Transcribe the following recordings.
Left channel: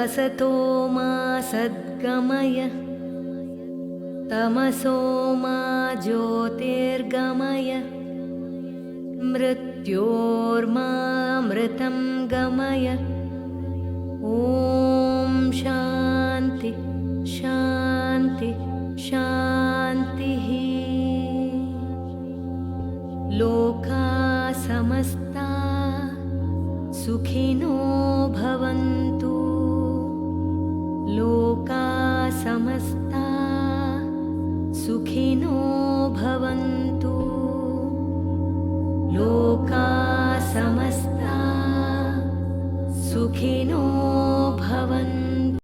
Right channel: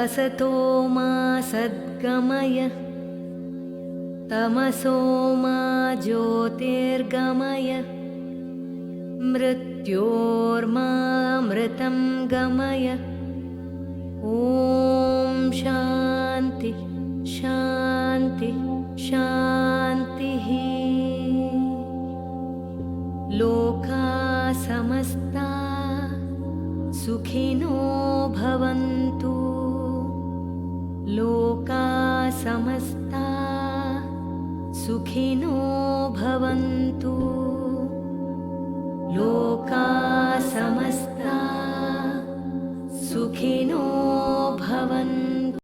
असतो मा सद्गमय तमसो मा ज्योतिर्गमय मृत्योर्मामृतं गमय। ॐ शान्ति शान्ति शान्तिः। लोका समस्ता सुखिनो भवन्तु। लोका समस्ता सुखिनो भवन्तु। लोका समस्ता सुखिनो भवन्तु।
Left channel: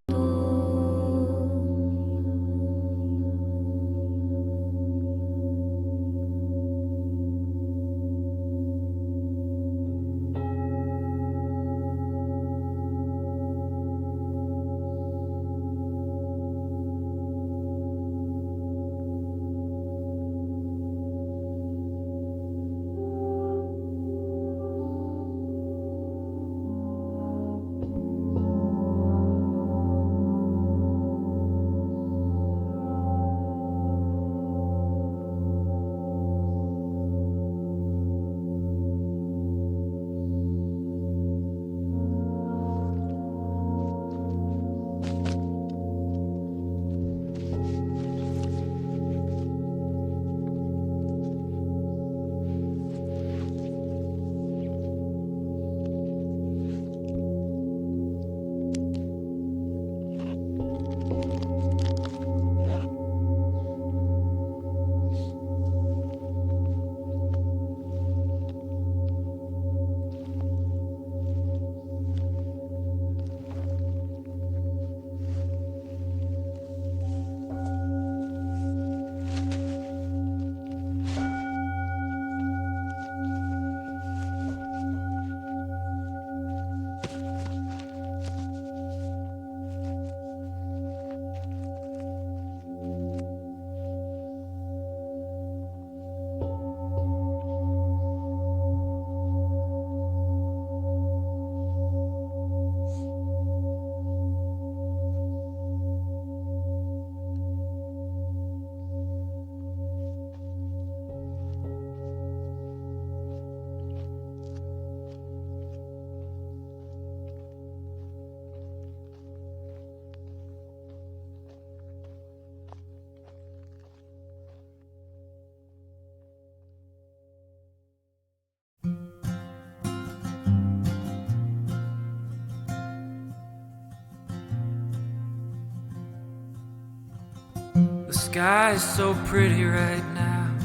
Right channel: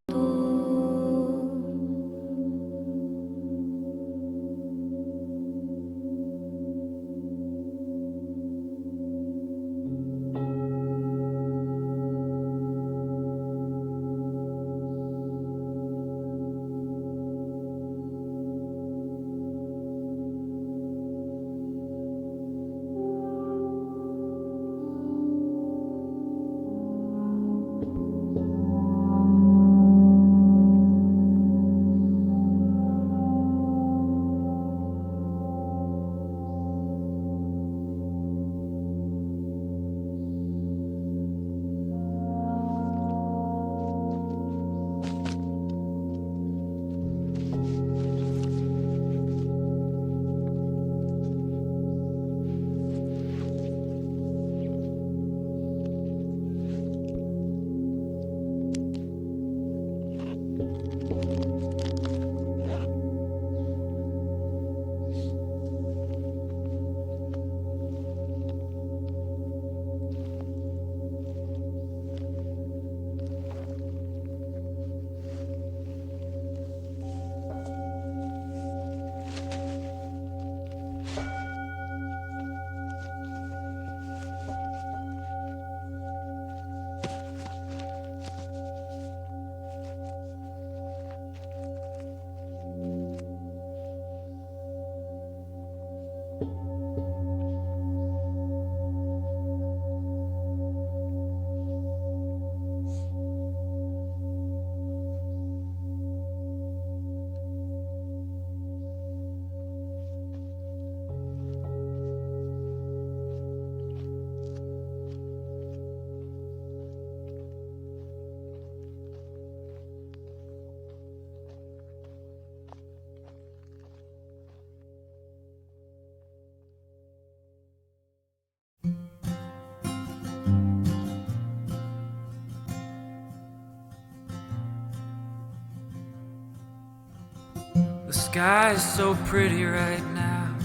The sky is so pretty right now.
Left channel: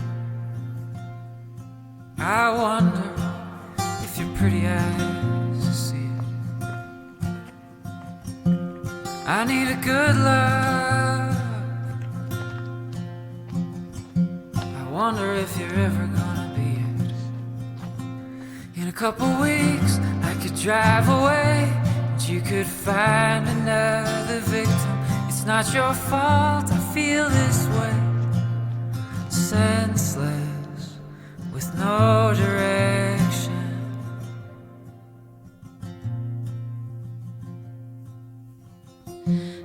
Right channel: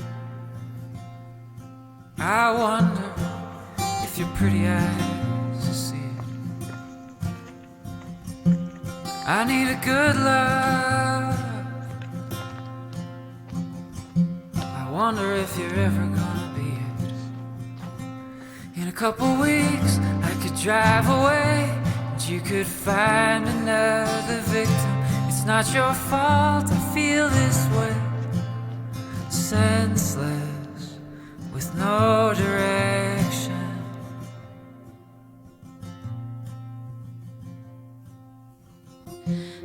I wonder if your pretty eyes see it. I need a good love. I wonder if you're ever gonna be it. In a couple weeks I could drive away and you could find another victim. It's not your fault I feel this way. Senseless with no direction.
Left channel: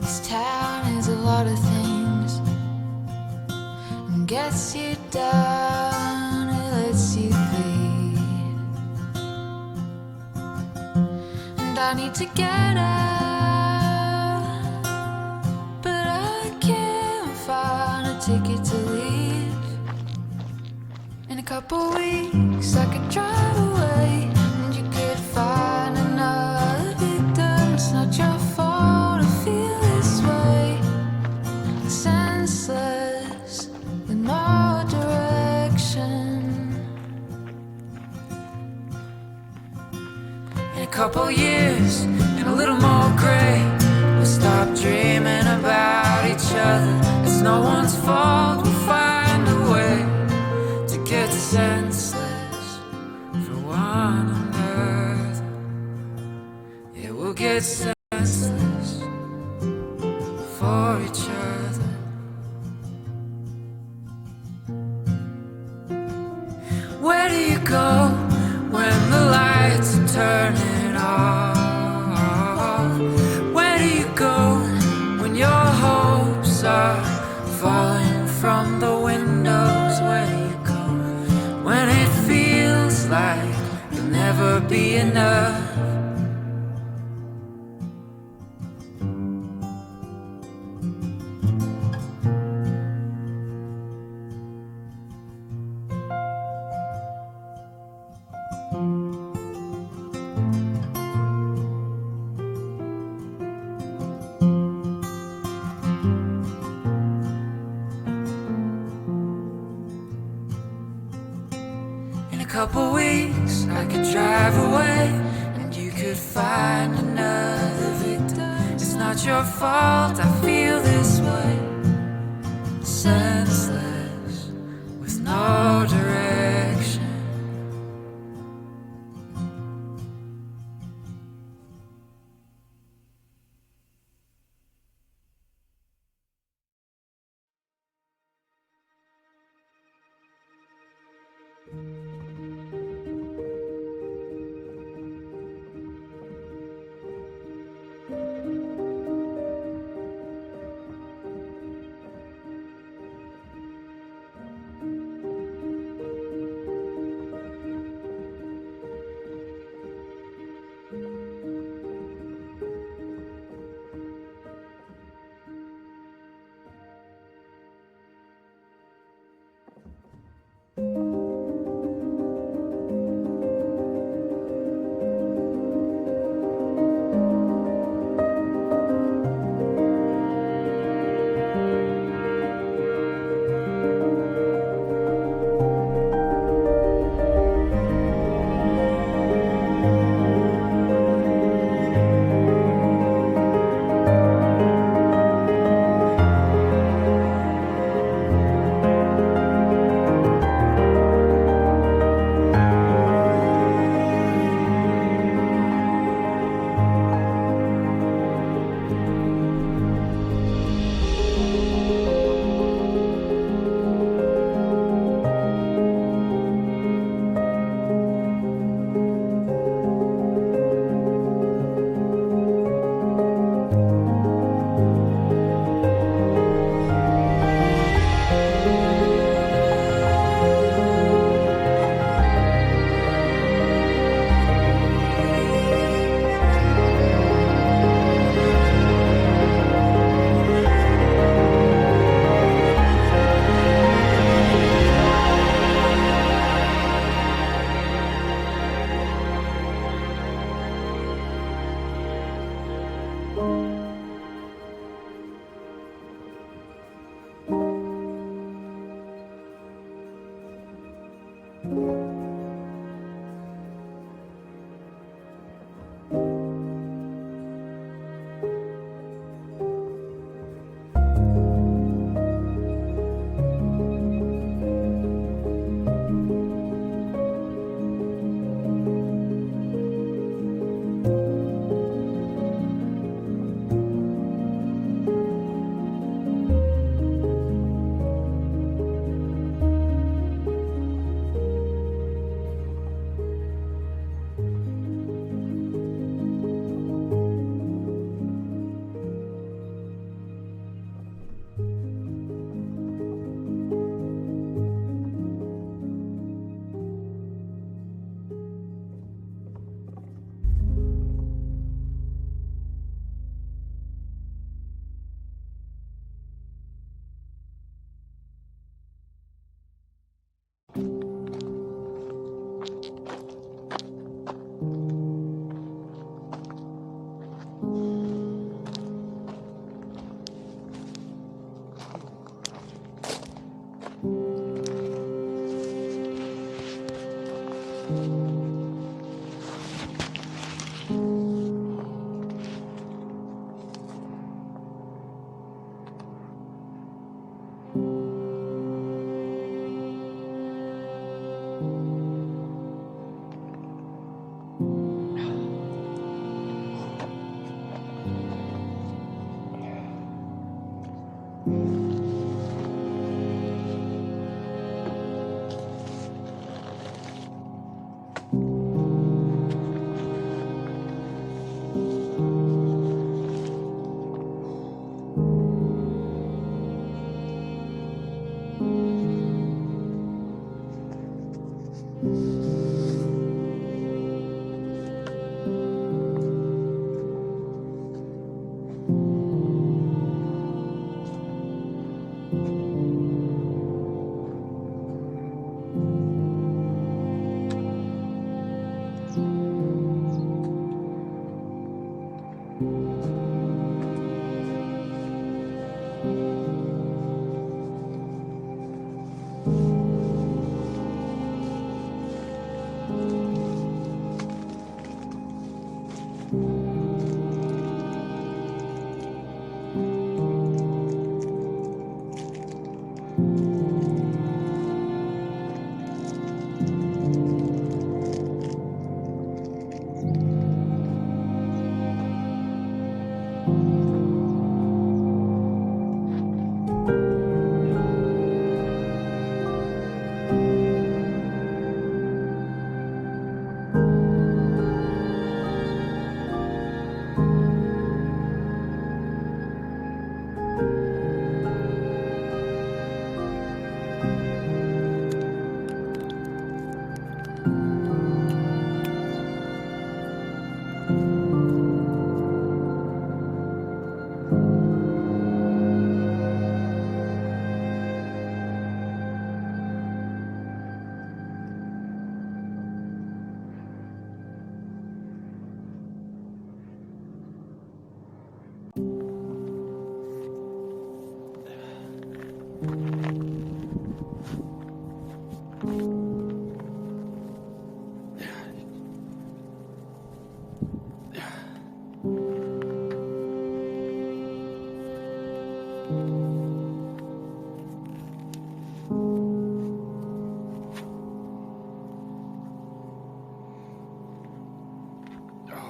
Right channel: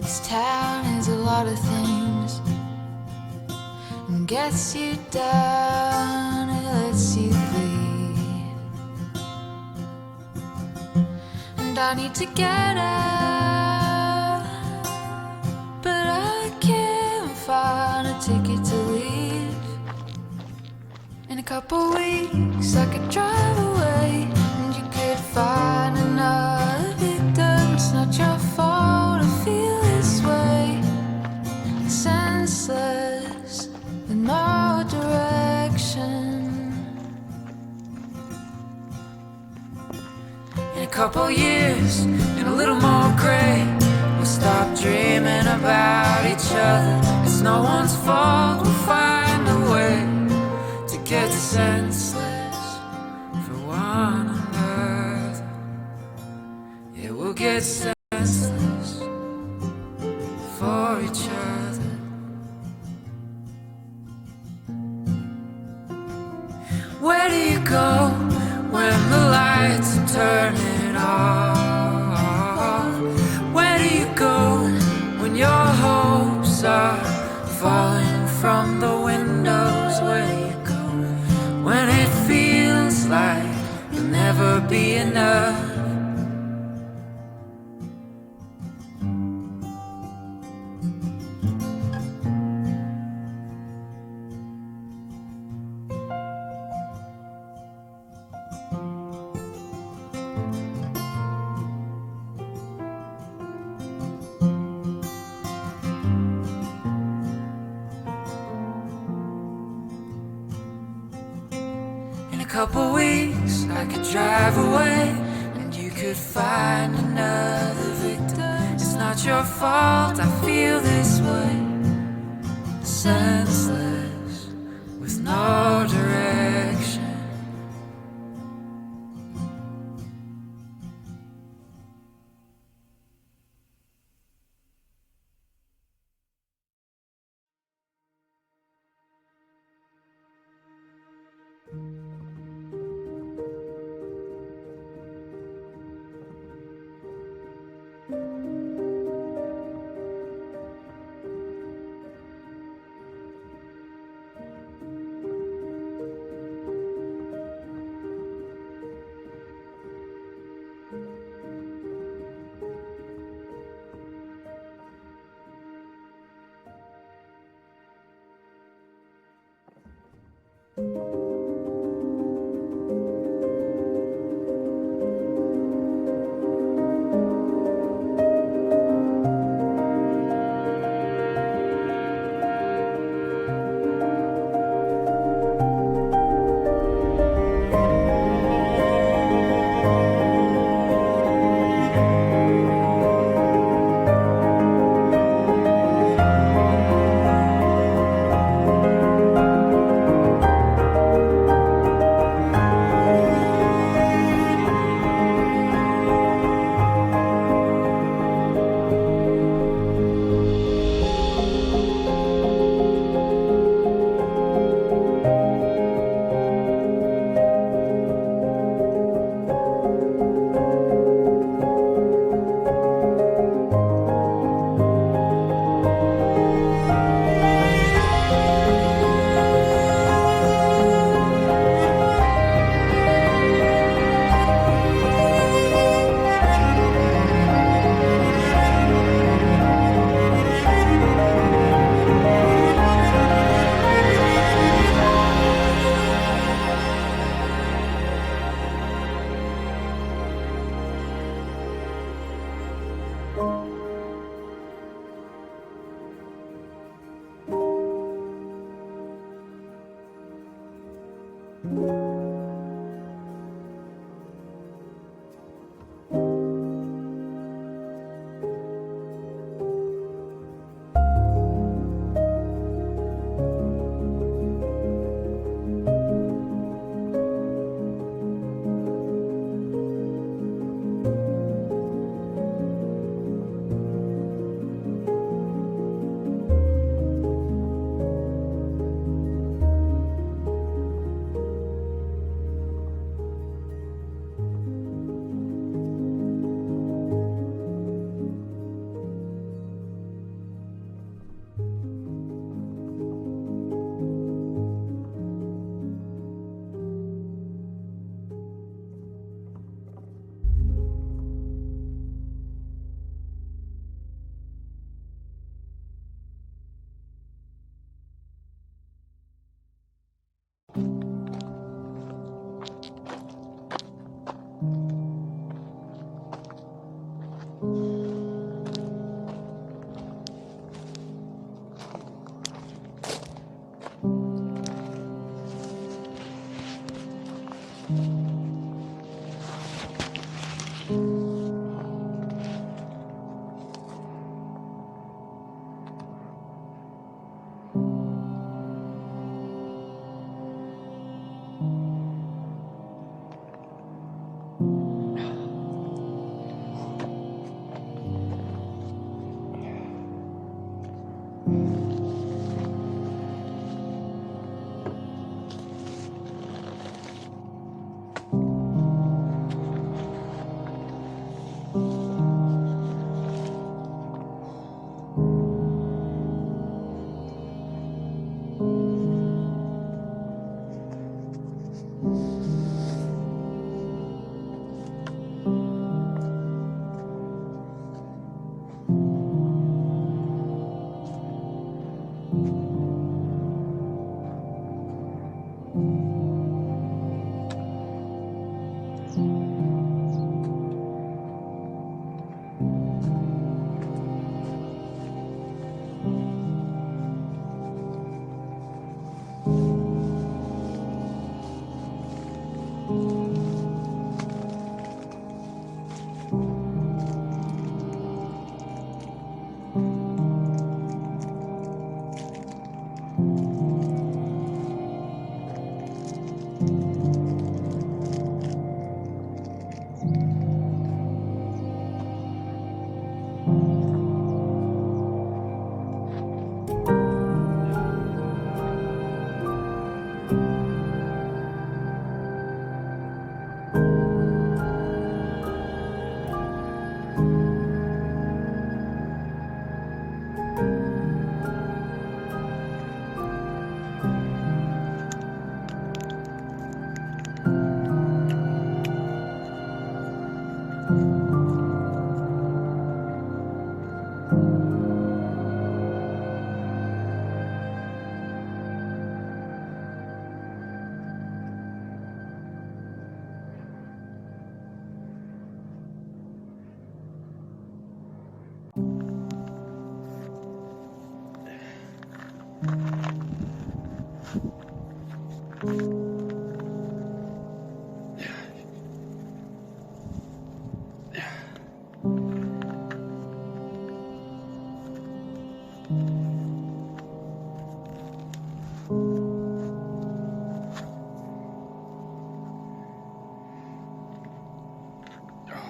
This town is a lot of things. It gets you down, it lets you bleed. And I need to get out, but I can't find a ticket to leave. In a couple weeks I could drive away and you could find another victim. It's not your fault I feel this way. Senseless with no direction. In a couple years and a little more gray, we'll stop dreaming about each other. It's no one's fault, we'll find a way to get senseless for one another. Yeah, we'll get senseless for each other. Where do you go when the lights are turning off? Where do you go when your hopes are falling from the windows? Where do you go when it feels like you'll never be enough? Couple weeks I could drive away and you could find another victim. It's not your fault I feel this way. Senseless with no direction. Oh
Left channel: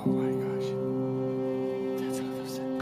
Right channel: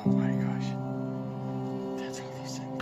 my gosh. That's awesome.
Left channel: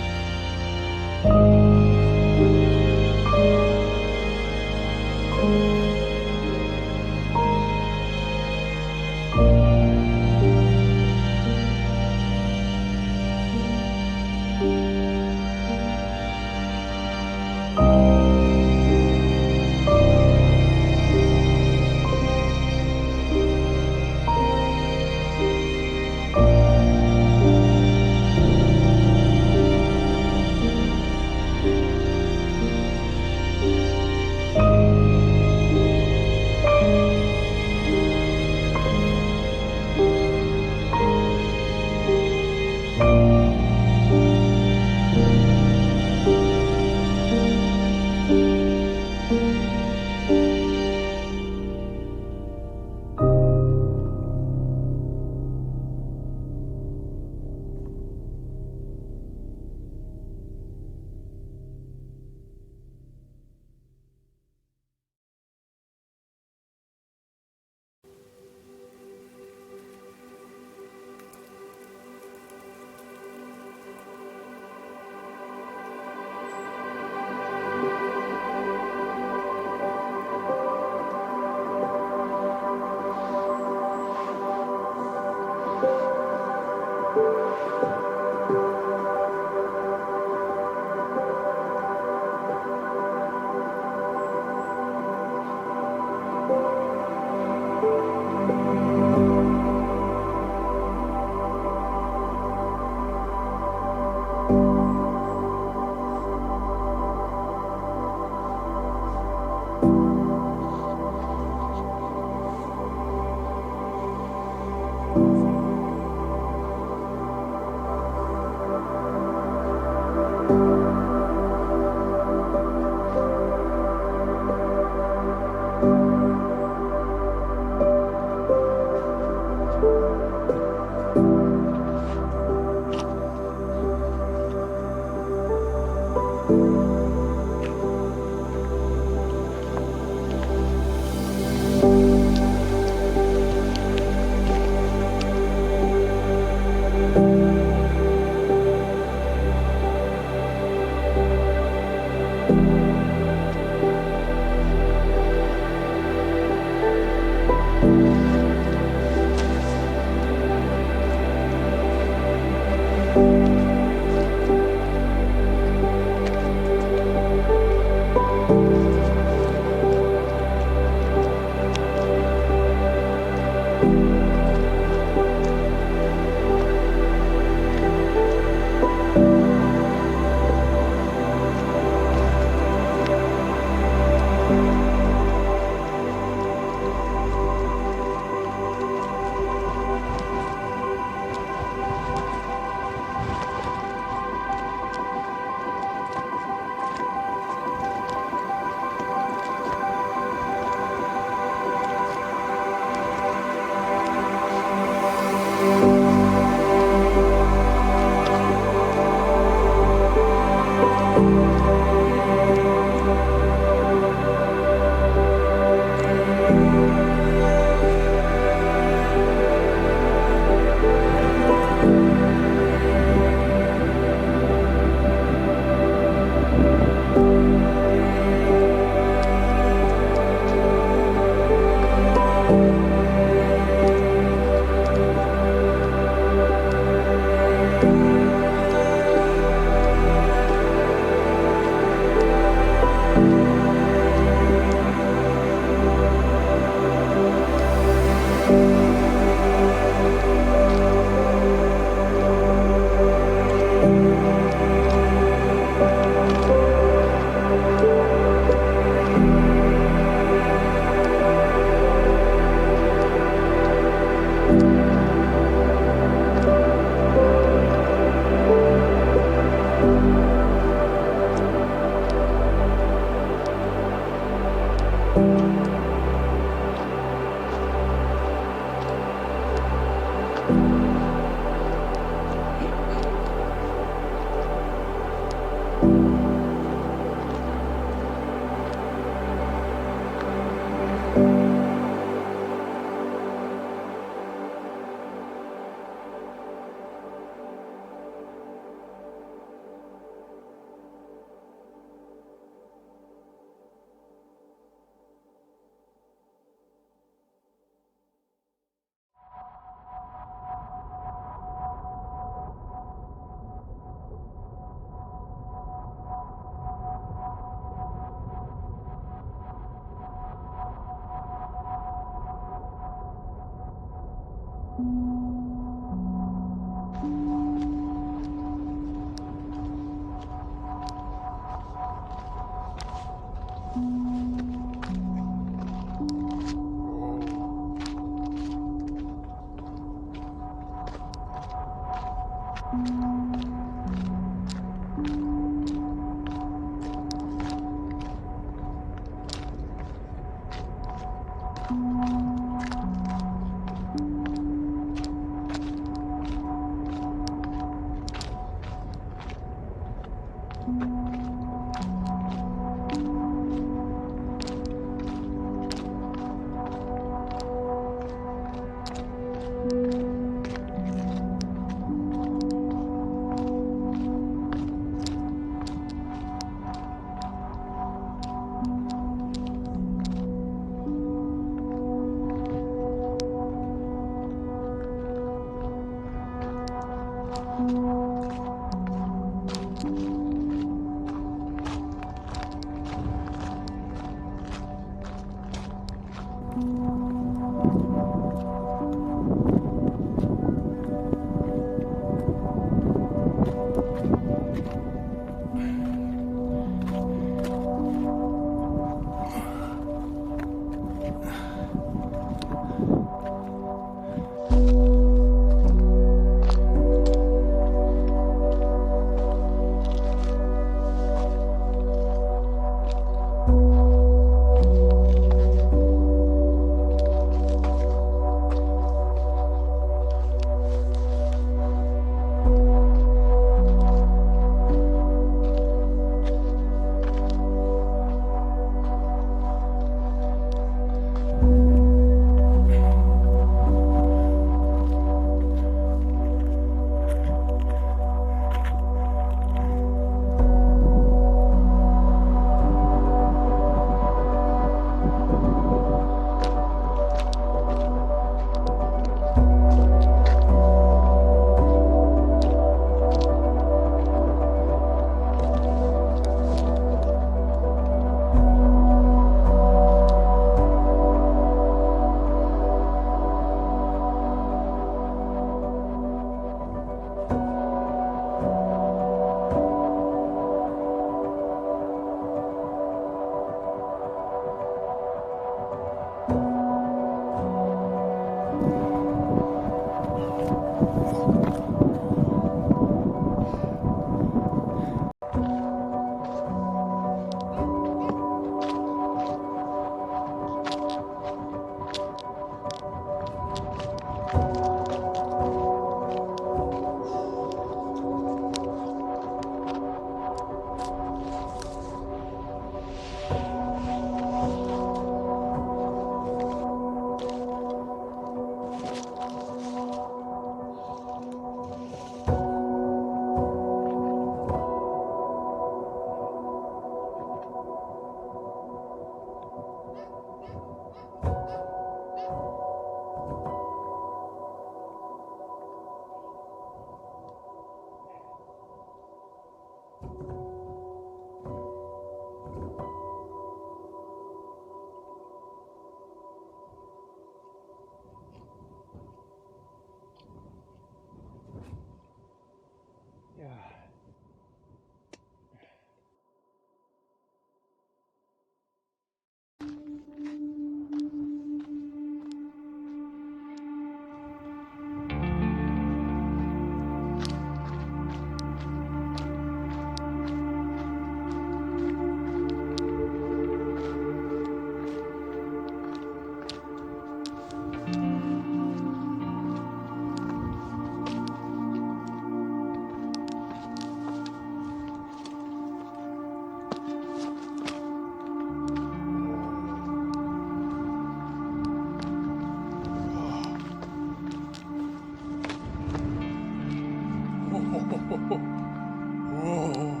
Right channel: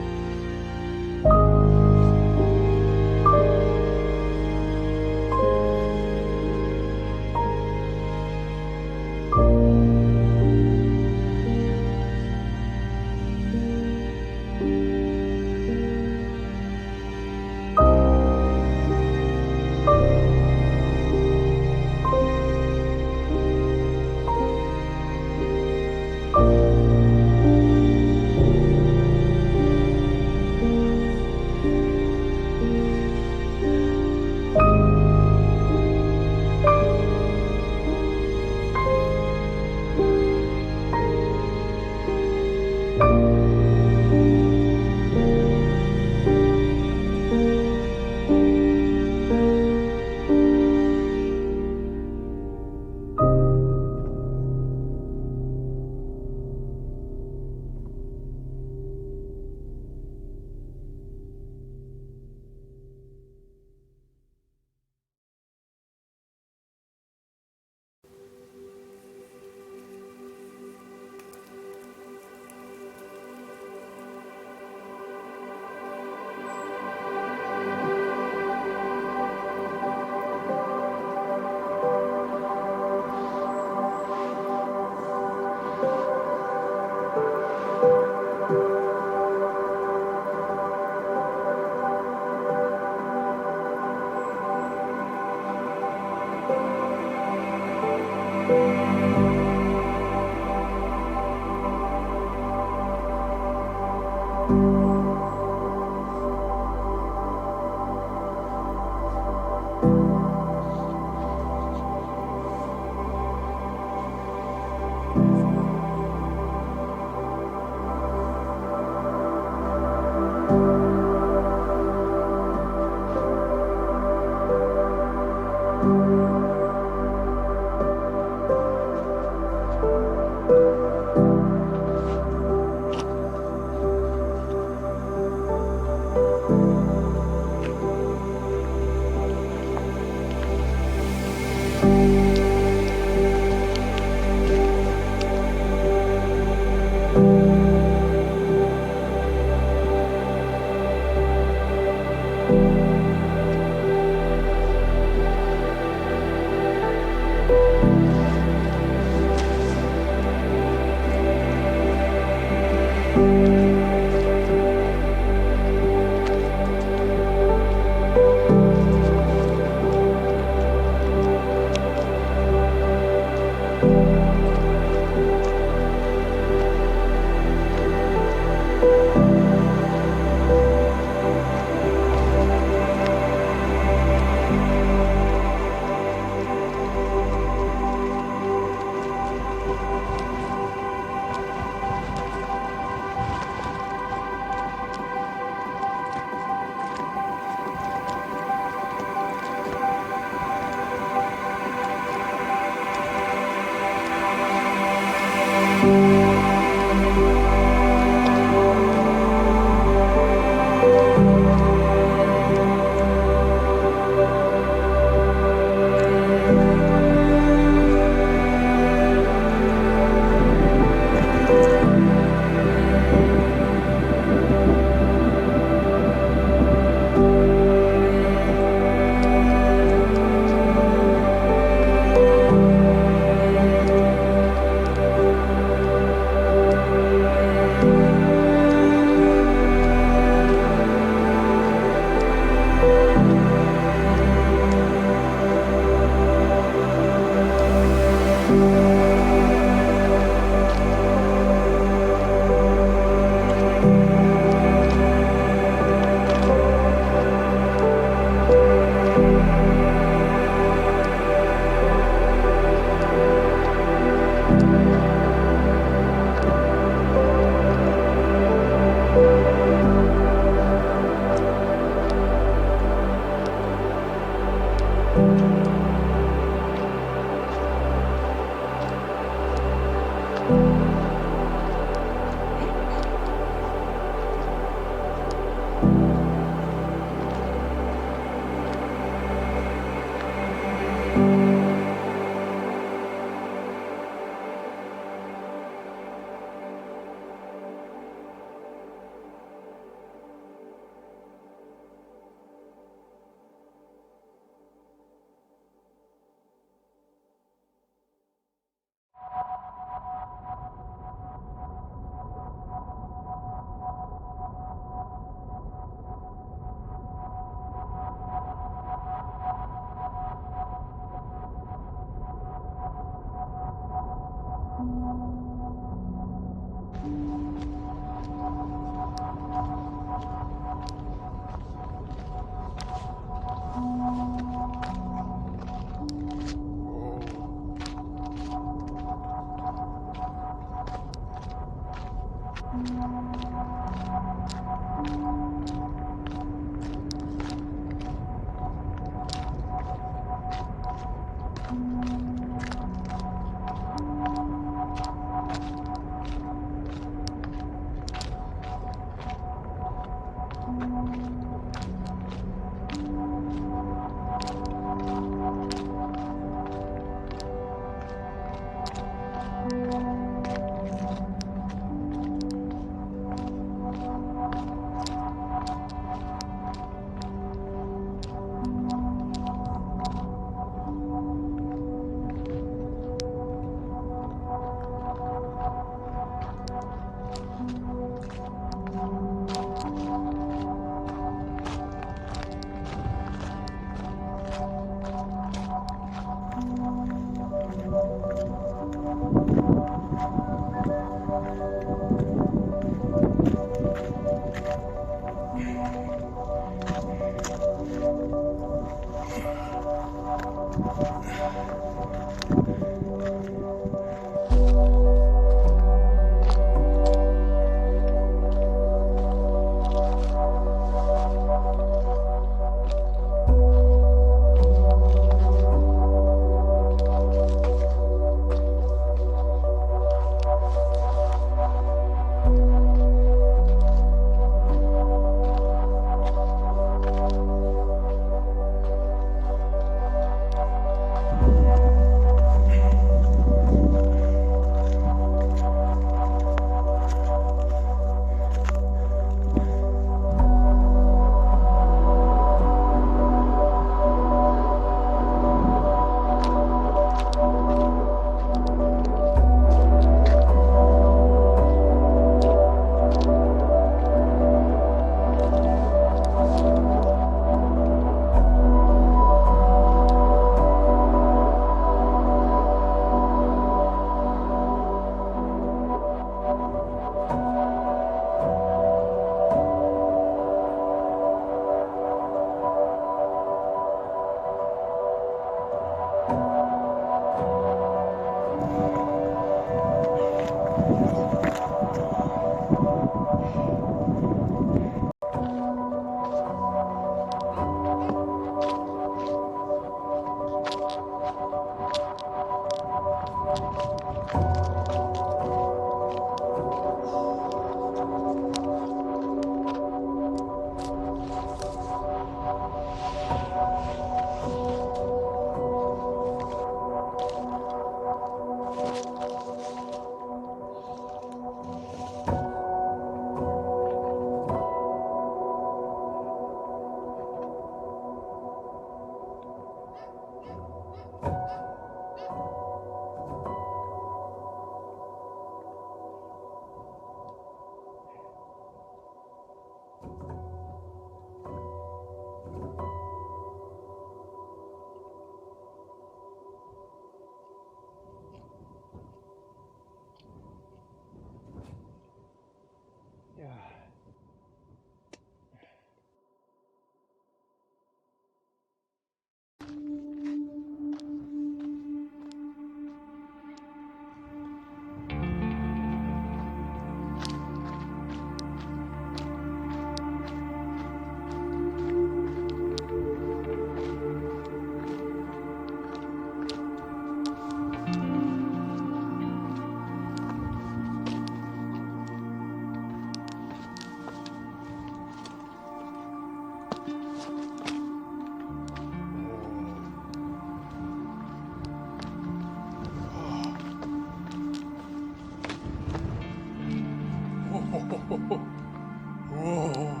Whoa.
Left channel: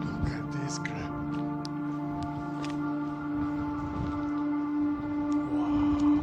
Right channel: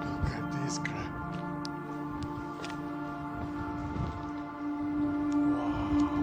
Look at this crap. Wow.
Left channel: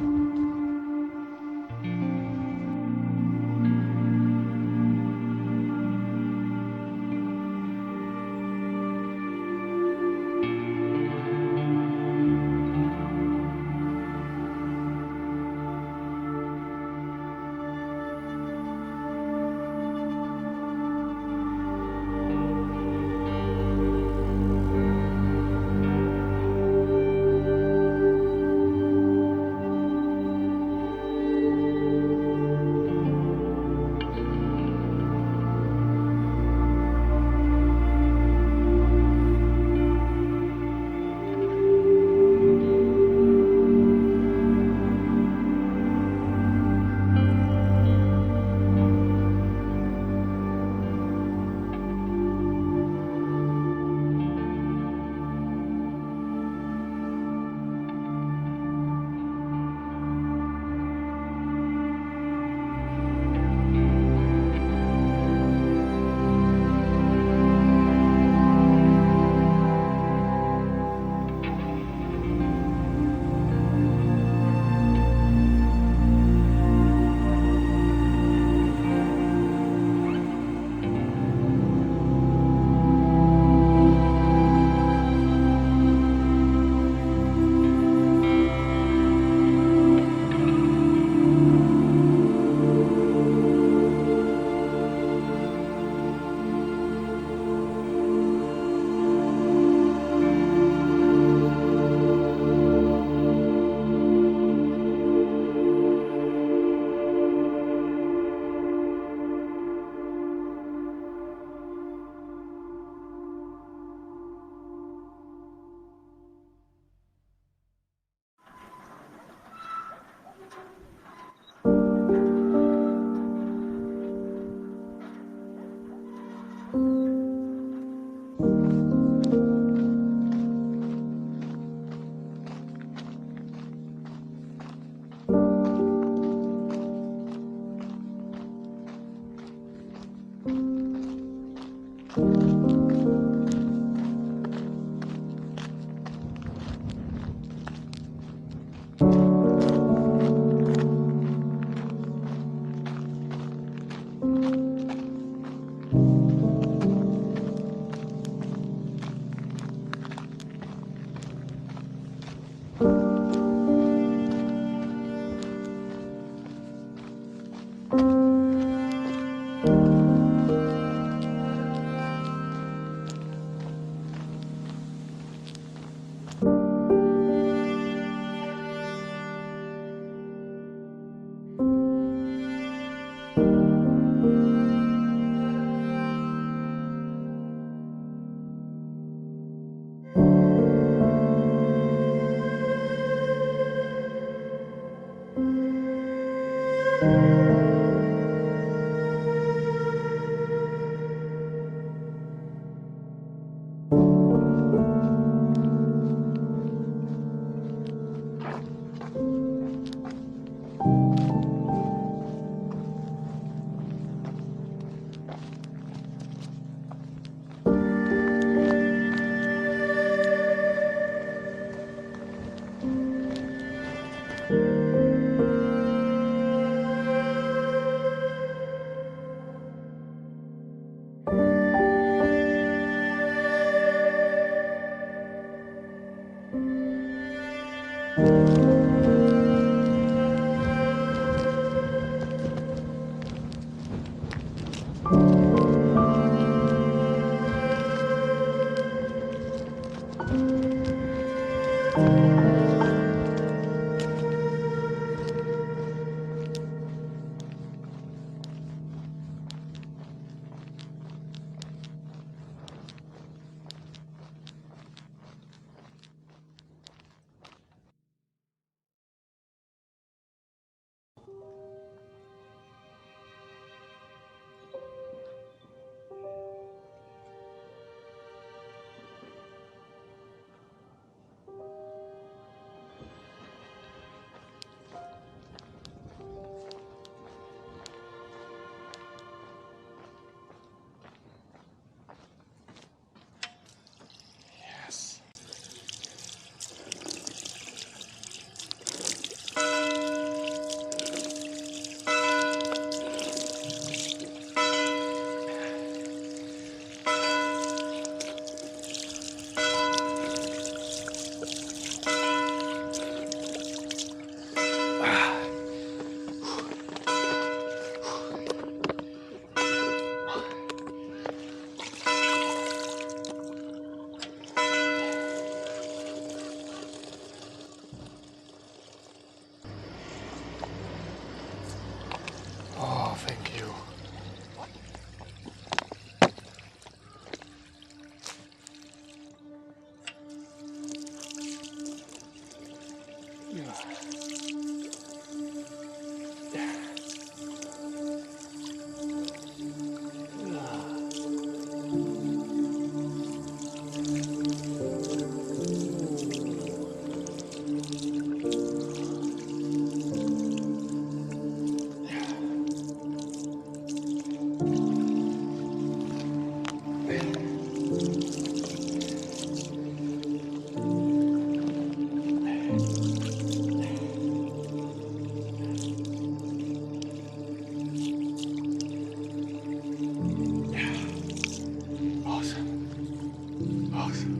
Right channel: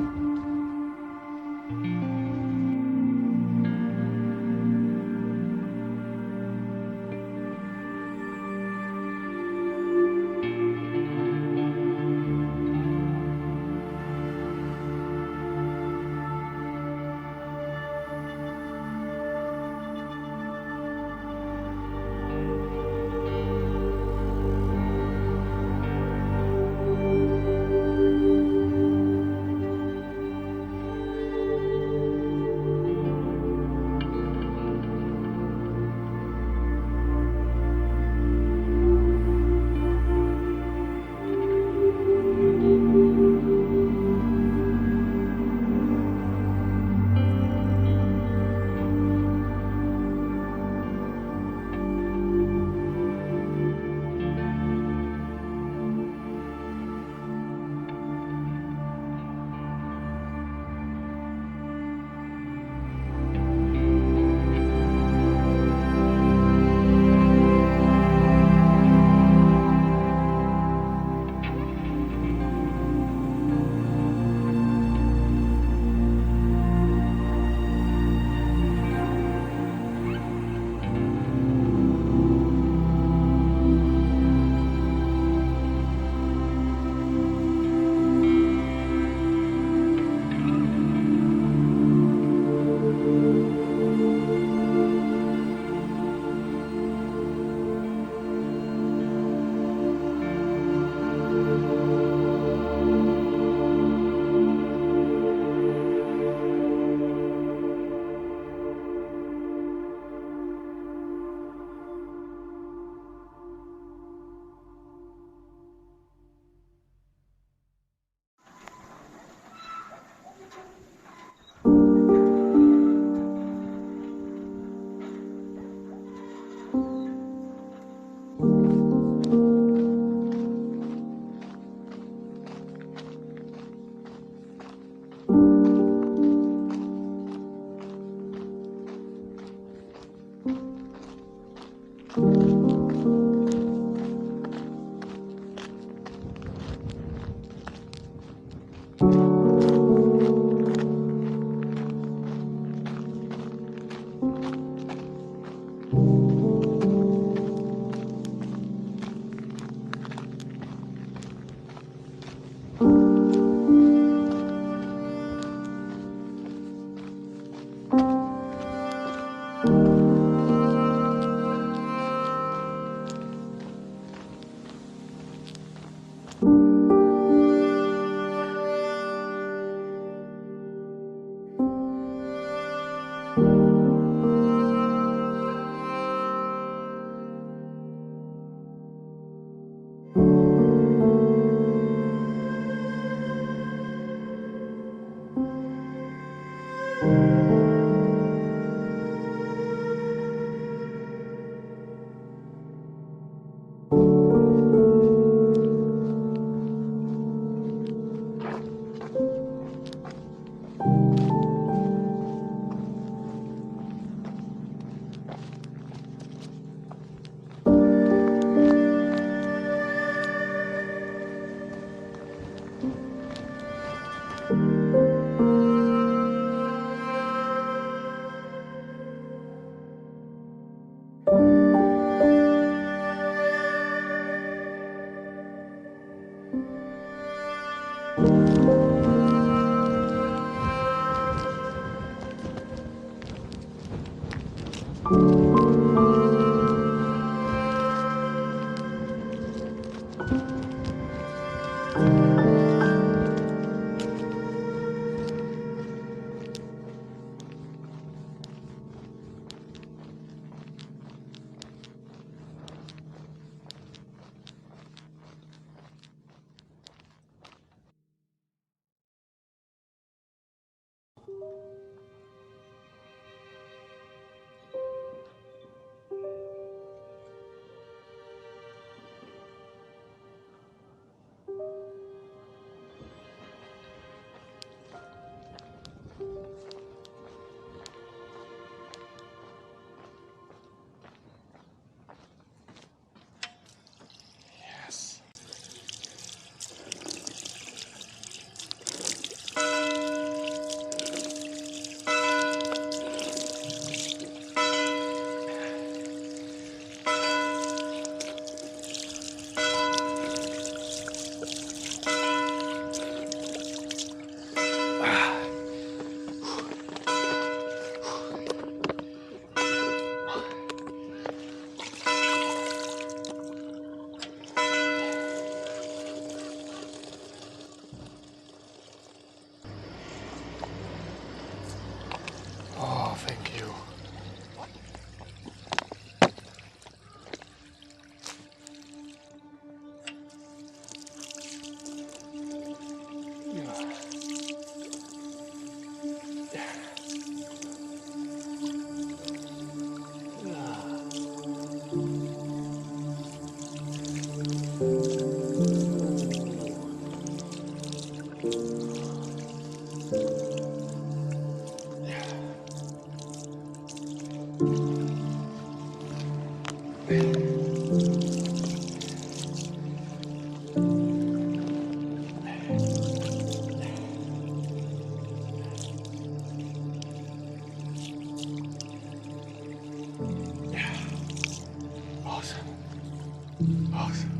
Awesome. Awesome.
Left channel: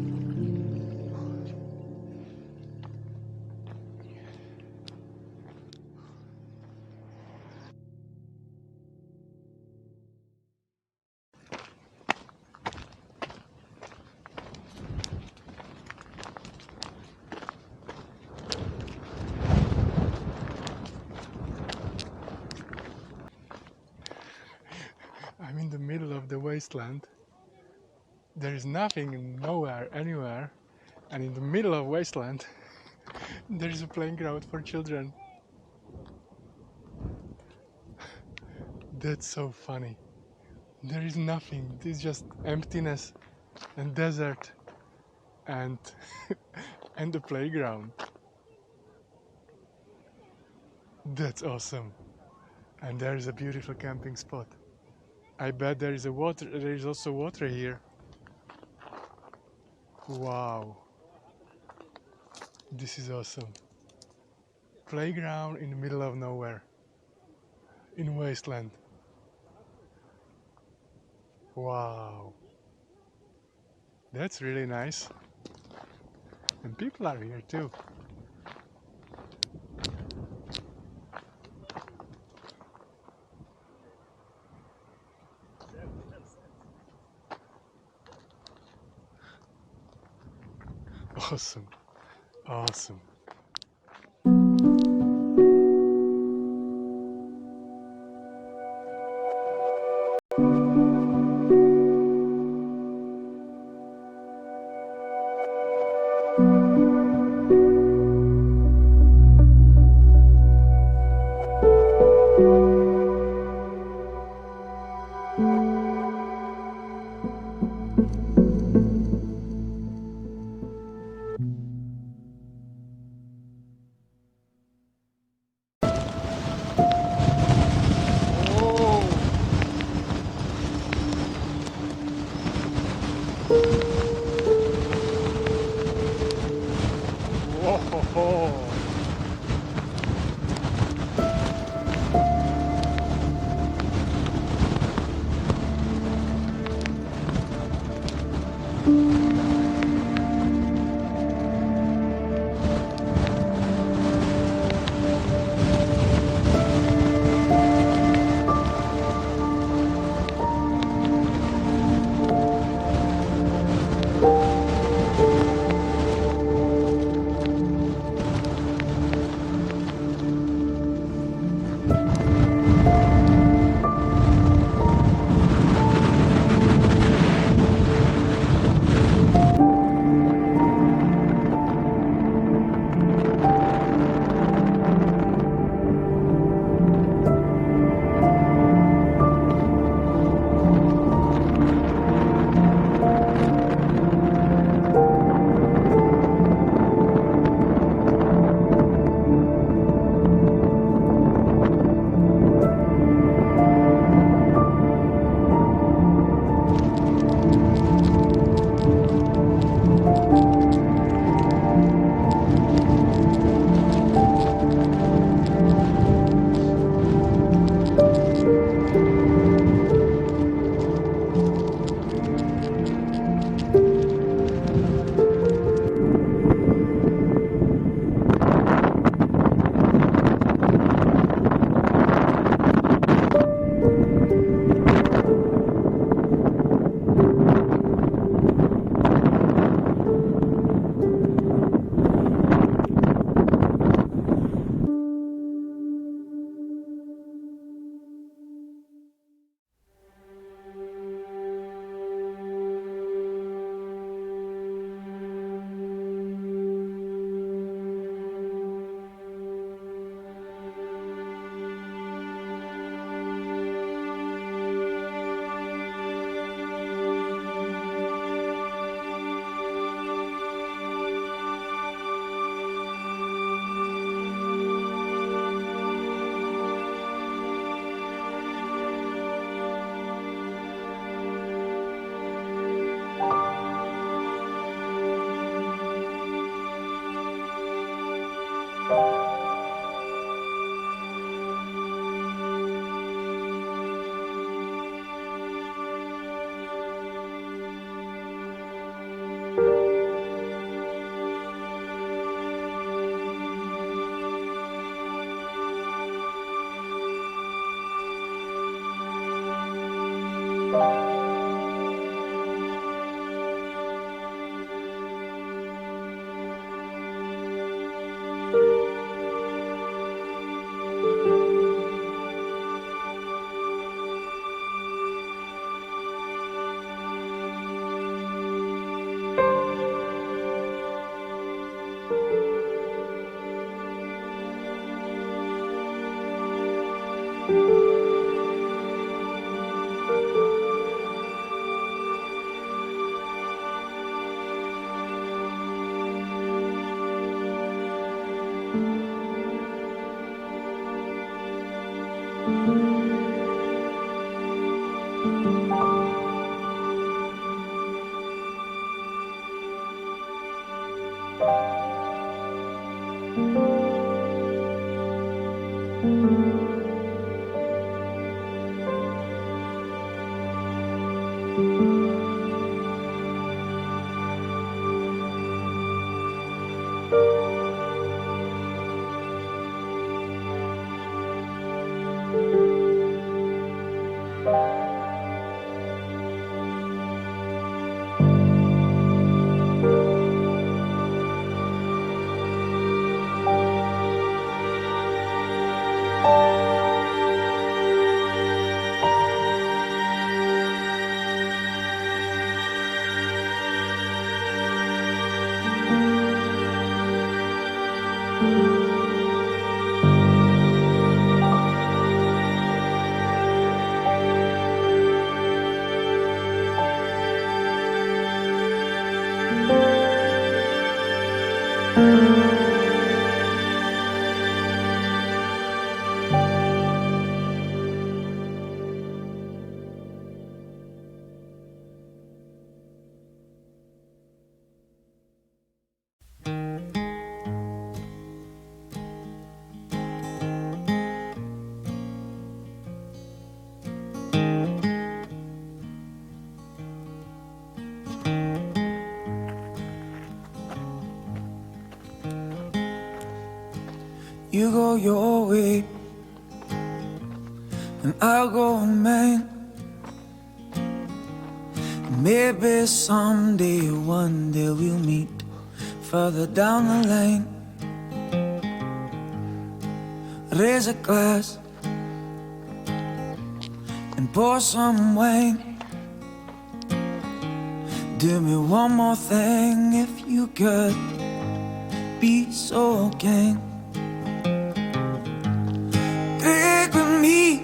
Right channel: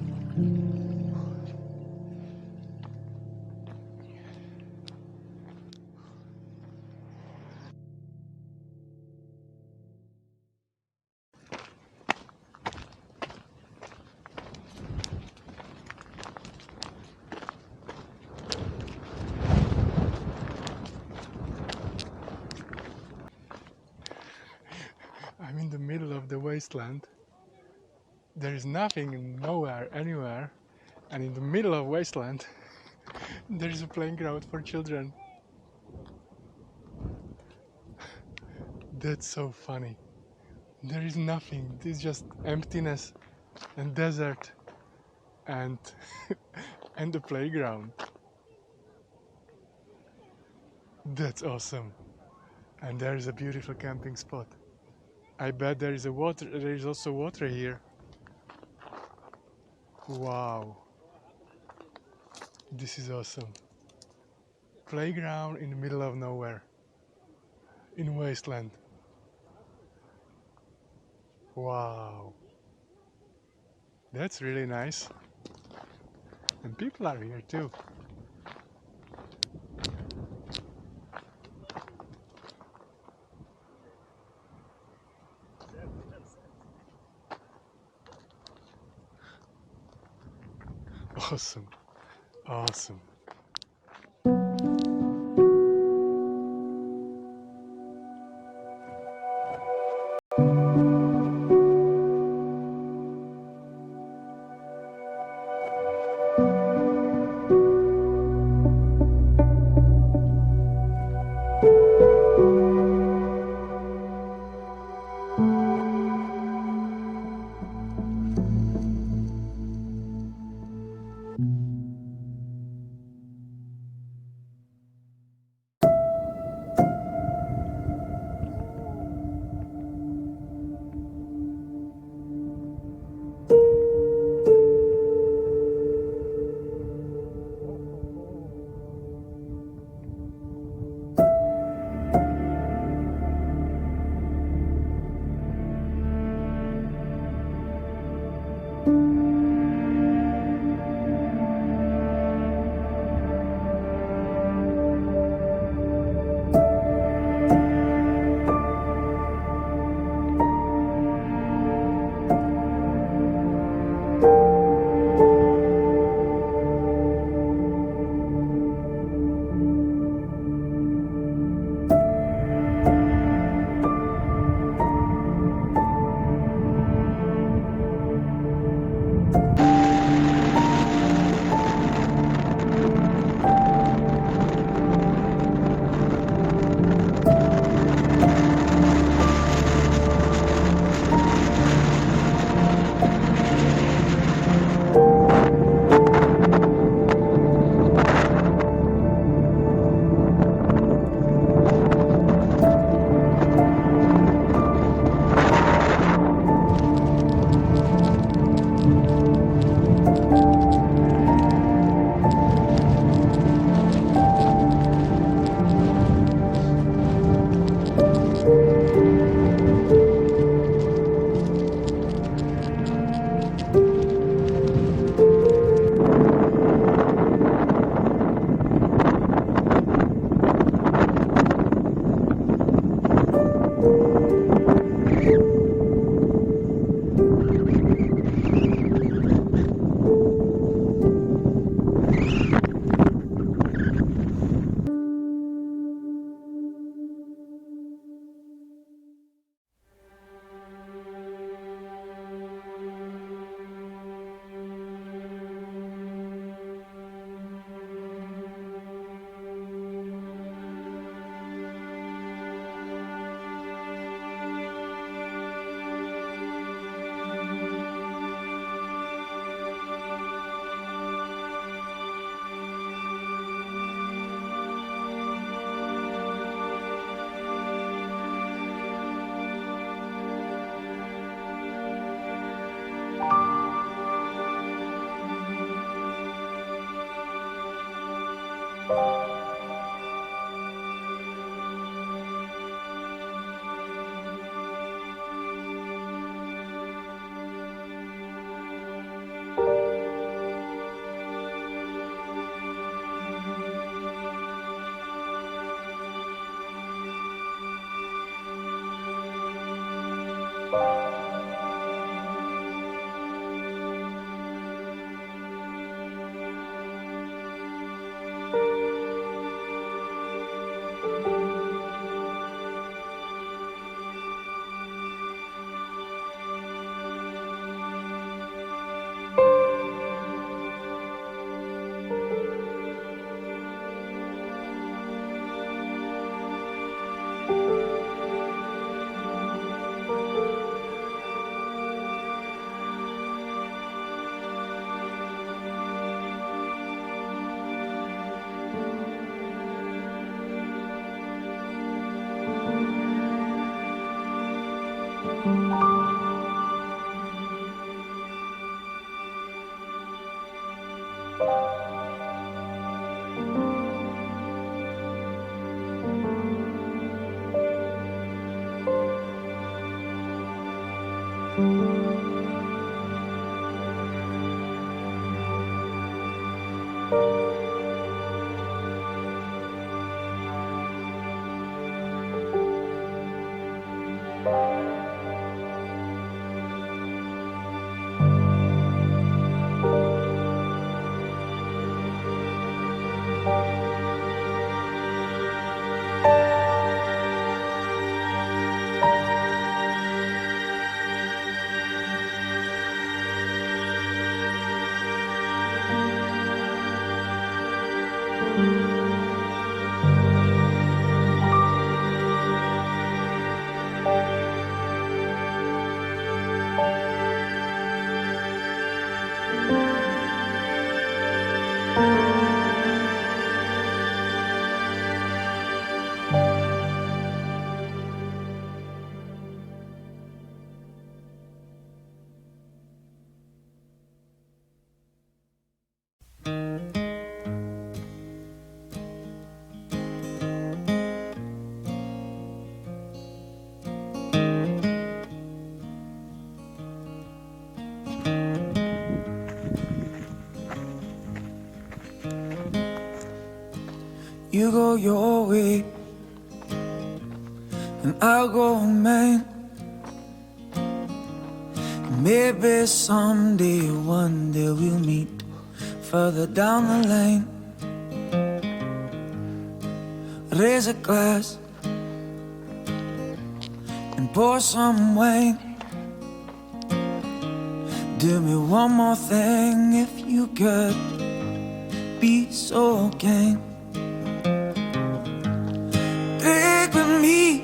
I'm in the middle of the wasteland. There is nothing, nowhere, anywhere, and in the middle of wasteland there is a playground for children. That's so funny. There is nothing. It's just emptiness and desert and and the playground. That's awesome. And there is a beautiful camping spot. I bet there is also water here. Wow. This is awesome. Playground in the middle of nowhere. In wasteland. Wow. That's really nice. And people are here too. Awesome. Awesome. Whoa. You go your way, and I'll go mine. Maybe someday, one day we'll meet further down the lane. Raise a glass and pour some wine. Do me one more thing if you could be so kind. Drink with me,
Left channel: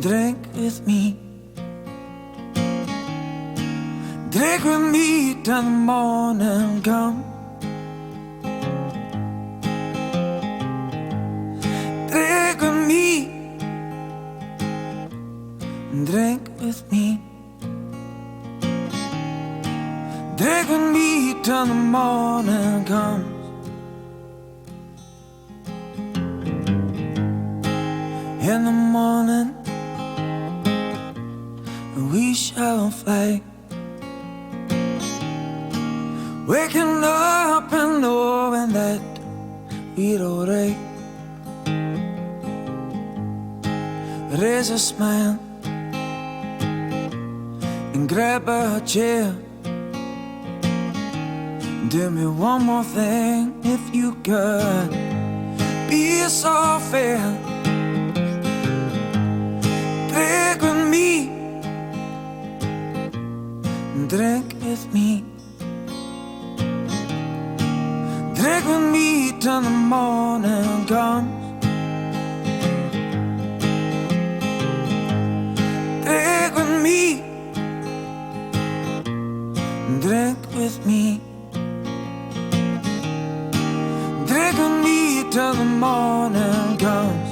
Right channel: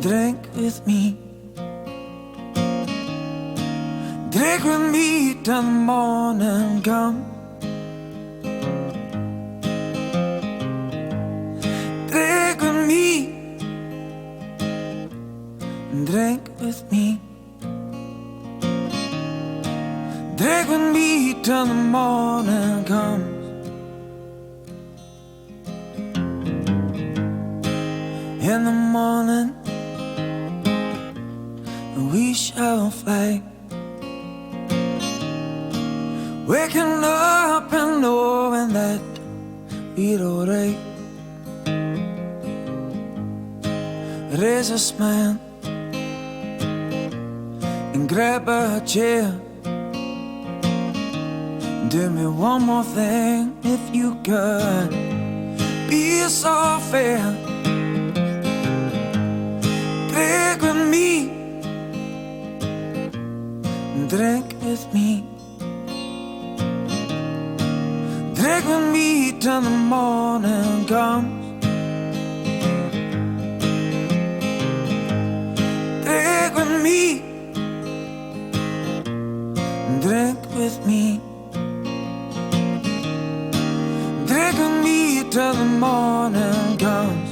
drink with me, drink with me till the morning comes. Drink with me, drink with me, drink with me till the morning comes. In the morning, we shall fly, waking up and knowing that we're alright. Raise a smile and grab a chair. Do me one more thing if you could be so fair. Drink with me, drink with me, drink with me till the morning comes. Drink with me, drink with me, drink with me till the morning comes.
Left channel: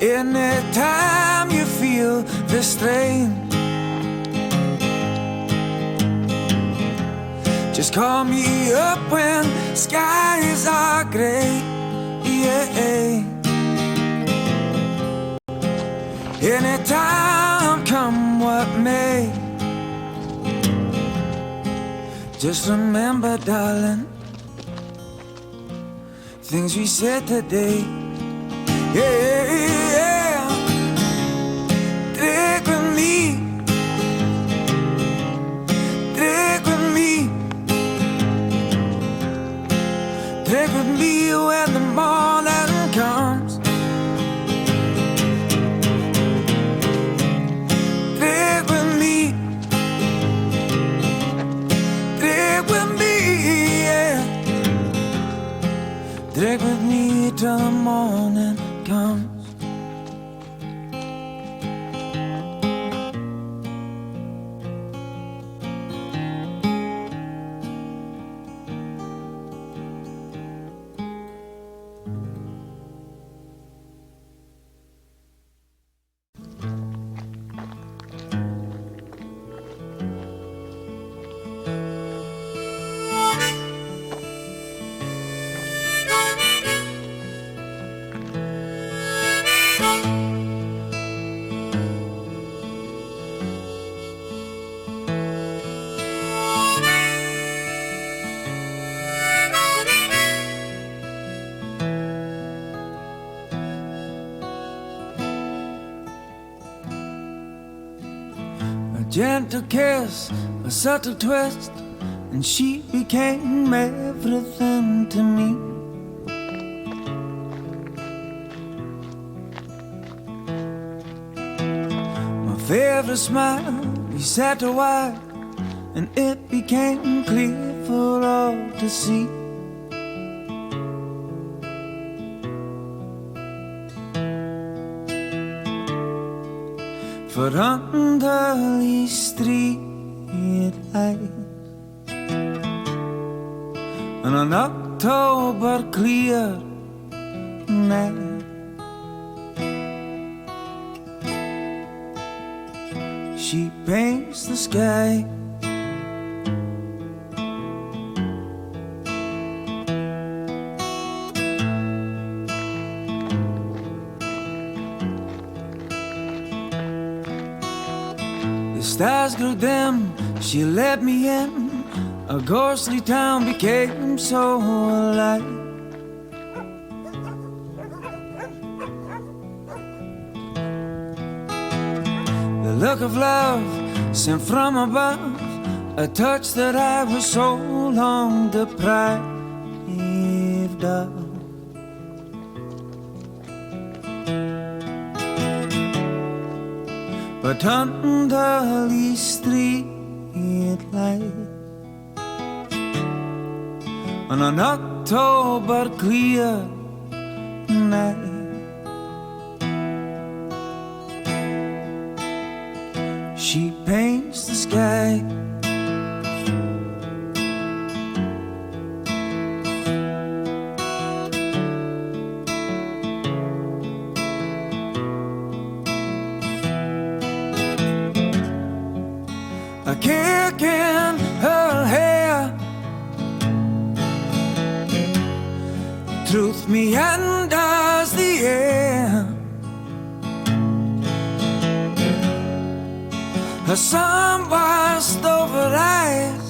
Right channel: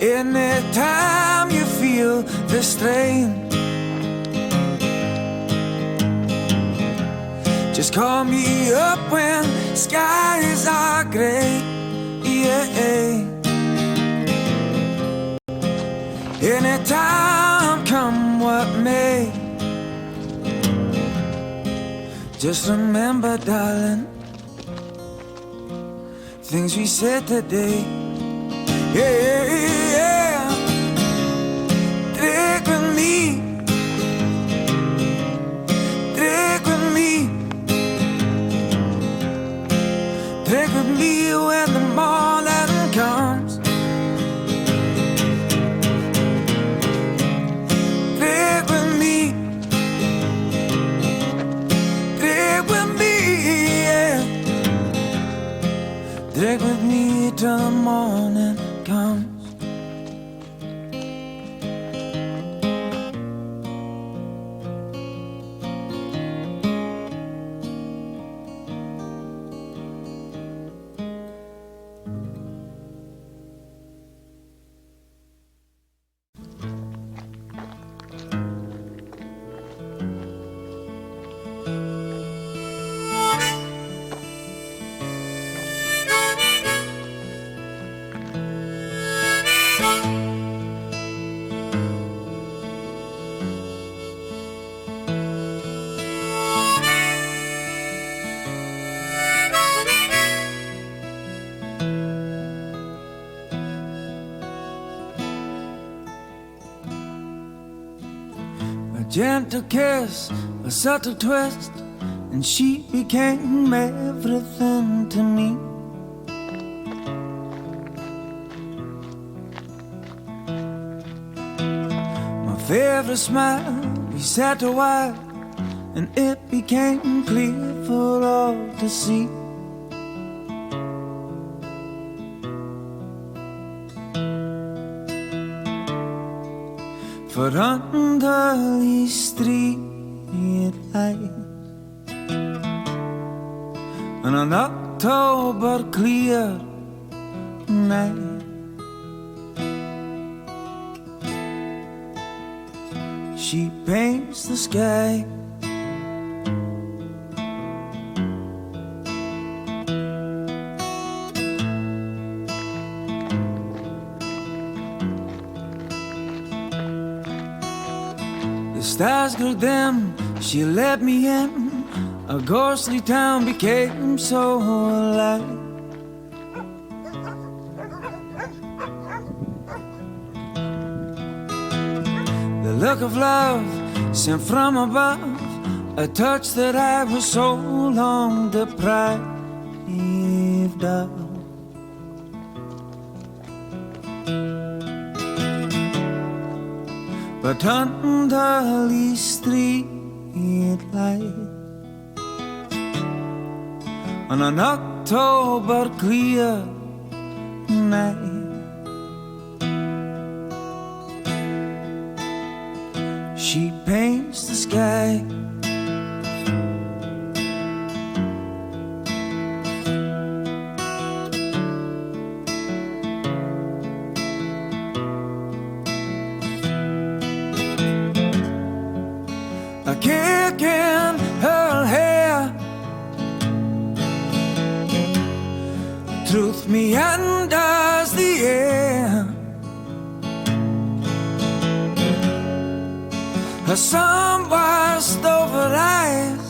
Anytime you feel the strain, just call me up when skies are gray. Yeah. Anytime, come what may. Just remember, darling, things we said today. Yeah, drink with me, drink with me, drink with me when the morning comes. Drink with me, drink with me, yeah. Drink with me till the morning comes. A gentle kiss, a subtle twist, and she became everything to me. My favorite smile, we sat a while, and it became clear for all to see. For under these street lights, on an October clear night, she paints the sky. Stars grew dim, she let me in. A ghostly town became so alive. The look of love sent from above, a touch that I was so long deprived of. But under these street lights, on an October clear night, she paints the sky. A kick in her hair, truth meanders the air. Her sun-washed over eyes,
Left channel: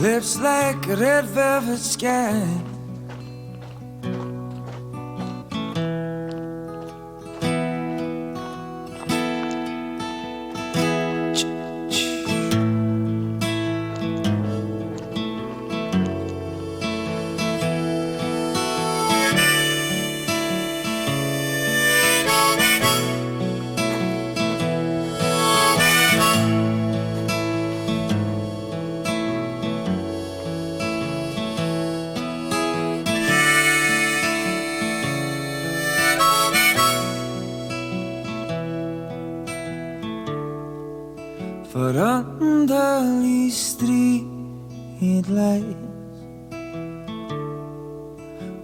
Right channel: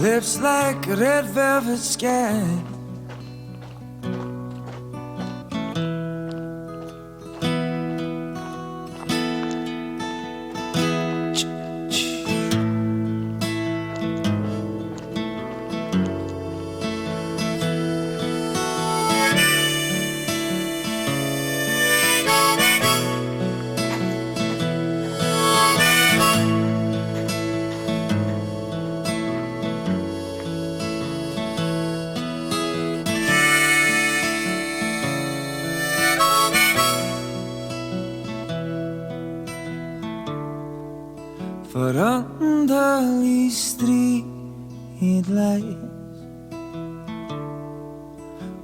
lips like a red velvet sky. For under these street lights,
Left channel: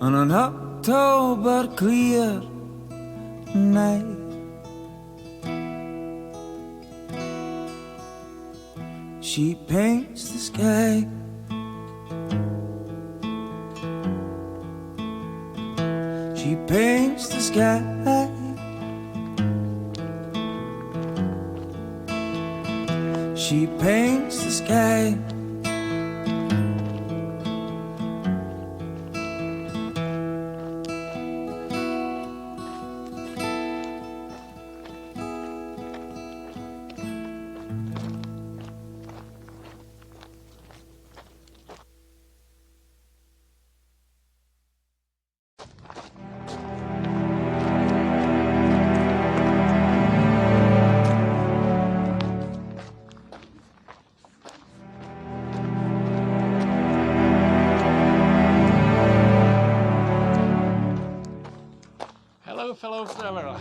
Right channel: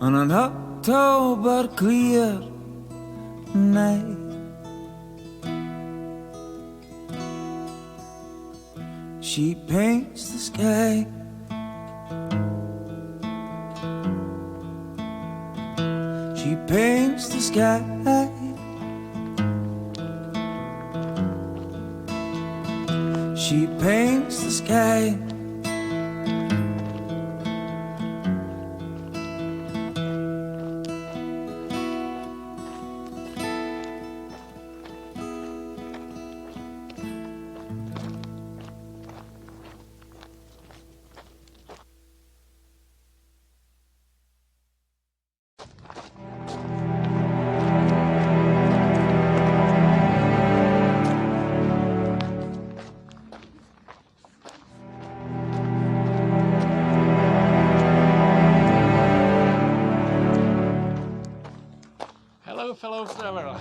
on an October clear night, she paints the sky. She paints the sky. She paints the sky. Hello, fellow traveler.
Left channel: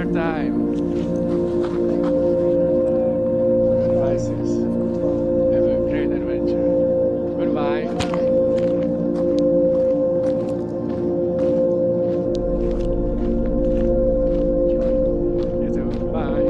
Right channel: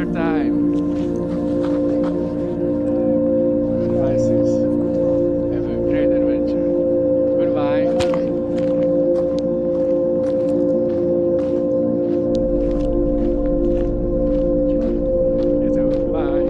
your time. Crisis. Have a great adventure. Goodbye. You too. Bye.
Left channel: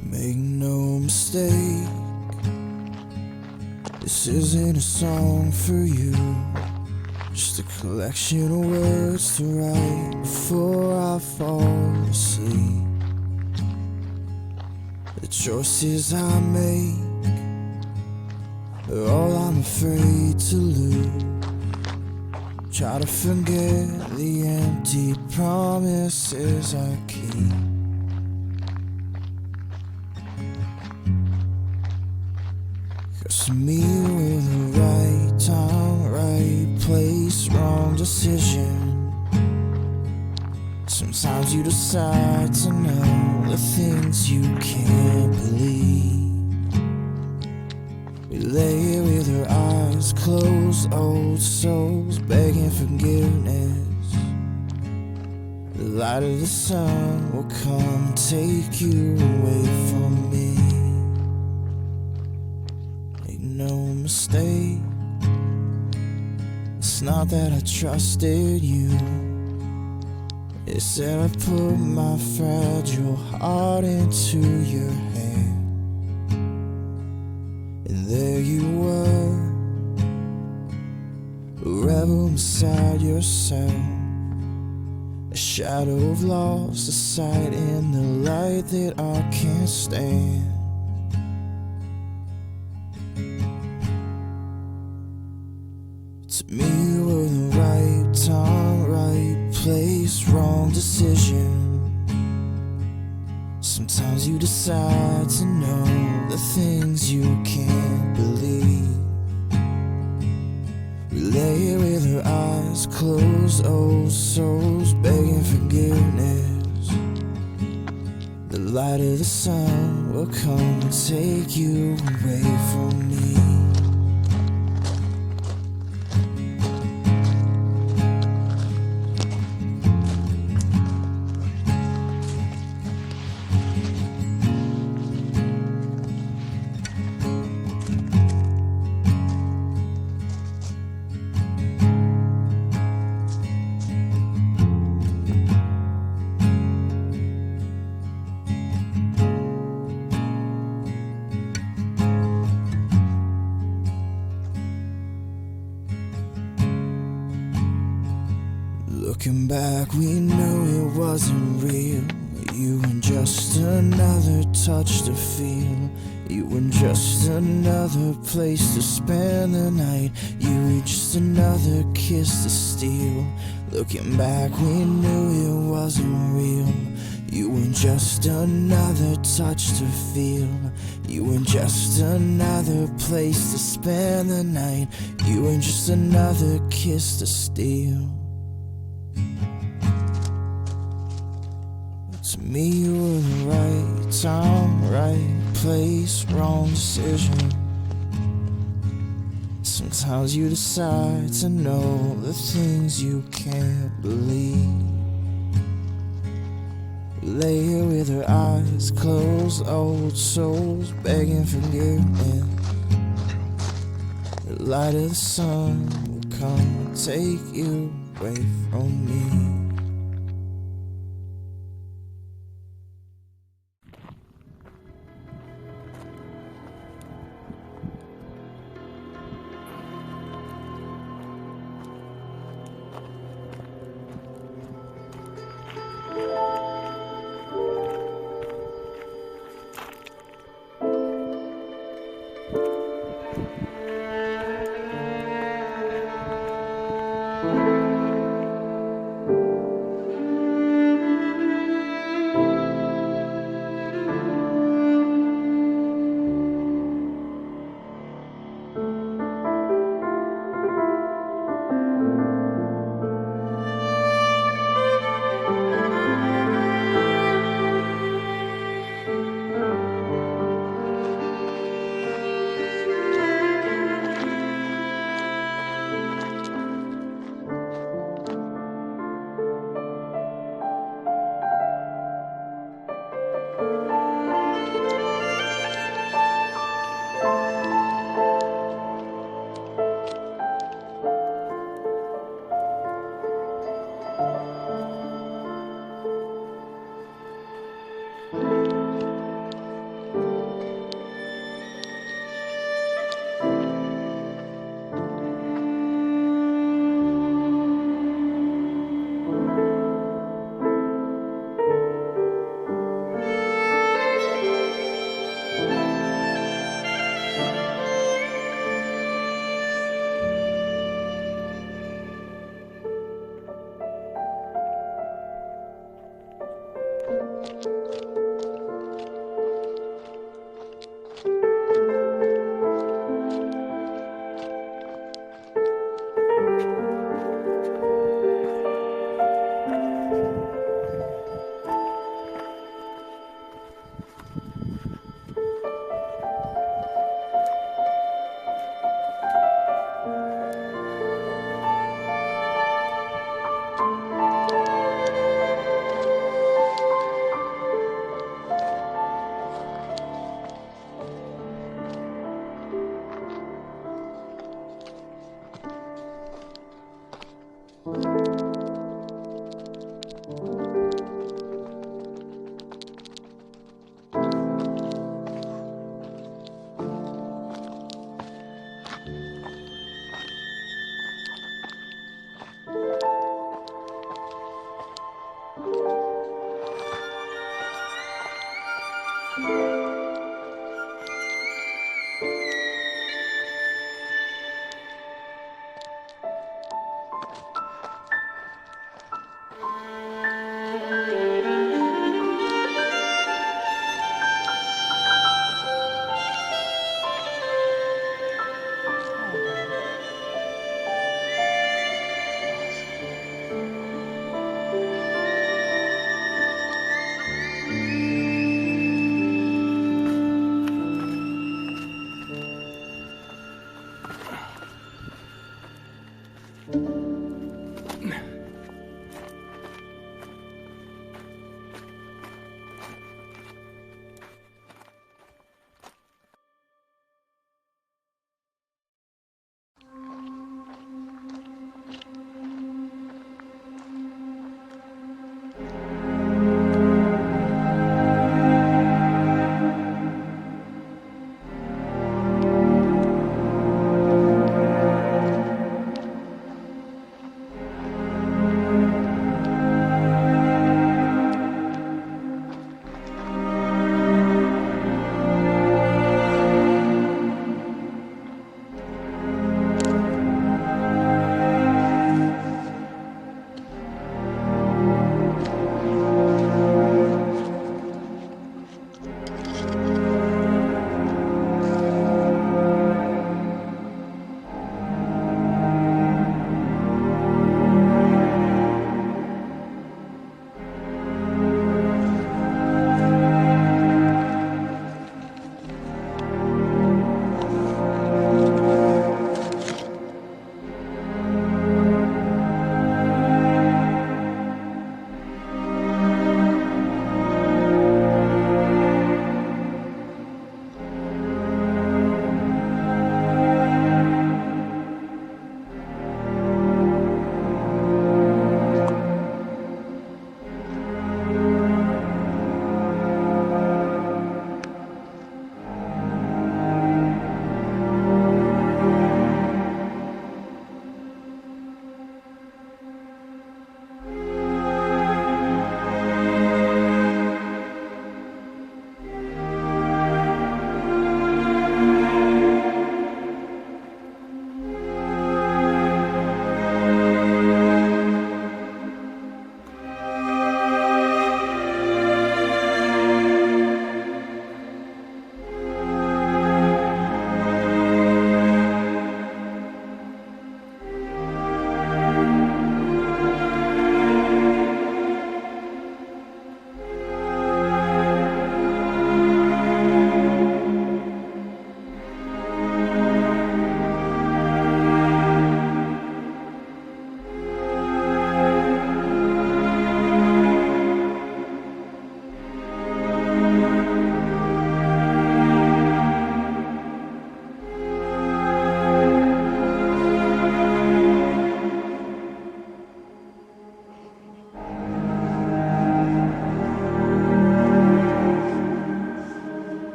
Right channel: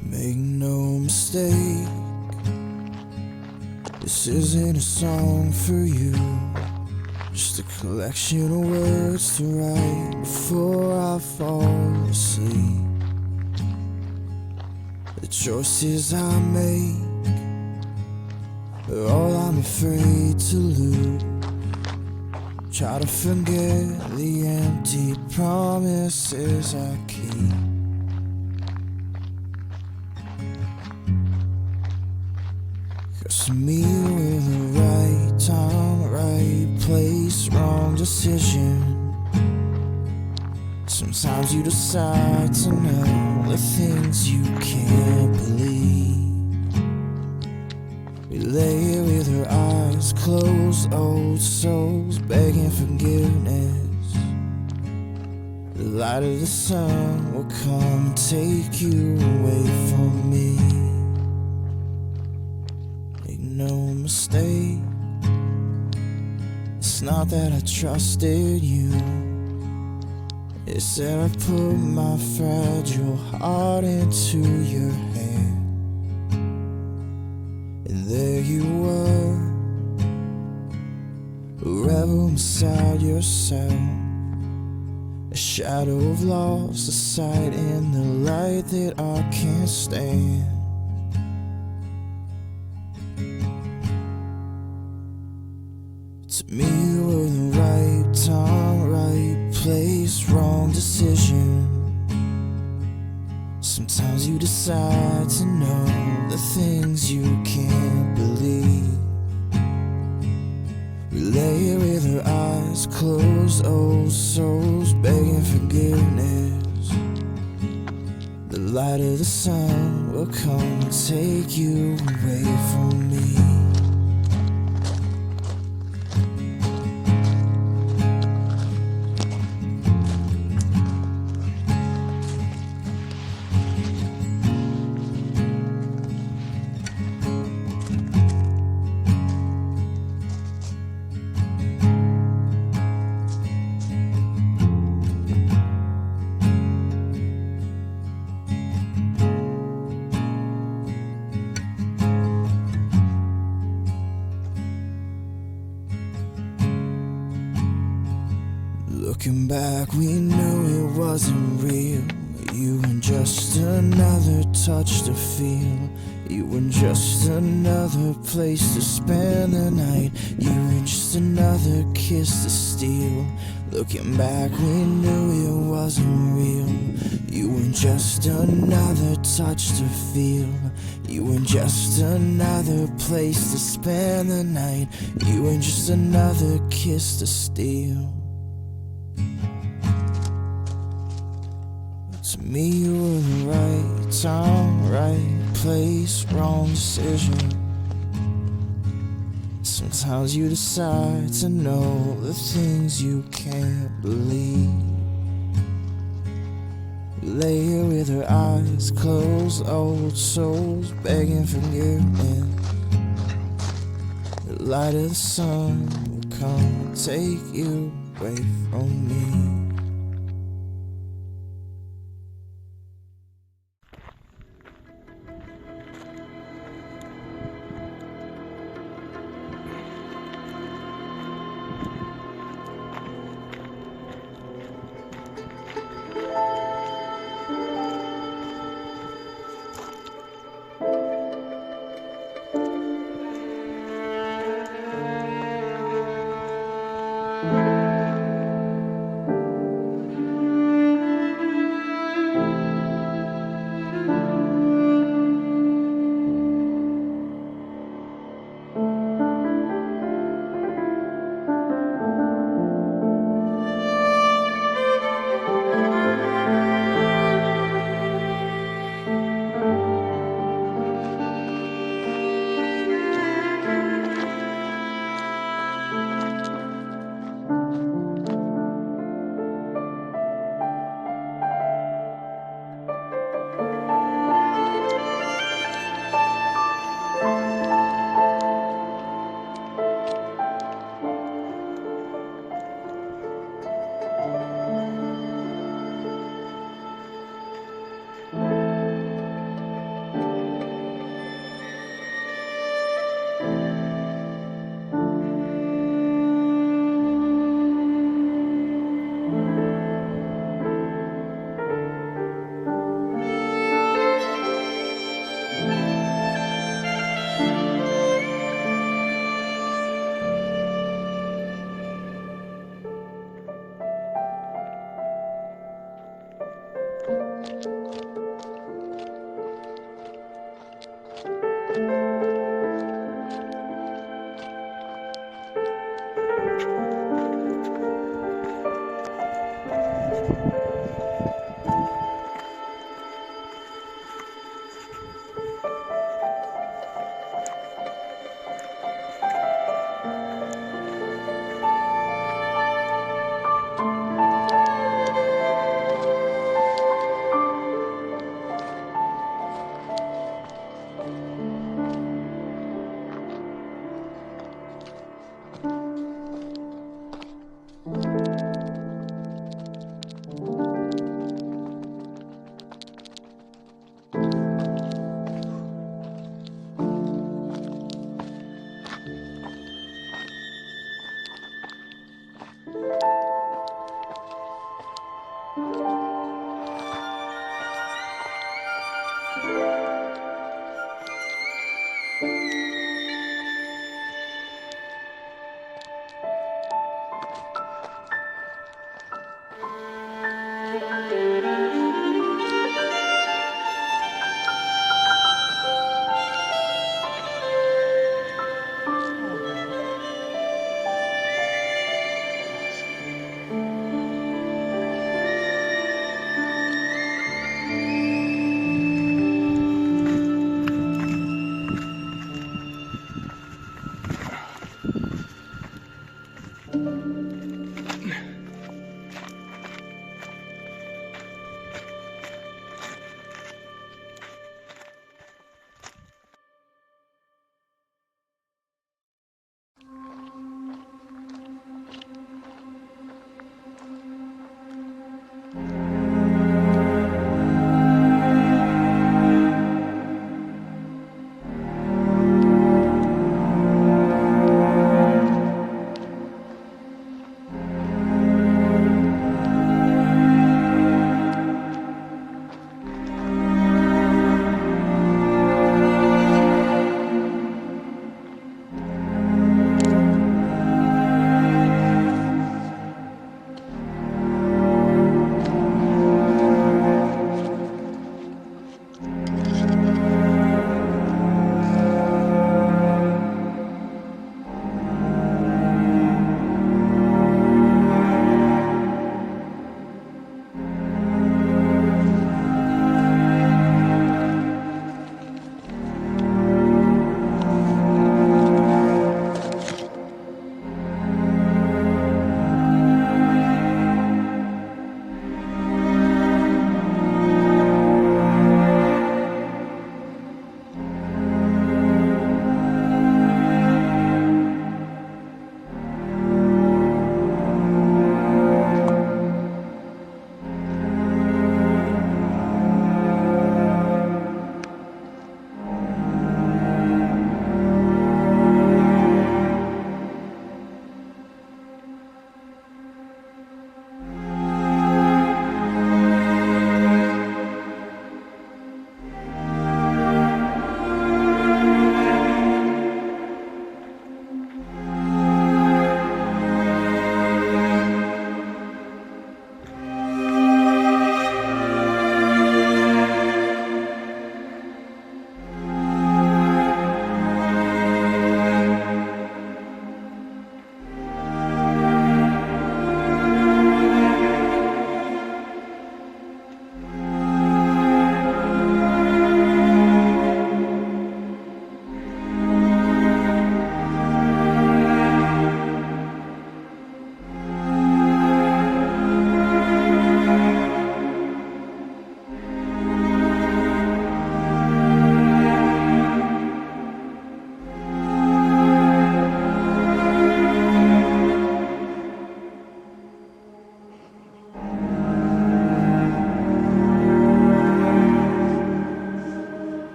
Make no mistake, this isn't a song for you, just a collection of words to write before I fall asleep. The choices I make are all I'm afraid to lose. Try to forget the empty promises I keep. Cause me with the right time, right place, wrong decision. Sometimes you decide to know the things you can't believe. We lay here with our eyes closed, old souls begging forgiveness. The light of the sun will come take you away from me. Make no mistake, it's not that I trusted you. It said I put my fragile heart into your hand, and there you were, a rebel beside yourself, a shadow of loss, a sight in the light that I can't stand. To me you were the right time, right place, wrong decision. Sometimes you decide to know the things you can't believe. We lay here with our eyes closed, old souls begging forgiveness. The light of the sun will come and take you away from me. Looking back, we knew it wasn't real. You were just another touch to feel. You were just another place to spend the night. You were just another kiss to steal. Looking back, we knew it wasn't real. You were just another touch to feel. You were just another place to spend the night. You were just another kiss to steal. To me you were the right time, right place, wrong decision. Sometimes you decide to know the things you can't believe. We lay here with our eyes closed, old souls begging forgiveness. The light of the sun will come and take you away from me.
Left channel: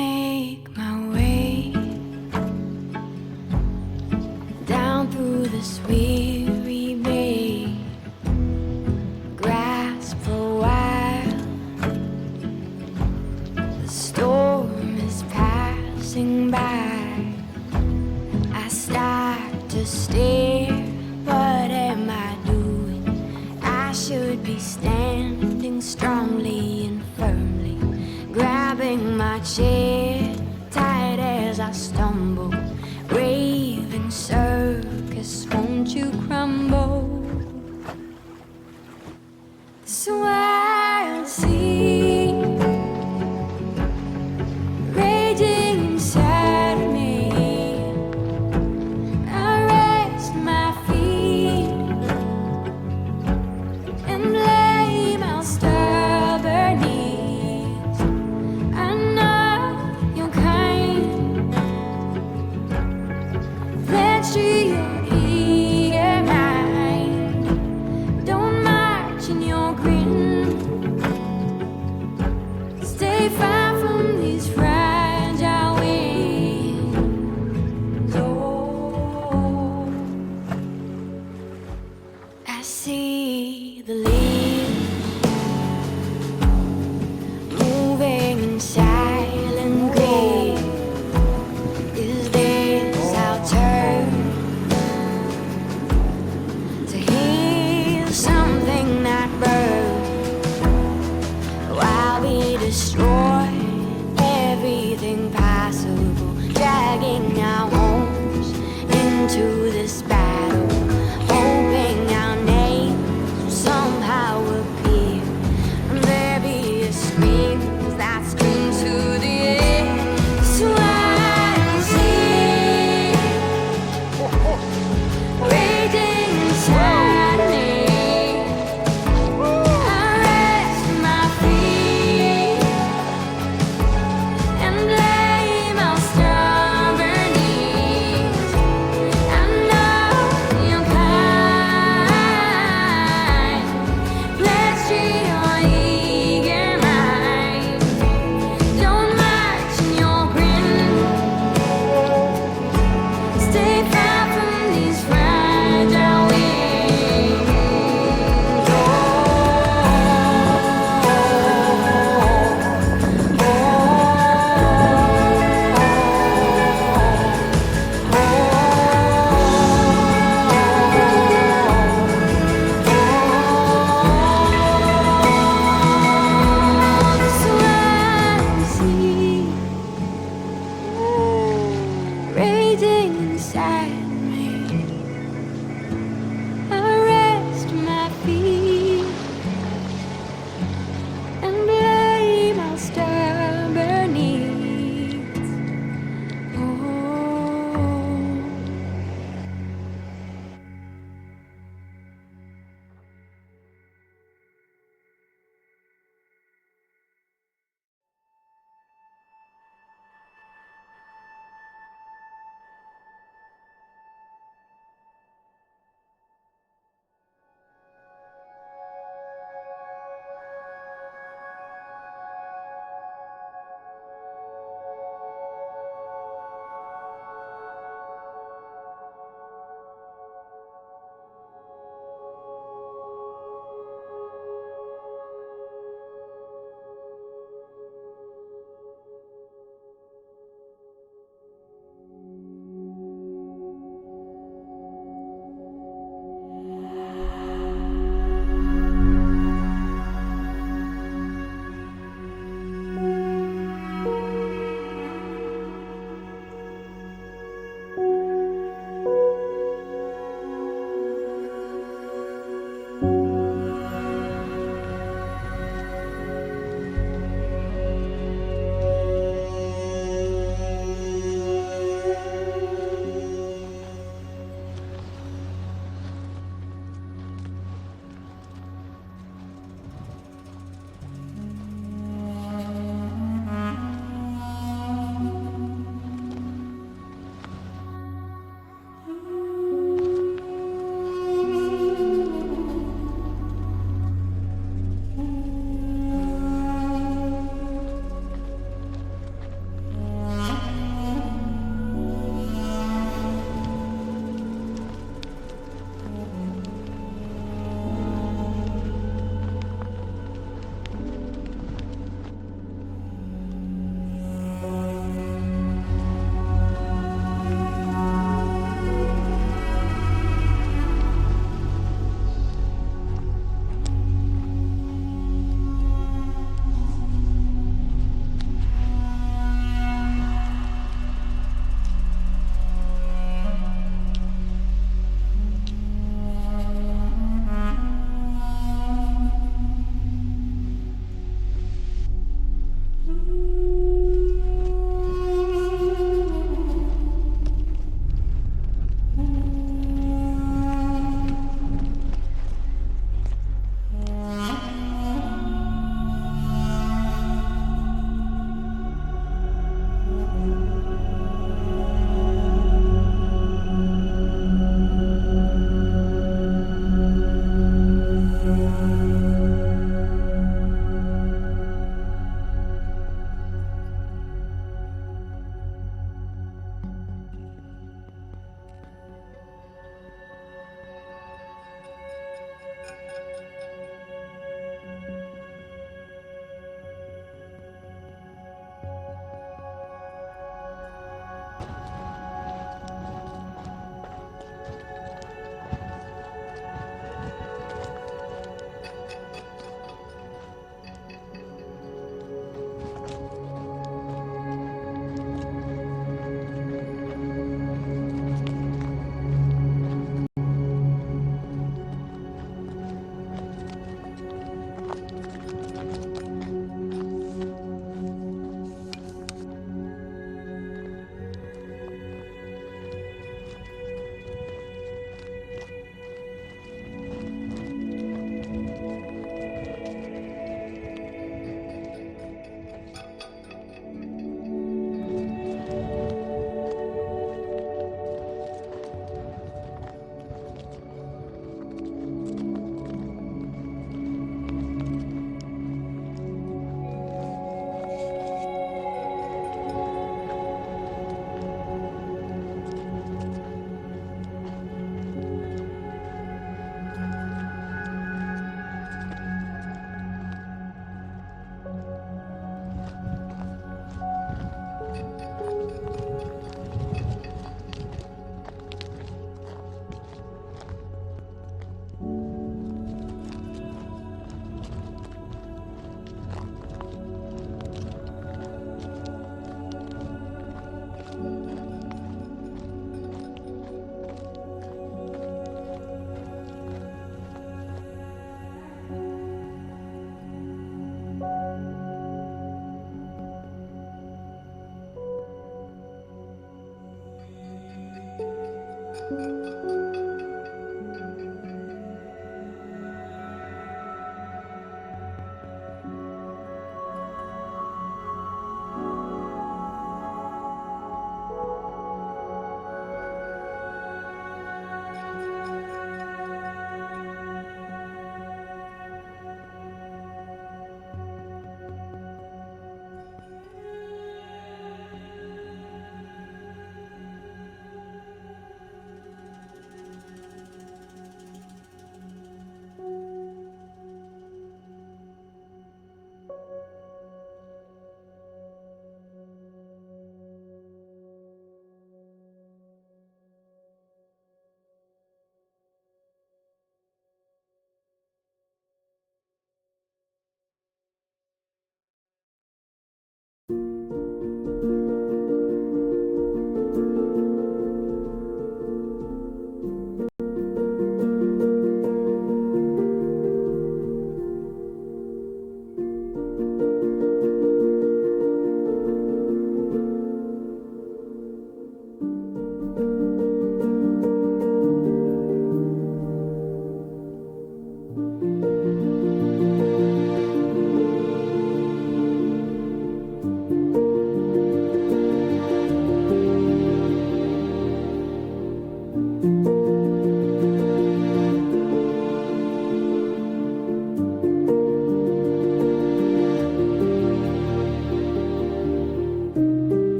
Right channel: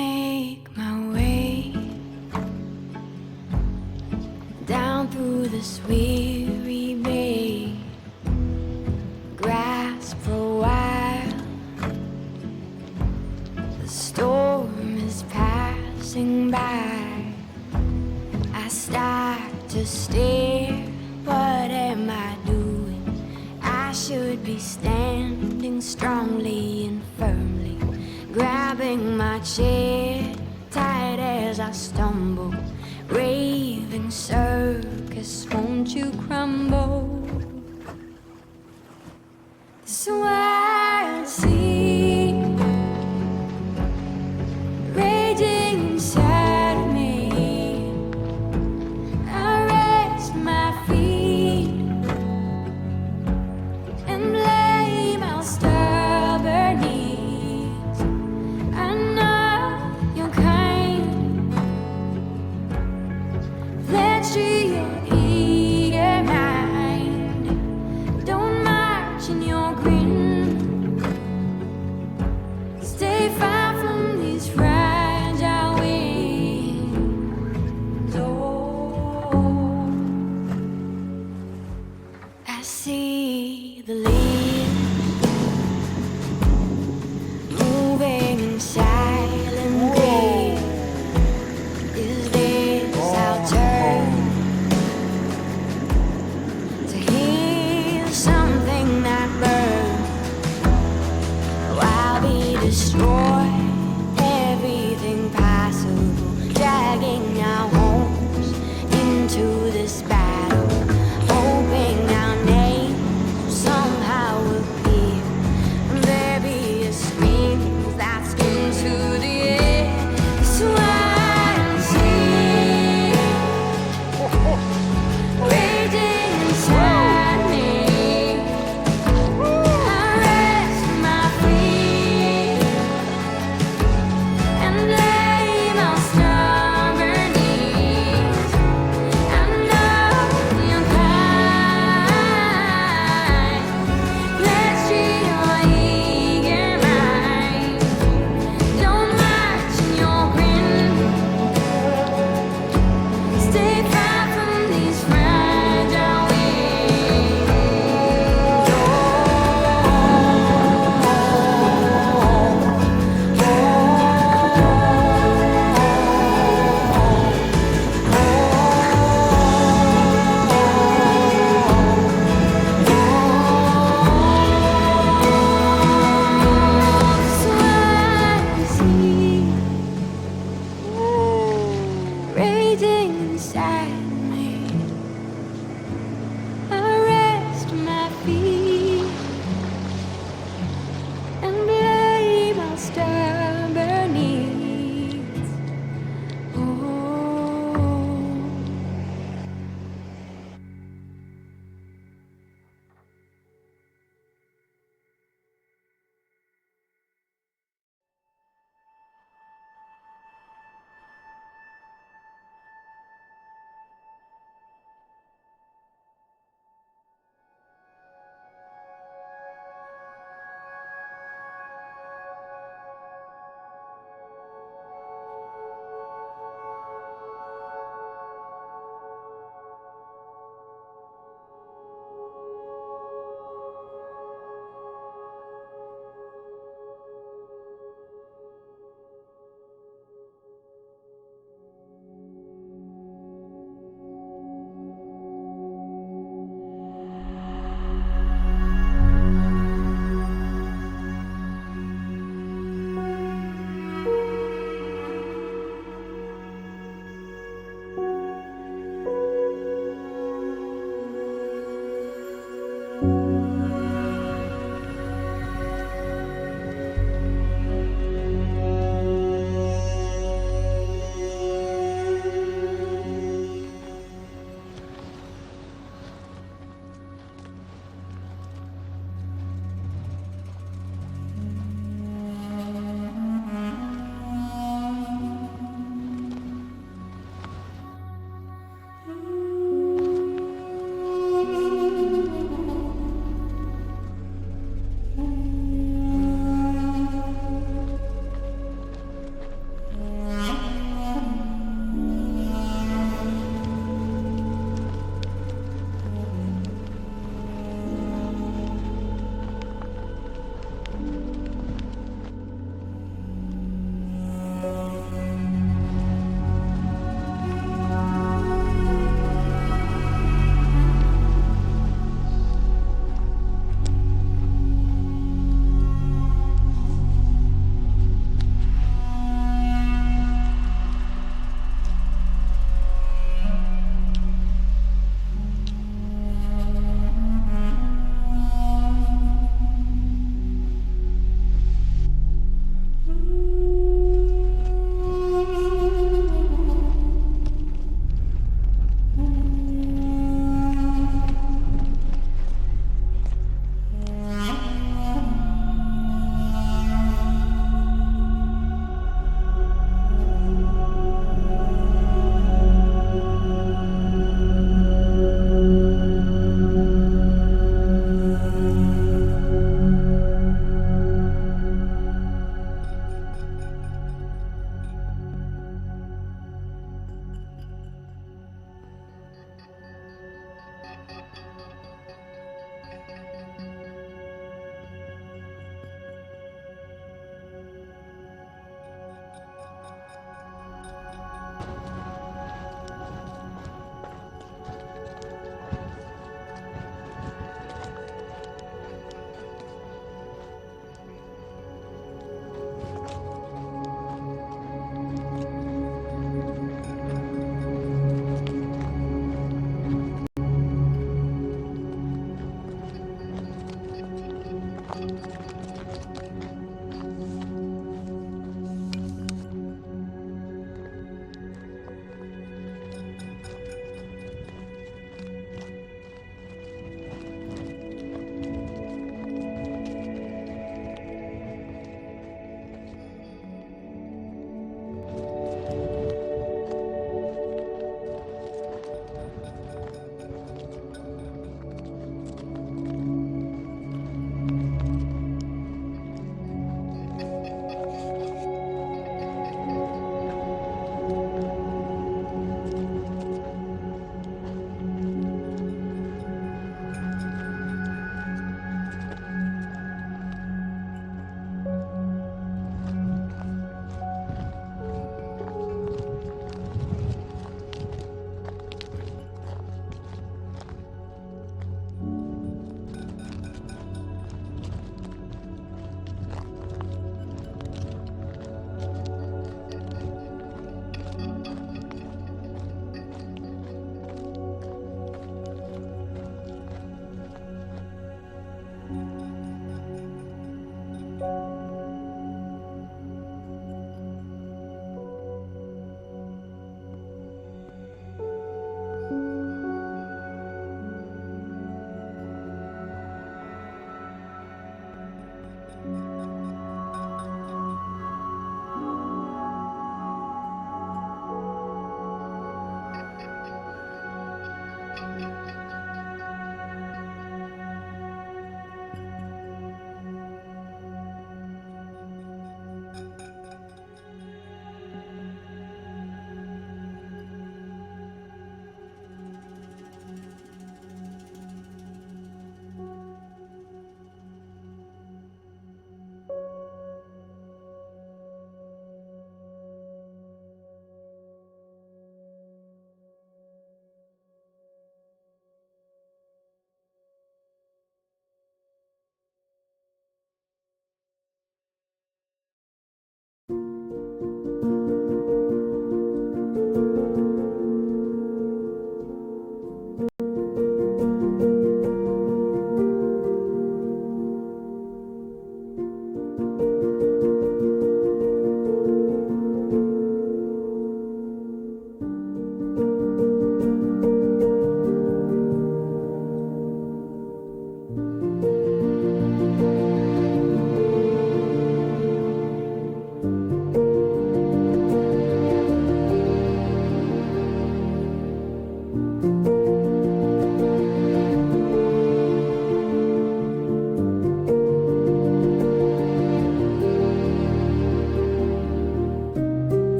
make my way down through this weary bay, grasp for a while. The storm is passing by. I start to stare. What am I doing? I should be standing strongly and firmly, grabbing my chair tight as I stumble. Raving circus, won't you crumble? This wild sea raging inside of me. I rest my feet and blame our stubborn knees. I know you're kind, pledged to your eager mind. Don't march in your grin. Stay far from these fragile winds. Oh, I see the leaves moving in silent grief. Is this our turn to heal something that burns? While we destroy everything possible, dragging our homes into this battle, hoping our names somehow appear, and there be a scream that screams to the air. So I see raging inside me. I rest my feet and blame our stubborn knees.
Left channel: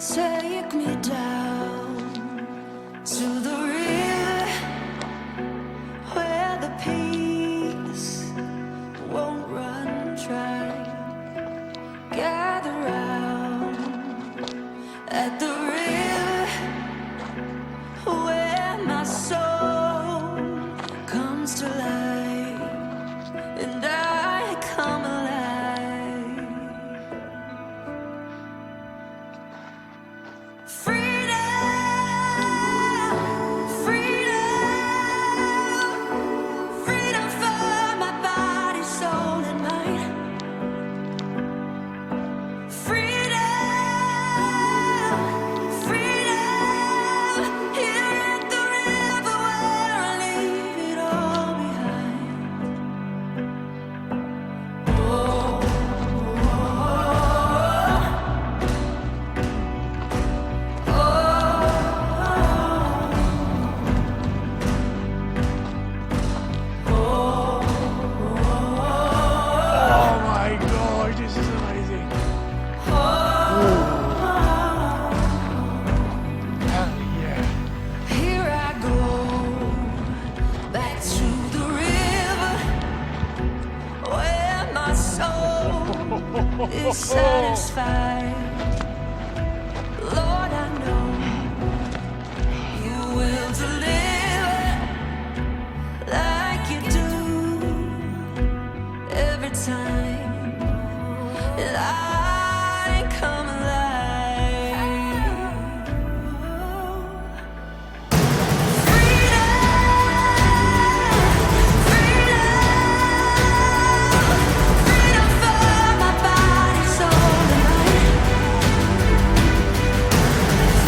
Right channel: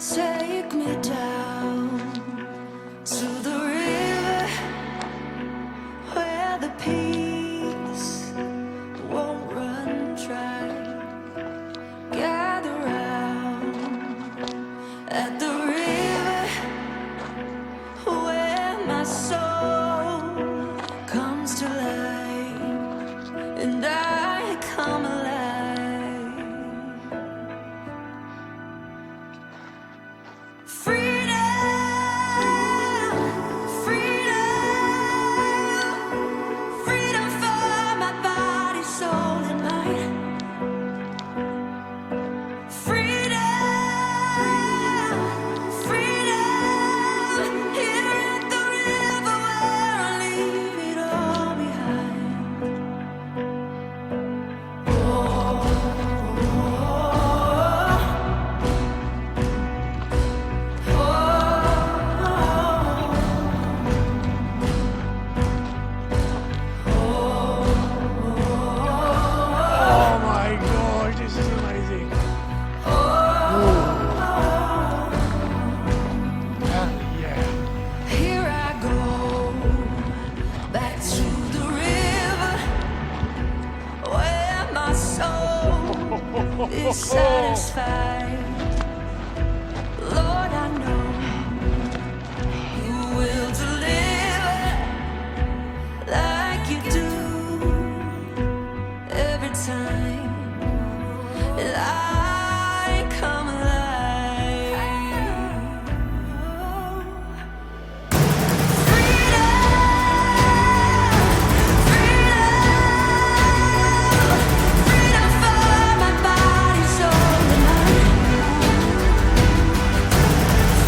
Take me down to the river where the peace won't run dry. Gather round at the river where my soul comes to life and I come alive. Oh my gosh, this is amazing. Ooh. Hell yeah. Here I go back to the river where my soul is satisfied. Lord, I know you will deliver like you do every time I come alive. Freedom, freedom, freedom for my body, soul, and mind.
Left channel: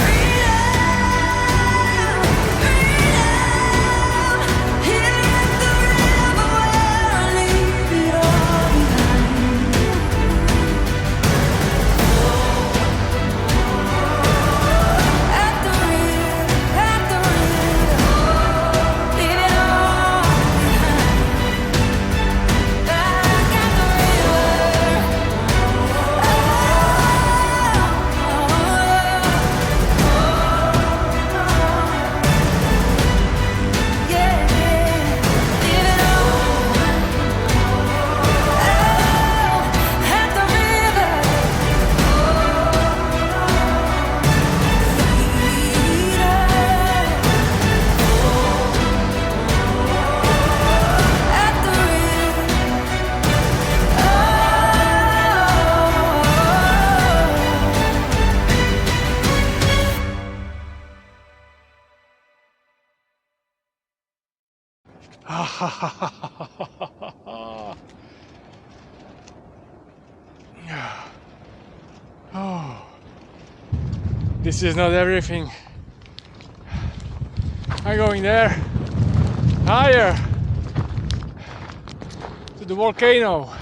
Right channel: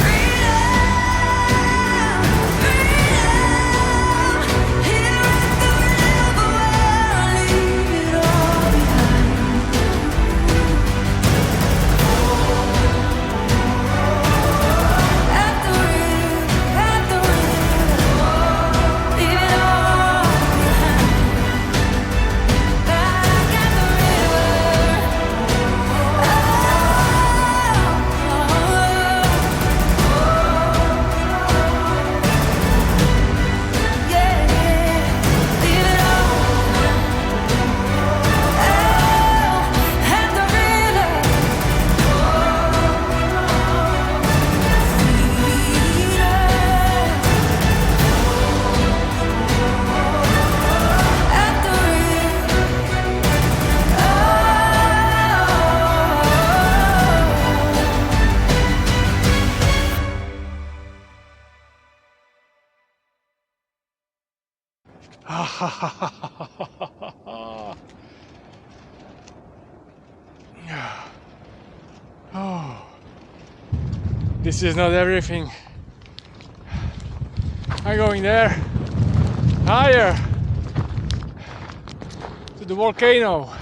Freedom, freedom, here at the river where I leave it all behind. Oh, this is not everything. I'm going there, higher, to the volcano.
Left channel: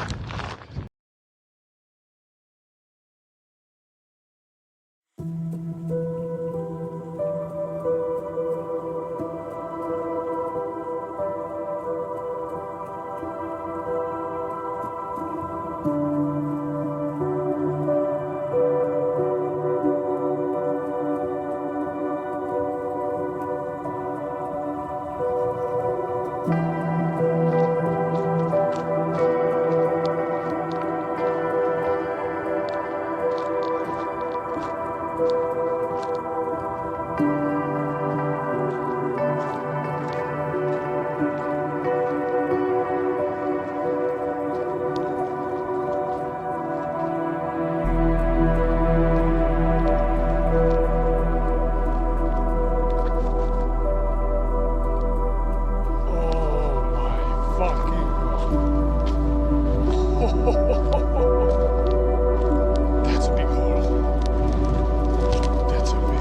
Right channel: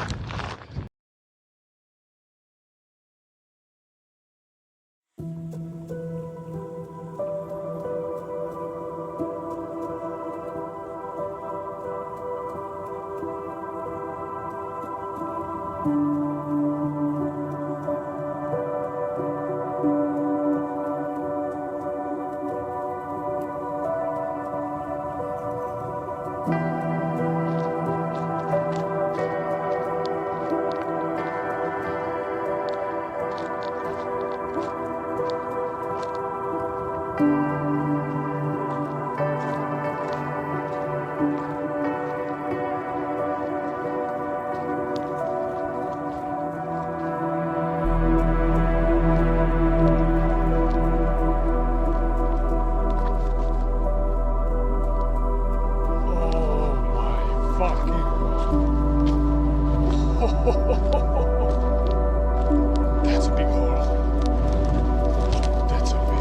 That's a big hole. That's a big hole.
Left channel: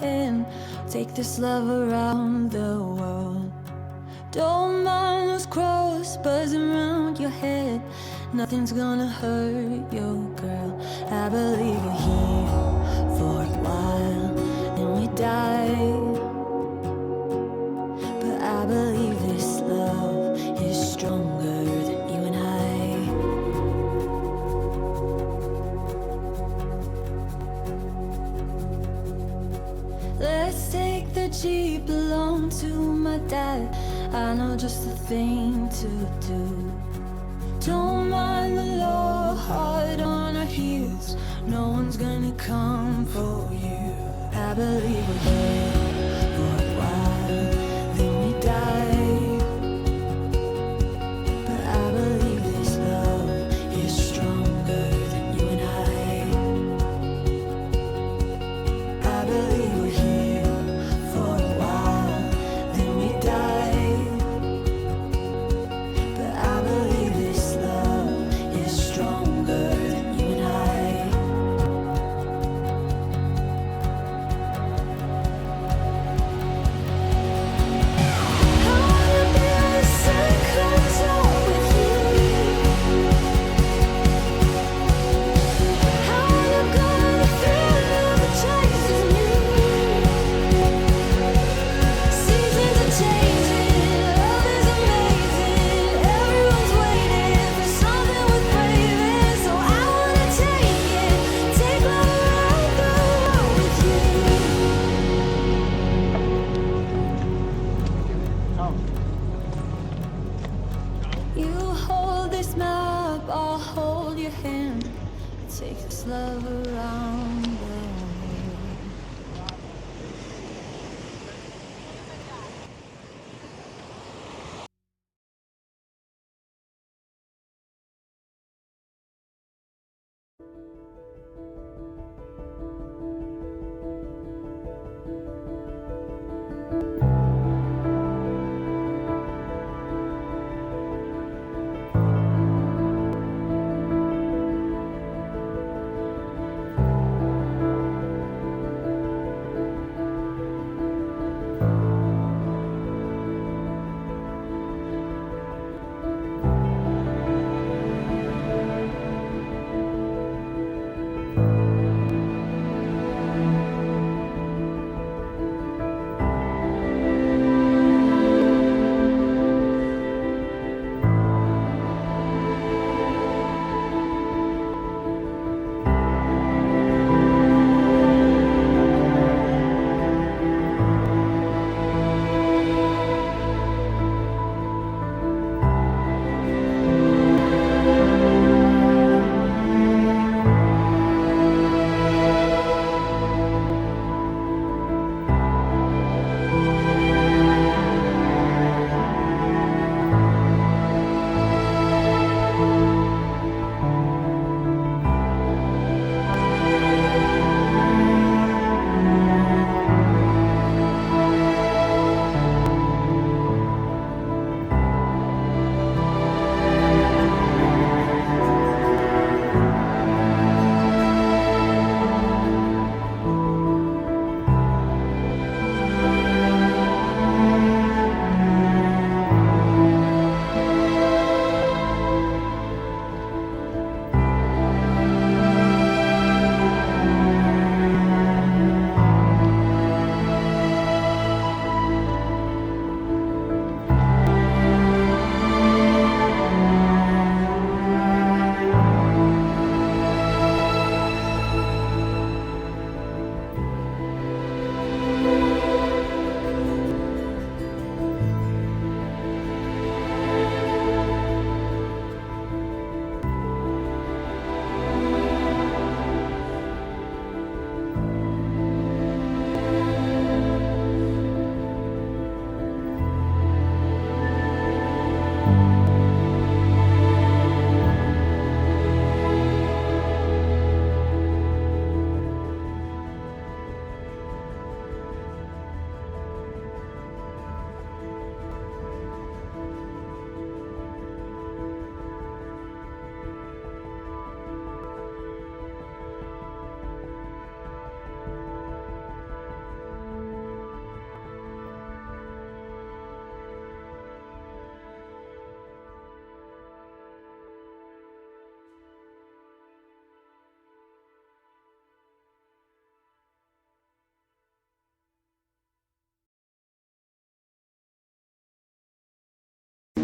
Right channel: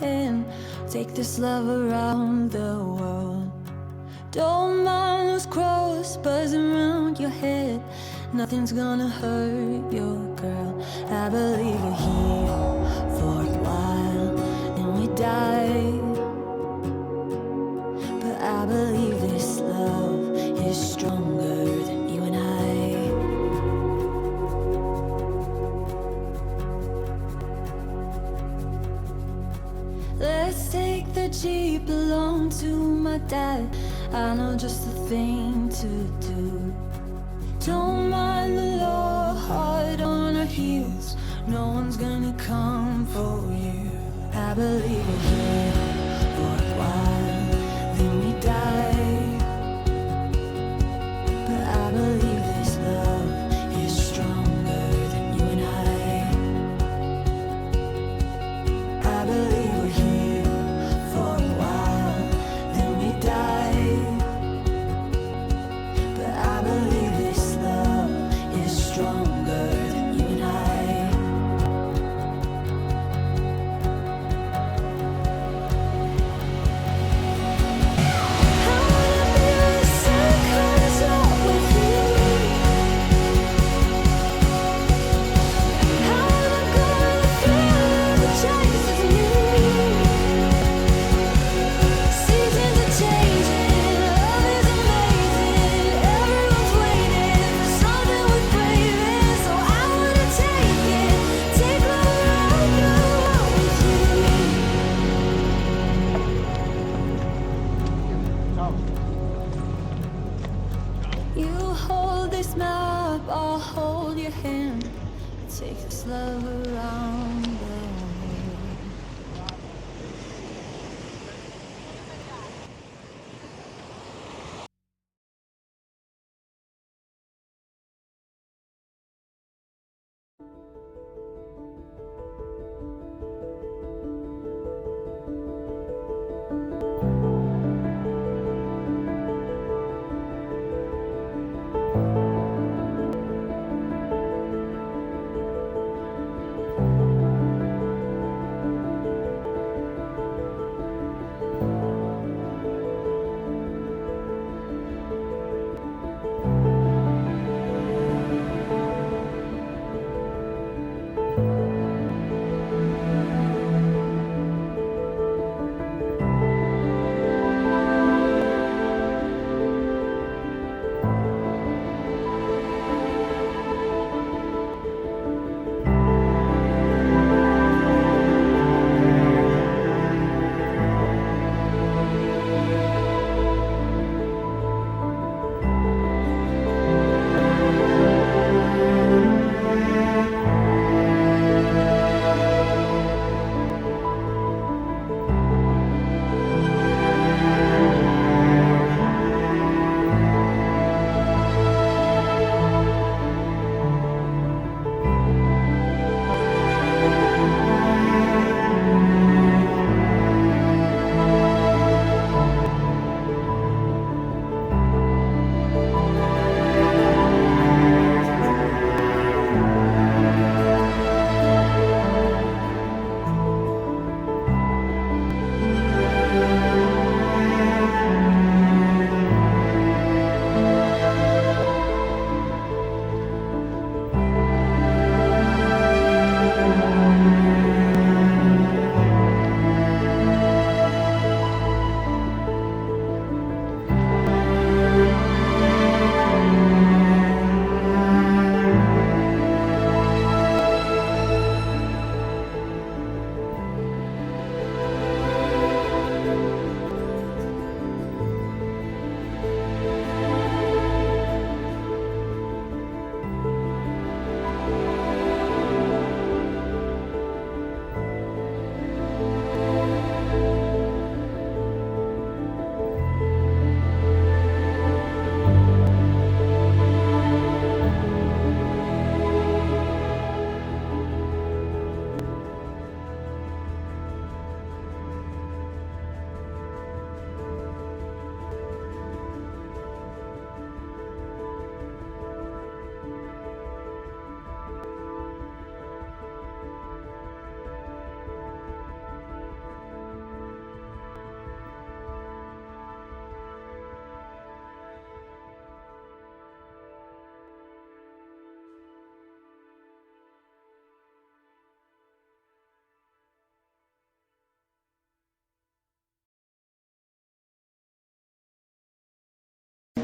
hand. Take this love around the world. Don't mind those crows buzzing around your head. Nothing's gonna hurt your girl. I believe we're here for a while, and we die. But I believe this love is stronger than you and I. Let's take the Jeep alone to my dad. I know just the thing to do. Don't mind the law, hard on our heels. No one's gonna come for you. I believe we're here for a while, then we die. But I believe this love is stronger than you and I. I believe we're here for a while, then we die. But I believe this love is stronger than you and I. I wanna be where the sun comes up with you. I wanna go where the feeling of the chases me. Seasons are changing, love is amazing. Everyone's waiting for something worth braving. So I wanna take love around the world with you. You hold this map, I'll hold your hand. Take this love around the world.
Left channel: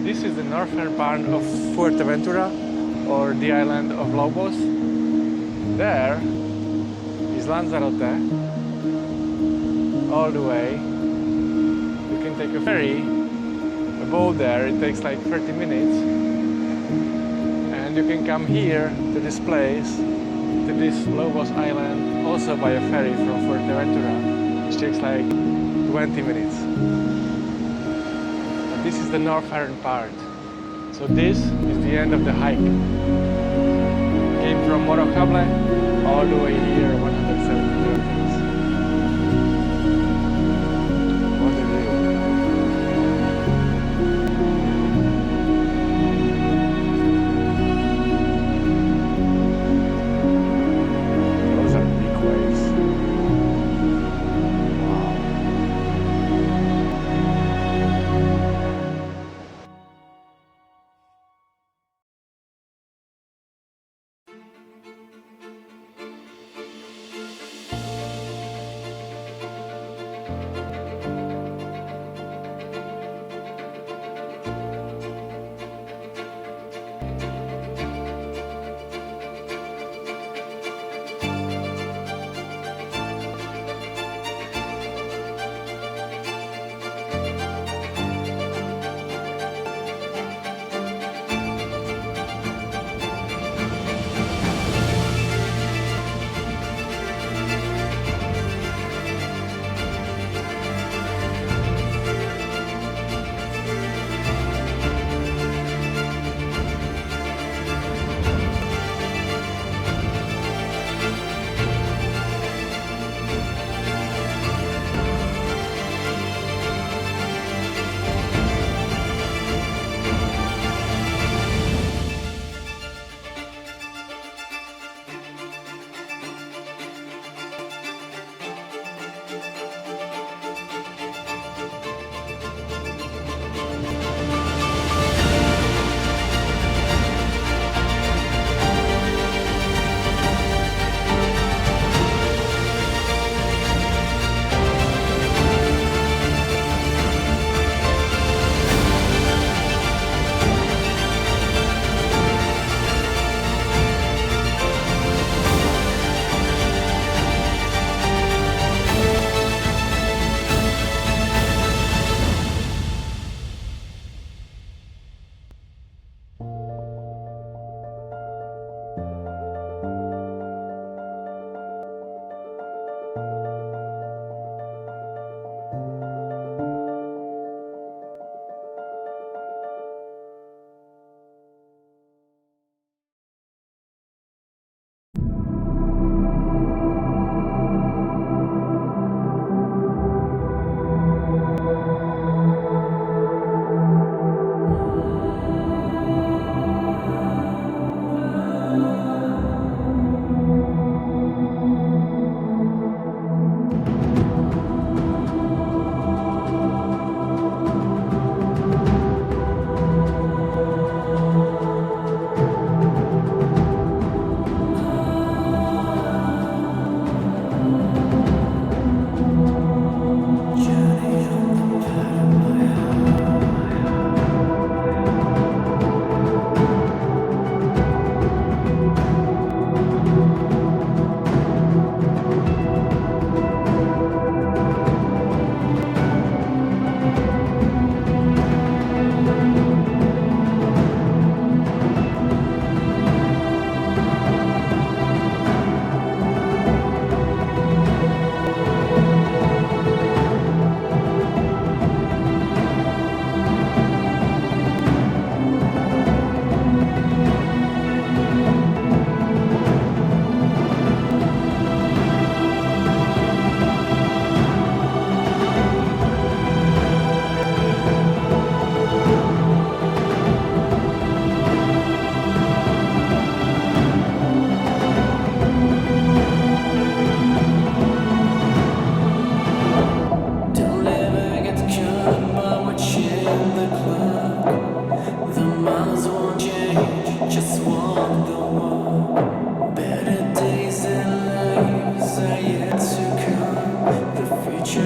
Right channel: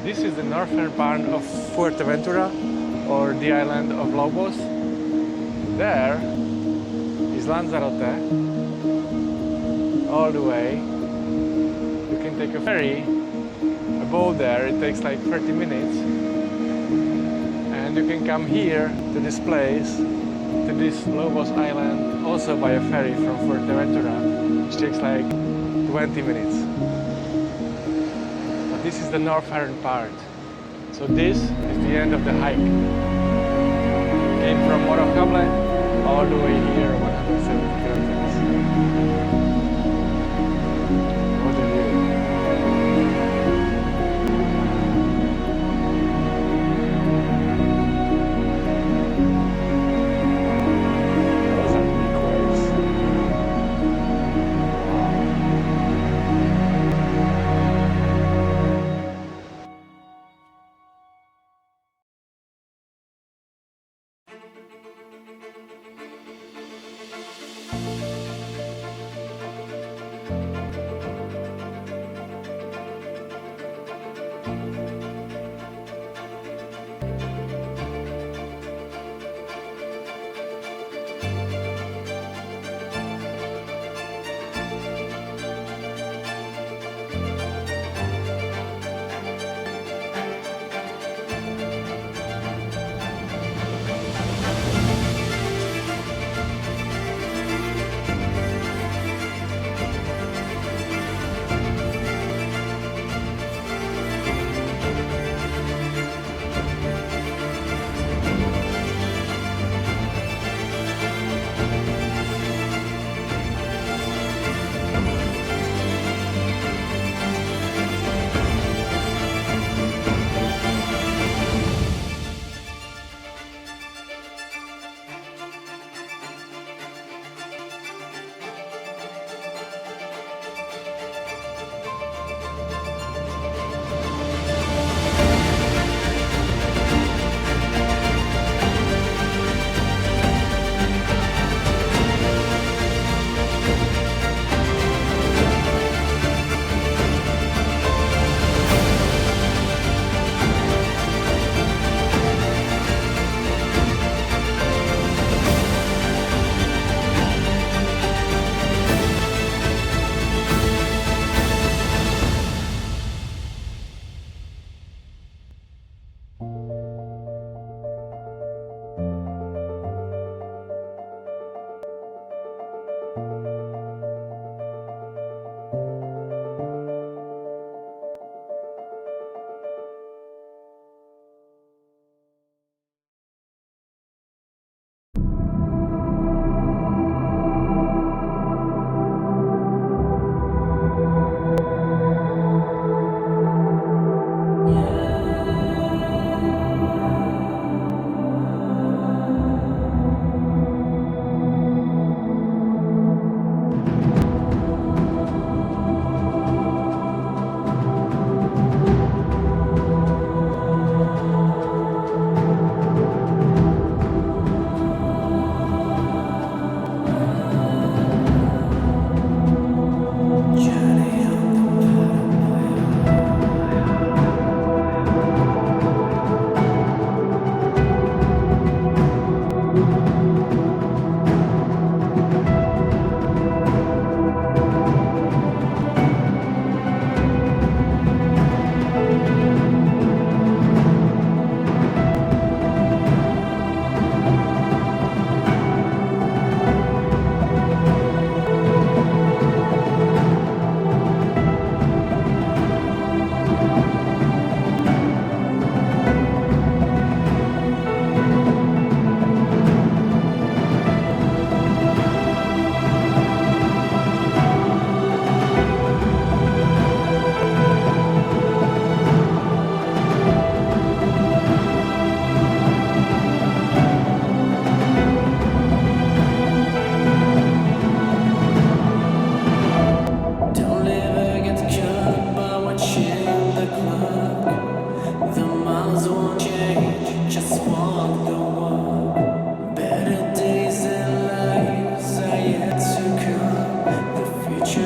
This is the northern part of Fuerteventura, or the island of Lobos. There is Lanzarote, all the way. You can take a ferry, a boat there, it takes like 30 minutes. And you can come here to this place, to this Lobos island, also by a ferry from Fuerteventura, which takes like 20 minutes. But this is the northern part. So this is the end of the hike. Came from Morocable all the way here, 170 kilometers. What a view. Those are big waves. Wow.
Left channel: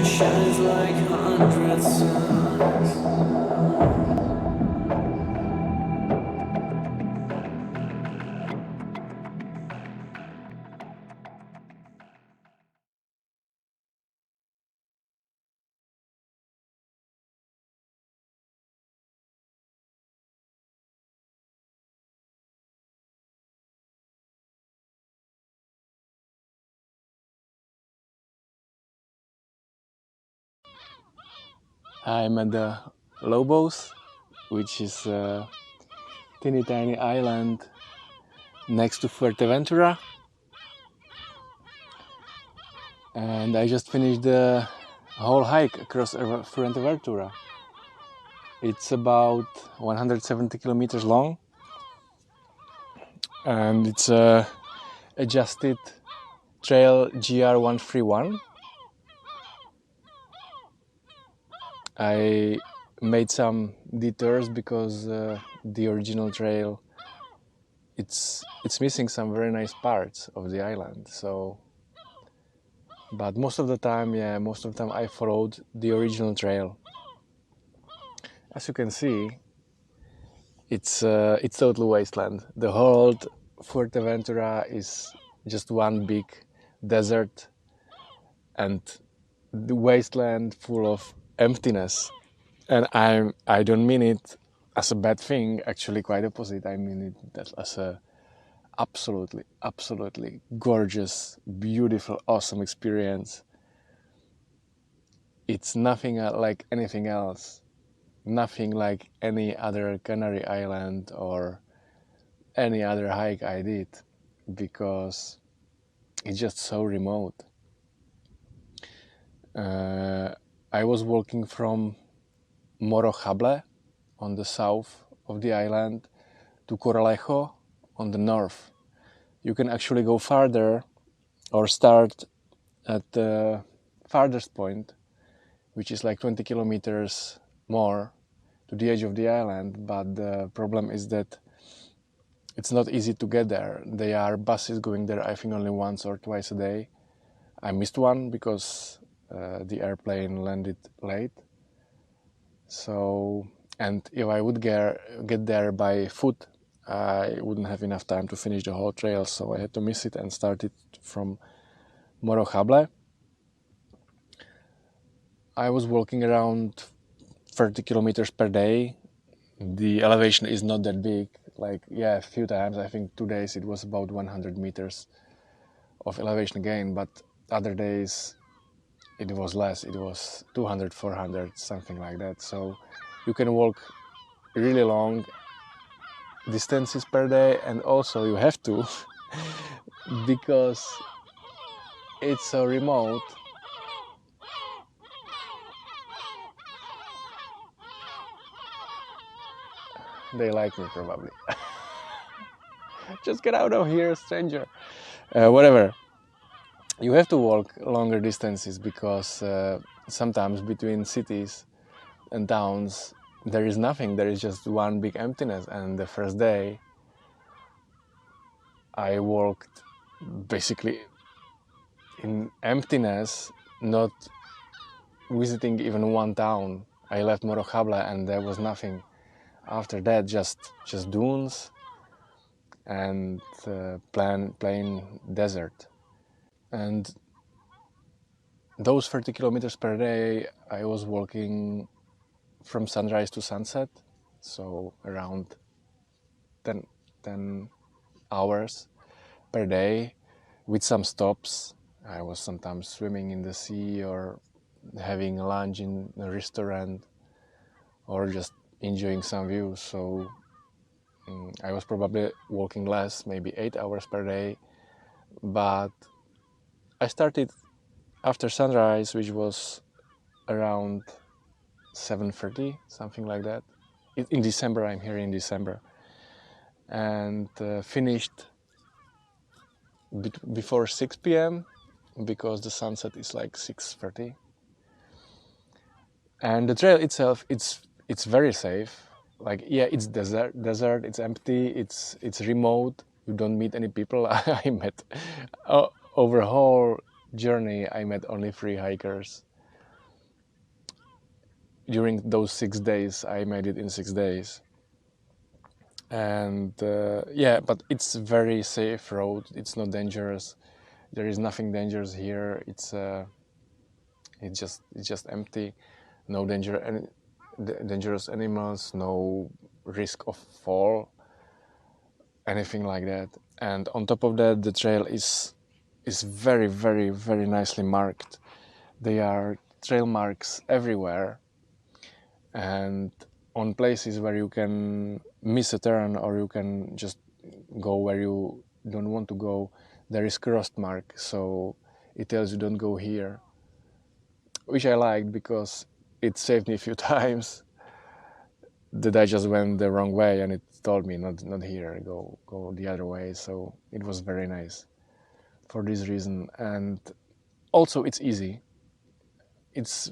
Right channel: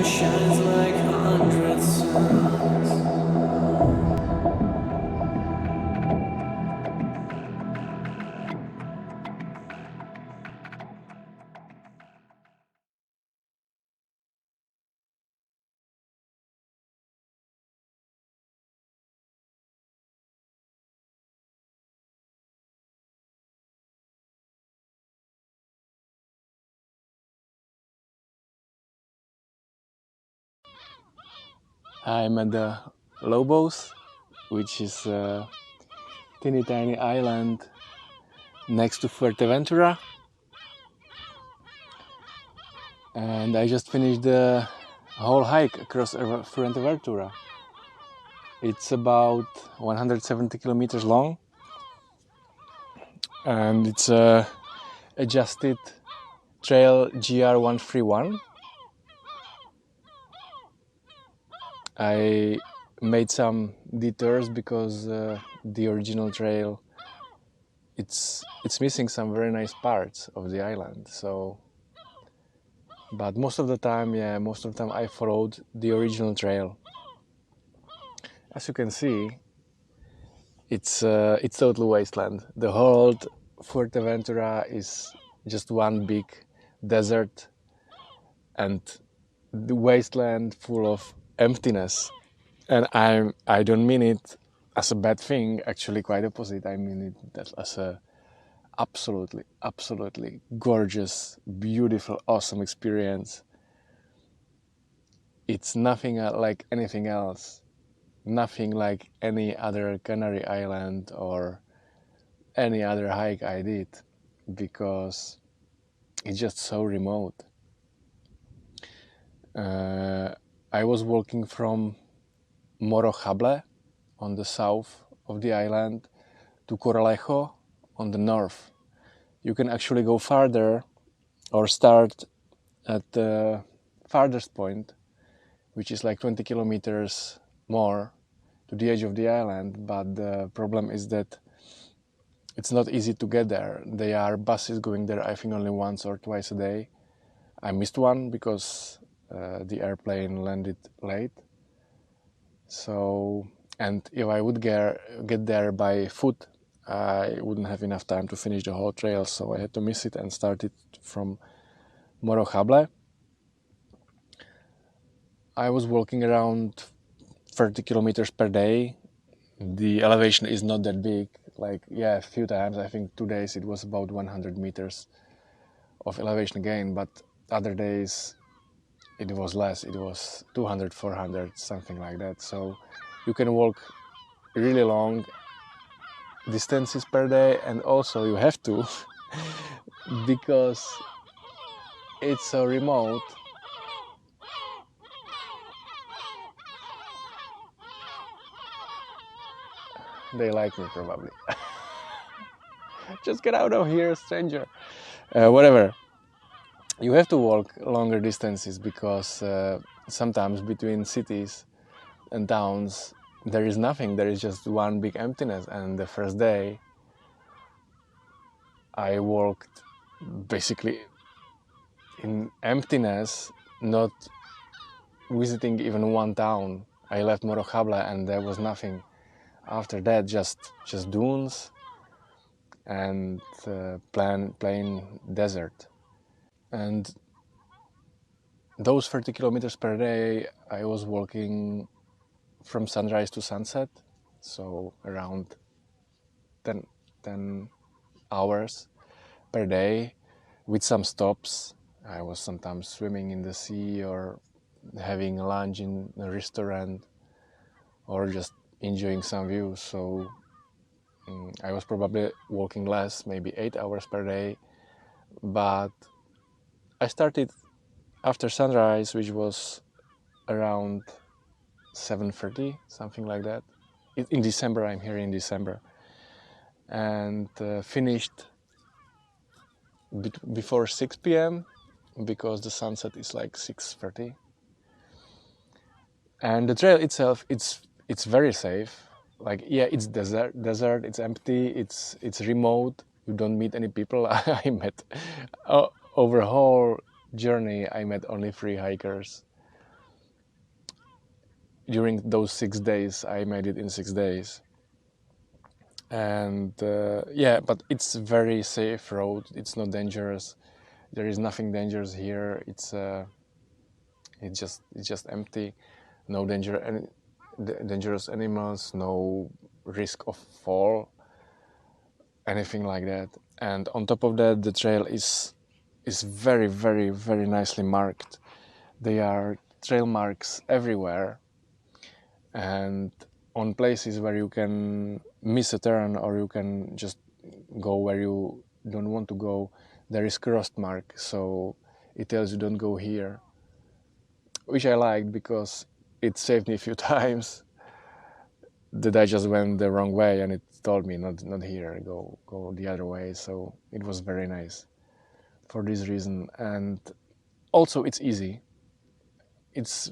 shines like 100 suns. I'm at the Lobos, which is a teeny tiny island next to Fuerteventura. And I just finished the whole hike across Fuerteventura. It's about 170 kilometers long, and it's a adjusted trail GR131. I made some detours because the original trail it's missing some very nice parts of the island. So, but most of the time I followed the original trail. As you can see, it's totally wasteland. The whole Fuerteventura is just one big desert and the wasteland full of emptiness. And I don't mean it as a bad thing, actually quite opposite. I mean it as a absolutely gorgeous, beautiful, awesome experience. It's nothing like anything else. Nothing like any other Canary Island or any other hike I did, because it's just so remote. I was walking from Morro on the south of the island to Coralejo on the north. You can actually go farther or start at the farthest point, which is like 20 kilometers more to the edge of the island, but the problem is that it's not easy to get there. There are buses going there, I think, only once or twice a day. I missed one because the airplane landed late. So, and if I would get there by foot, I wouldn't have enough time to finish the whole trail, so I had to miss it and start it from Morro. I was walking around 30 kilometers per day. The elevation is not that big. Like, yeah, a few times, I think 2 days, it was about 100 meters of elevation gain, but other days it was less. It was 200, 400, something like that. So you can walk really long distances per day, and also you have to because it's so remote. They like me probably. Just get out of here, stranger. Whatever. You have to walk longer distances because sometimes between cities and towns there is nothing. There is just one big emptiness. And the first day I walked basically in emptiness, not visiting even one town. I left Morro and there was nothing. After that, just dunes and plain desert. And those 30 kilometers per day, I was walking from sunrise to sunset, so around 10 hours per day, with some stops. I was sometimes swimming in the sea or having lunch in a restaurant or just enjoying some views. So I was probably walking less, maybe 8 hours per day, but I started after sunrise, which was around 7:30, something like that. In December, I'm here in December, and finished before 6 p.m. because the sunset is like 6:30. And the trail itself, it's very safe. Like, yeah, it's desert, it's empty, it's remote. You don't meet any people. I met over the whole journey, I met only 3 hikers. During those 6 days, I made it in 6 days. And yeah, but it's a very safe road. It's not dangerous. There is nothing dangerous here. It's just empty. No dangerous animals, no risk of fall, anything like that. And on top of that, the trail is very, very, very nicely marked. There are trail marks everywhere. and on places where you can miss a turn or you can just go where you don't want to go, there is crossed mark, so it tells you don't go here, which I liked because it saved me a few times that I just went the wrong way and it told me not here, go the other way. So it was very nice for this reason. And also it's easy. It's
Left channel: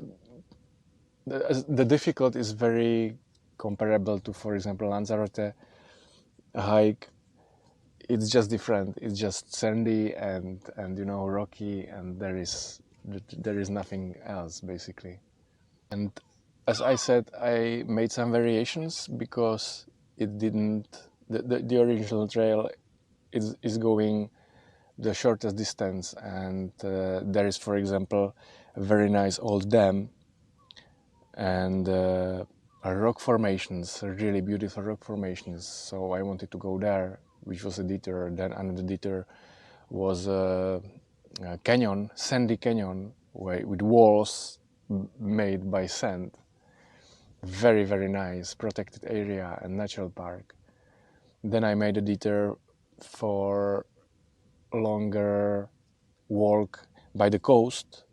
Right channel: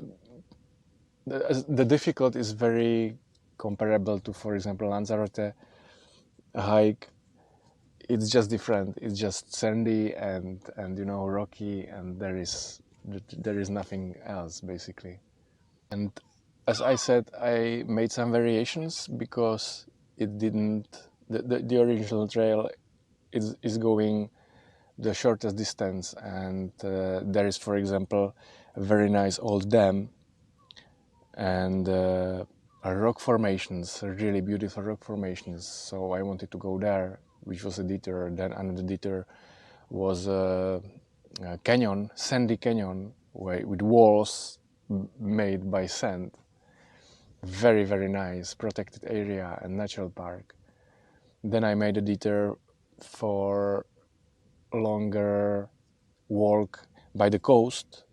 the difficult is very comparable to, for example, Lanzarote hike. It's just different. It's just sandy and you know, rocky, and there is nothing else basically. And as I said, I made some variations because it didn't. The original trail is going the shortest distance, and there is, for example, a very nice old dam and rock formations, really beautiful rock formations. So I wanted to go there, which was a detour. Then another detour was a canyon, sandy canyon, with walls made by sand. Very, very nice, protected area and natural park. Then I made a detour for longer walk by the coast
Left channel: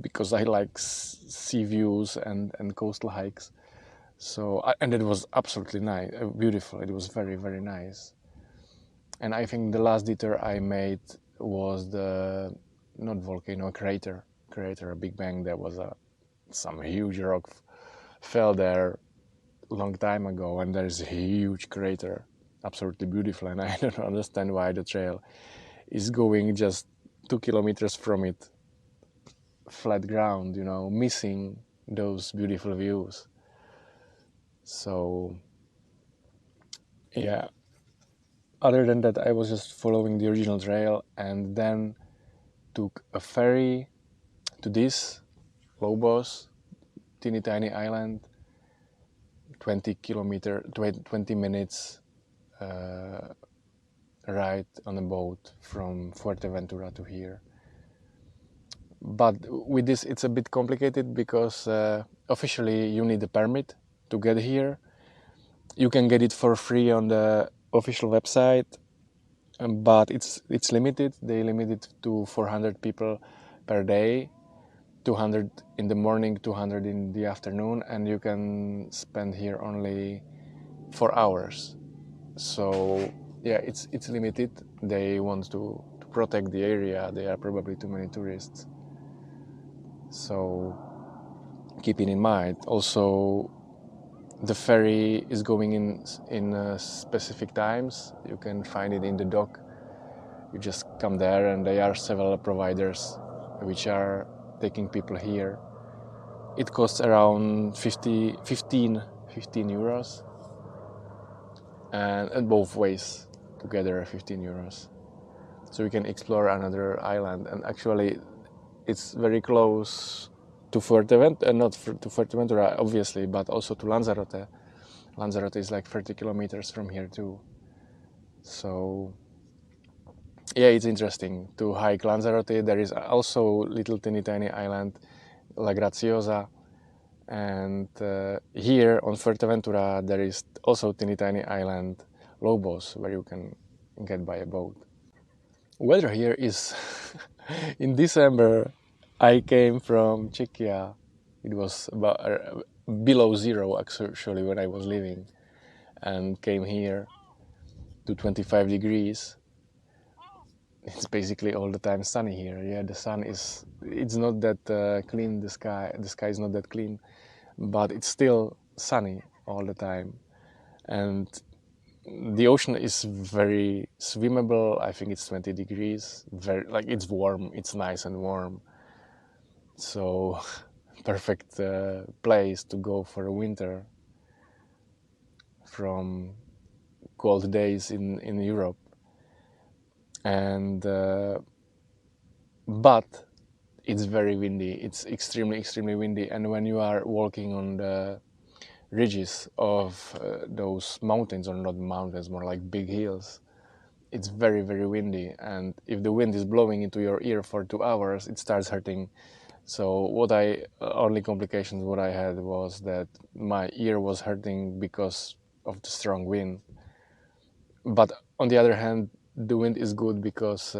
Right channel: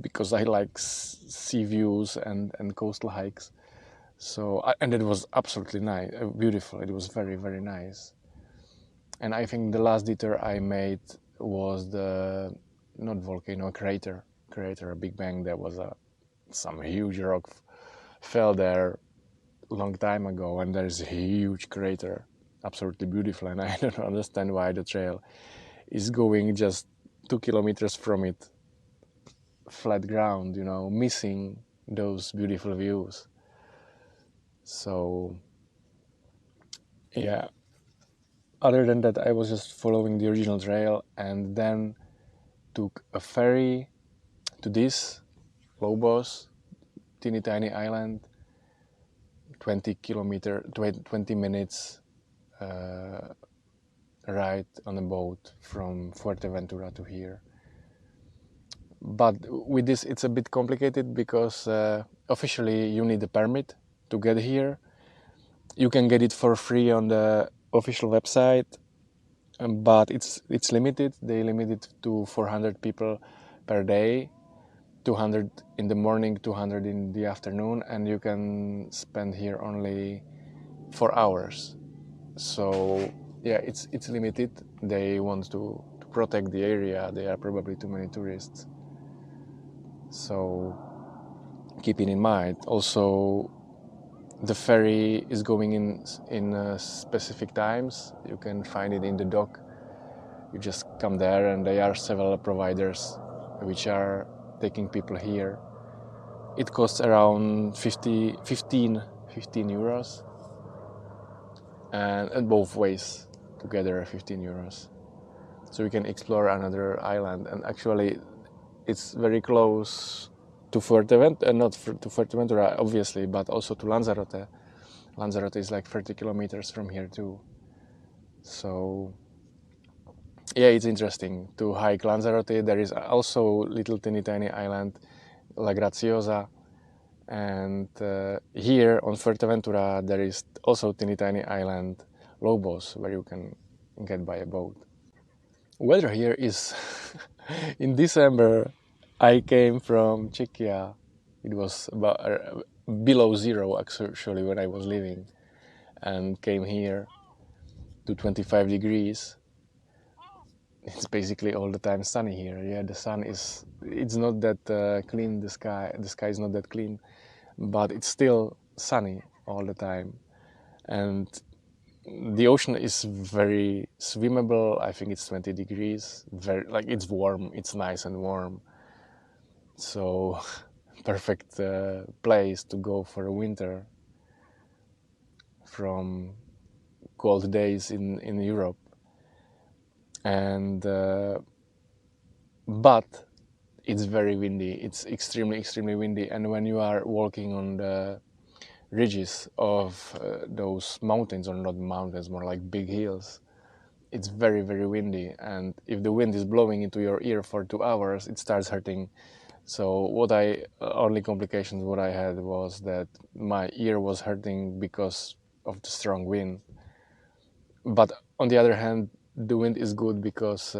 because I like sea views and coastal hikes. So, and it was absolutely nice, beautiful. It was very, very nice. And I think the last detour I made was the, not volcano, crater, a Big Bang. There was some huge rock fell there a long time ago, and there's a huge crater, absolutely beautiful, and I don't understand why the trail is going just 2 kilometers from it, flat ground, you know, missing those beautiful views. So yeah, other than that, I was just following the original trail and then took a ferry to this Lobos, teeny tiny island, 20 minutes ride on a boat from Fuerteventura to here. But with this it's a bit complicated because officially you need a permit to get here. You can get it for free on the official website, but it's limited. They limit it to 400 people per day, 200 in the morning, 200 in the afternoon, and you can spend here only 4 hours. So yeah, it's limited. They want to protect the area. There are probably too many tourists. So keeping in mind, also the ferry is going in specific times. You can find it in the dock. You just come there, and there are several providers which are taking people here. It costs around 15 euros, and both ways together 15 euros. So you can explore another island, and actually it's very close to Fuerteventura, not to Fuerteventura obviously, but also to Lanzarote. Lanzarote is like 30 kilometers from here too. So yeah, it's interesting to hike Lanzarote. There is also little teeny tiny island, La Graciosa, and here on Fuerteventura there is also teeny tiny island, Lobos, where you can get by a boat. Weather here is in December. I came from Czechia. It was about below zero actually when I was leaving, and came here to 25 degrees. It's basically all the time sunny here. Yeah, the sun is, it's not that clean, the sky is not that clean, but it's still sunny all the time. And the ocean is very swimmable. I think it's 20 degrees, very, like, it's warm, it's nice and warm. So perfect place to go for a winter from cold days in Europe. And but it's very windy. It's extremely windy, and when you are walking on the ridges of those mountains, or not mountains, more like big hills, it's very windy, and if the wind is blowing into your ear for 2 hours, it starts hurting So only complications what I had was that my ear was hurting because of the strong wind. But on the other hand, the wind is good because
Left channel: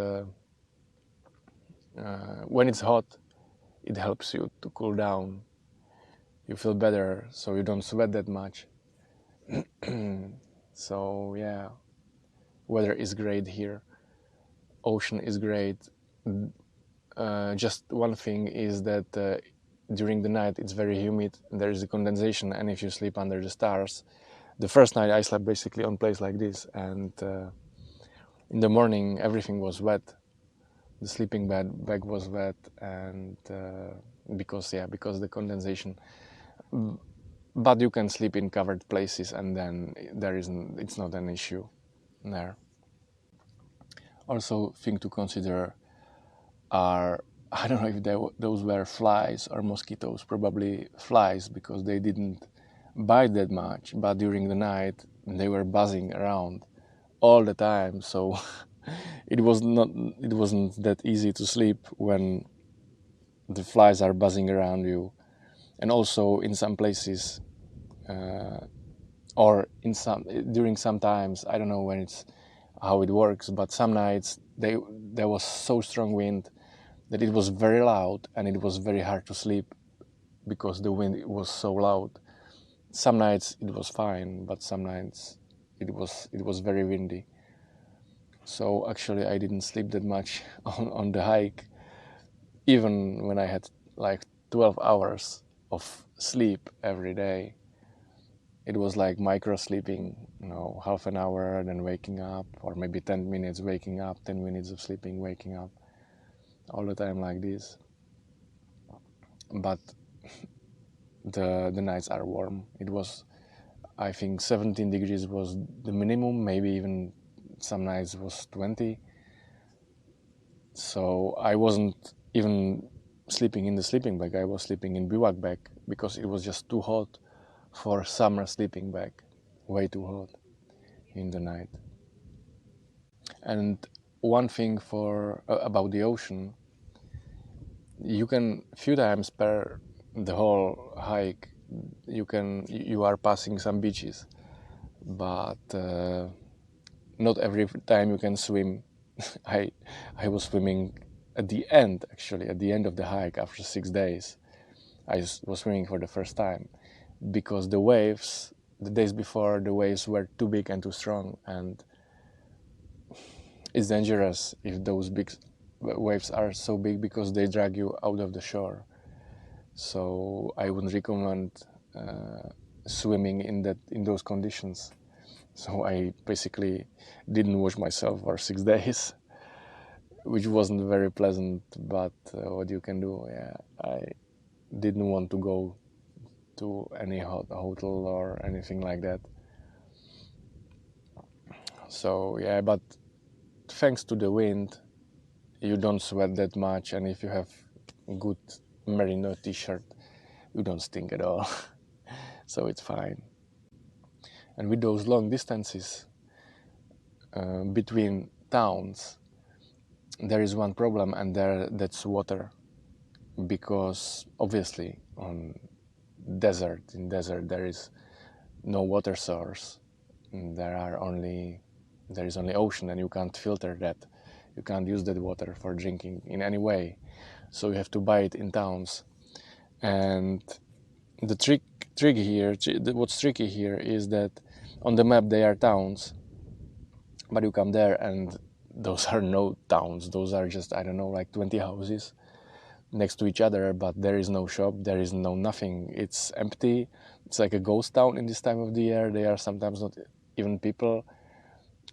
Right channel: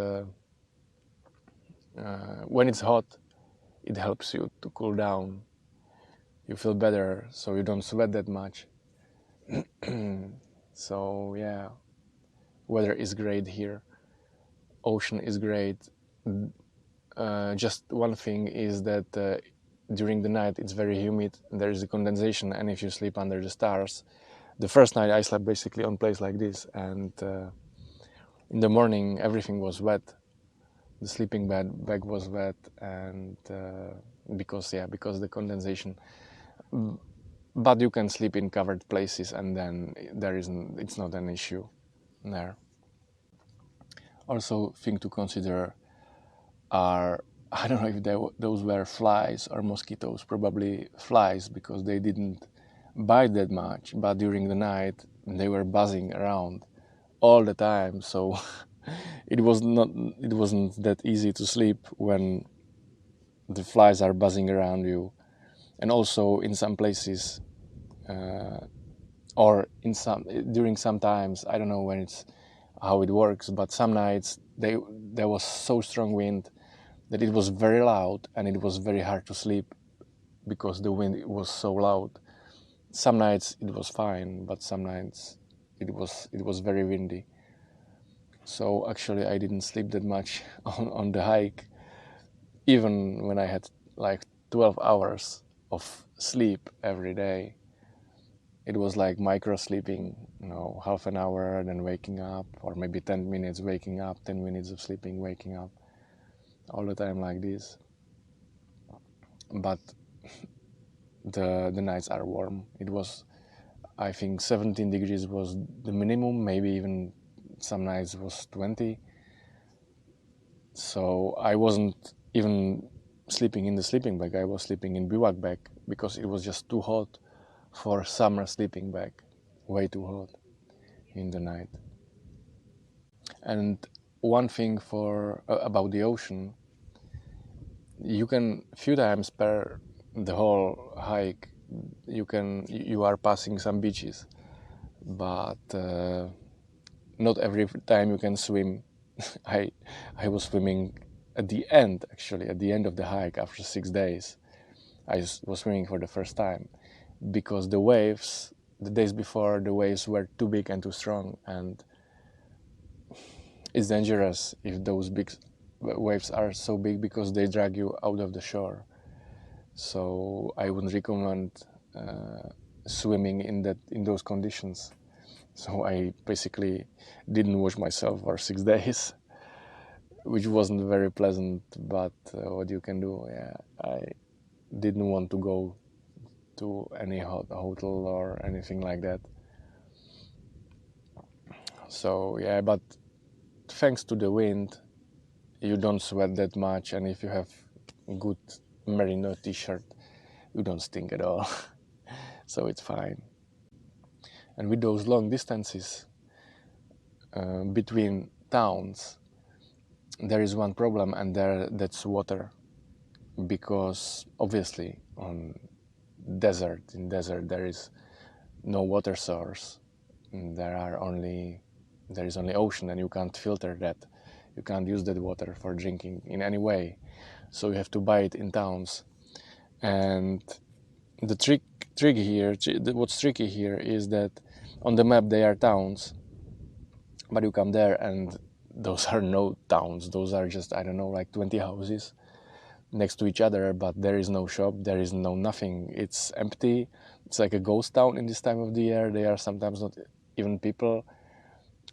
when it's hot, it helps you to cool down. You feel better, so you don't sweat that much. So yeah, weather is great here. Ocean is great. Just one thing is that during the night it's very humid. There is a condensation, and if you sleep under the stars, the first night I slept basically on place like this, and in the morning everything was wet. The sleeping bag was wet, and because the condensation. But you can sleep in covered places, and then it's not an issue there. Also, thing to consider are, I don't know if those were flies or mosquitoes, probably flies, because they didn't bite that much, but during the night they were buzzing around all the time, so it wasn't that easy to sleep when the flies are buzzing around you. And also in some places or during some times, I don't know how it works, but some nights there was so strong wind that it was very loud and it was very hard to sleep because the wind was so loud. Some nights it was fine, but some nights it was very windy. So actually I didn't sleep that much on the hike, even when I had like 12 hours of sleep every day. It was like micro sleeping, half an hour, then waking up, or maybe 10 minutes waking up, 10 minutes of sleeping, waking up, all the time like this. But the nights are warm. It was, I think 17 degrees was the minimum, maybe even some nights was 20. So I wasn't even sleeping in the sleeping bag, I was sleeping in bivouac bag because it was just too hot for summer sleeping bag, way too hot in the night. And one thing about the ocean, you can few times per the whole hike you are passing some beaches, but not every time you can swim. I was swimming at the end of the hike after 6 days. I was swimming for the first time because the days before, the waves were too big and too strong, and it's dangerous if those big waves are so big because they drag you out of the shore. So I wouldn't recommend swimming in those conditions. So I basically didn't wash myself for 6 days, which wasn't very pleasant, but what you can do. Yeah, I didn't want to go to any hotel or anything like that. So yeah, but thanks to the wind, you don't sweat that much, and if you have good merino t-shirt, you don't stink at all. So it's fine. And with those long distances between towns, there is one problem, and that's water, because obviously in desert there is no water source. There is only ocean, and you can't filter that. You can't use that water for drinking in any way, so you have to buy it in towns. And the what's tricky here is that on the map they are towns, but you come there and those are no towns. Those are just, I don't know, like 20 houses next to each other, but there is no shop, there is no nothing. It's empty. It's like a ghost town in this time of the year. They are sometimes not even people,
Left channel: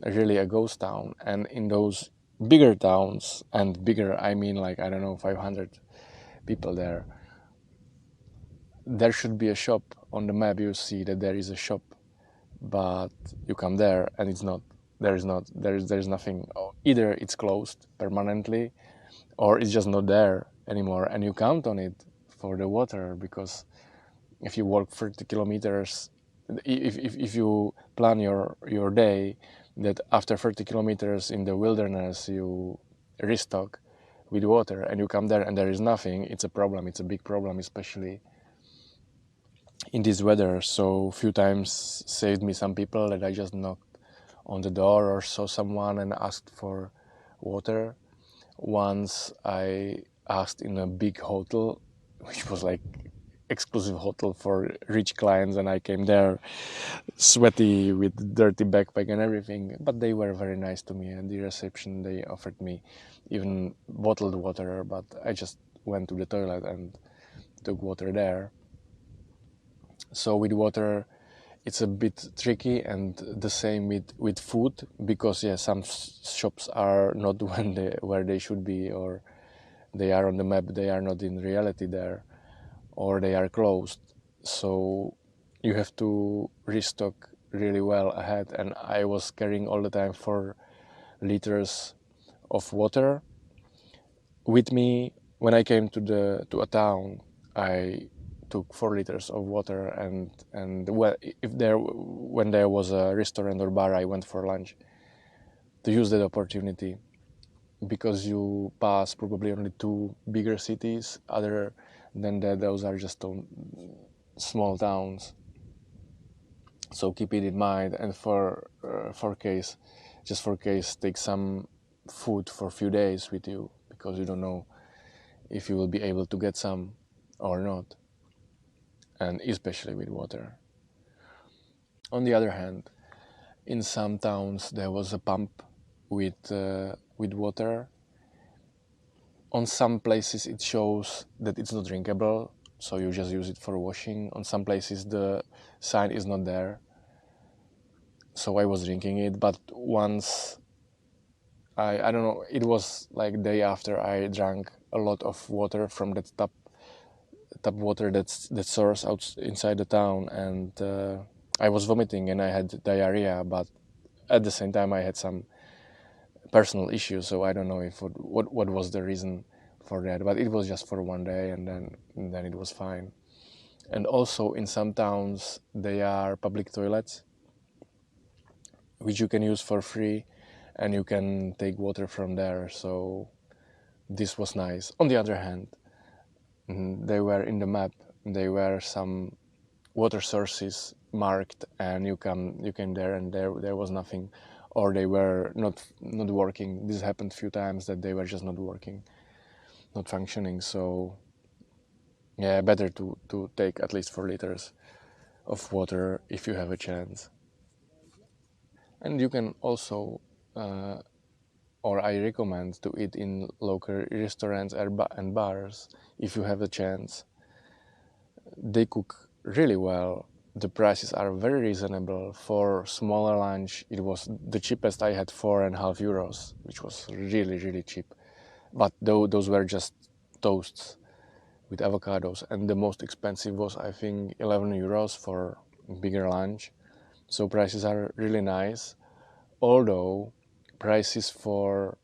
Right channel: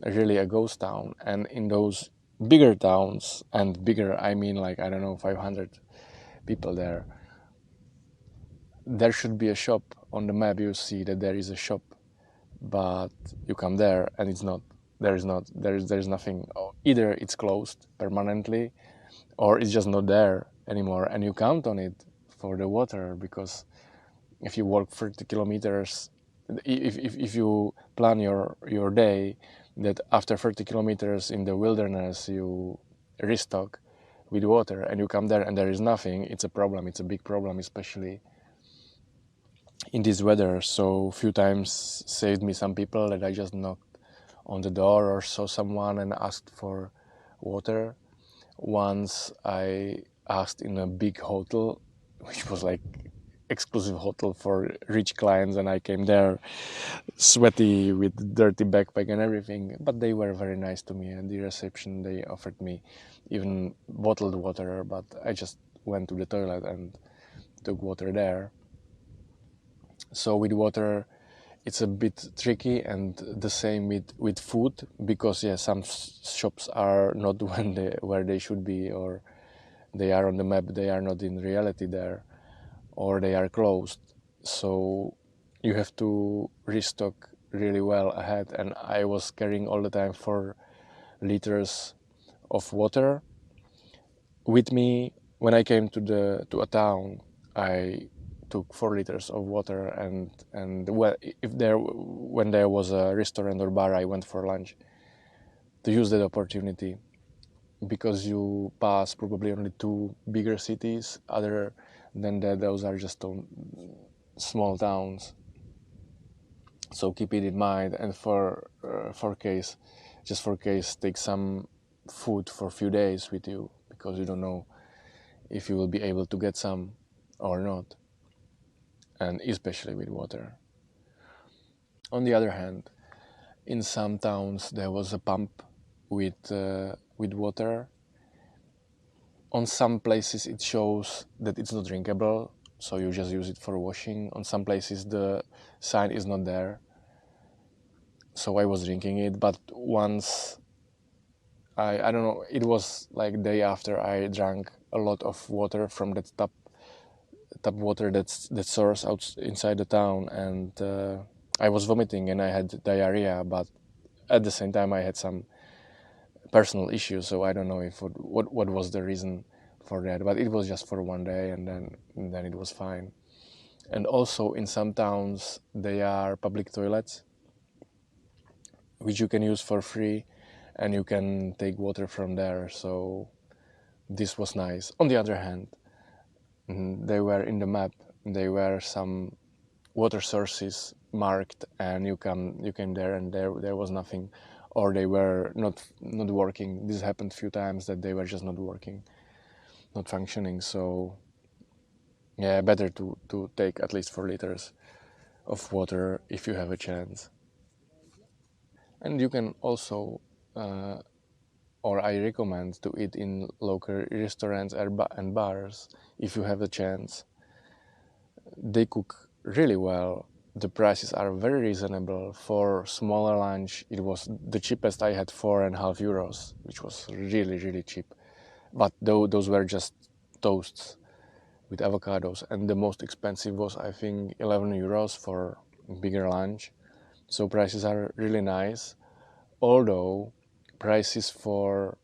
really a ghost town. And in those bigger towns, and bigger I mean like, I don't know, 500 people there should be a shop. On the map you see that there is a shop, but you come there and it's not. There's nothing. Either it's closed permanently, or it's just not there anymore, and you count on it for the water, because if you walk 30 kilometers, if you plan your day that after 30 kilometers in the wilderness you restock with water, and you come there and there is nothing, it's a problem. It's a big problem, especially in this weather. So few times saved me some people that I just knocked on the door or saw someone and asked for water. Once I asked in a big hotel, which was like exclusive hotel for rich clients, and I came there sweaty with dirty backpack and everything, but they were very nice to me. And the reception, they offered me even bottled water, but I just went to the toilet and took water there. So with water it's a bit tricky, and the same with food, because yeah, some shops are not where they should be, or they are on the map, they are not in reality there, or they are closed. So you have to restock really well ahead, and I was carrying all the time 4 liters of water with me. When I came to a town, I took 4 liters of water, and when there was a restaurant or bar, I went for lunch to use that opportunity, because you pass probably only 2 bigger cities. Other than that, those are just small towns. So keep it in mind, and for case, take some food for a few days with you, because you don't know if you will be able to get some or not, and especially with water. On the other hand, in some towns there was a pump with water. On some places it shows that it's not drinkable, so you just use it for washing. On some places the sign is not there, so I was drinking it. But once I don't know, it was like day after I drank a lot of water from that tap water that source out inside the town, and I was vomiting and I had diarrhea, but at the same time I had some personal issues, so I don't know if what was the reason for that, but it was just for one day, and then it was fine. And also in some towns there are public toilets which you can use for free, and you can take water from there, so this was nice. On the other hand, they were in the map, there were some water sources marked, and you came there and there was nothing, or they were not working. This happened a few times, that they were just not working, not functioning. So yeah, better to take at least 4 liters of water if you have a chance. And you can also or I recommend to eat in local restaurants and bars if you have a chance. They cook really well. The prices are very reasonable. For smaller lunch, it was the cheapest I had, 4.5 euros, which was really cheap. But those were just toasts with avocados, and the most expensive was, I think, 11 euros for bigger lunch. So prices are really nice, although prices for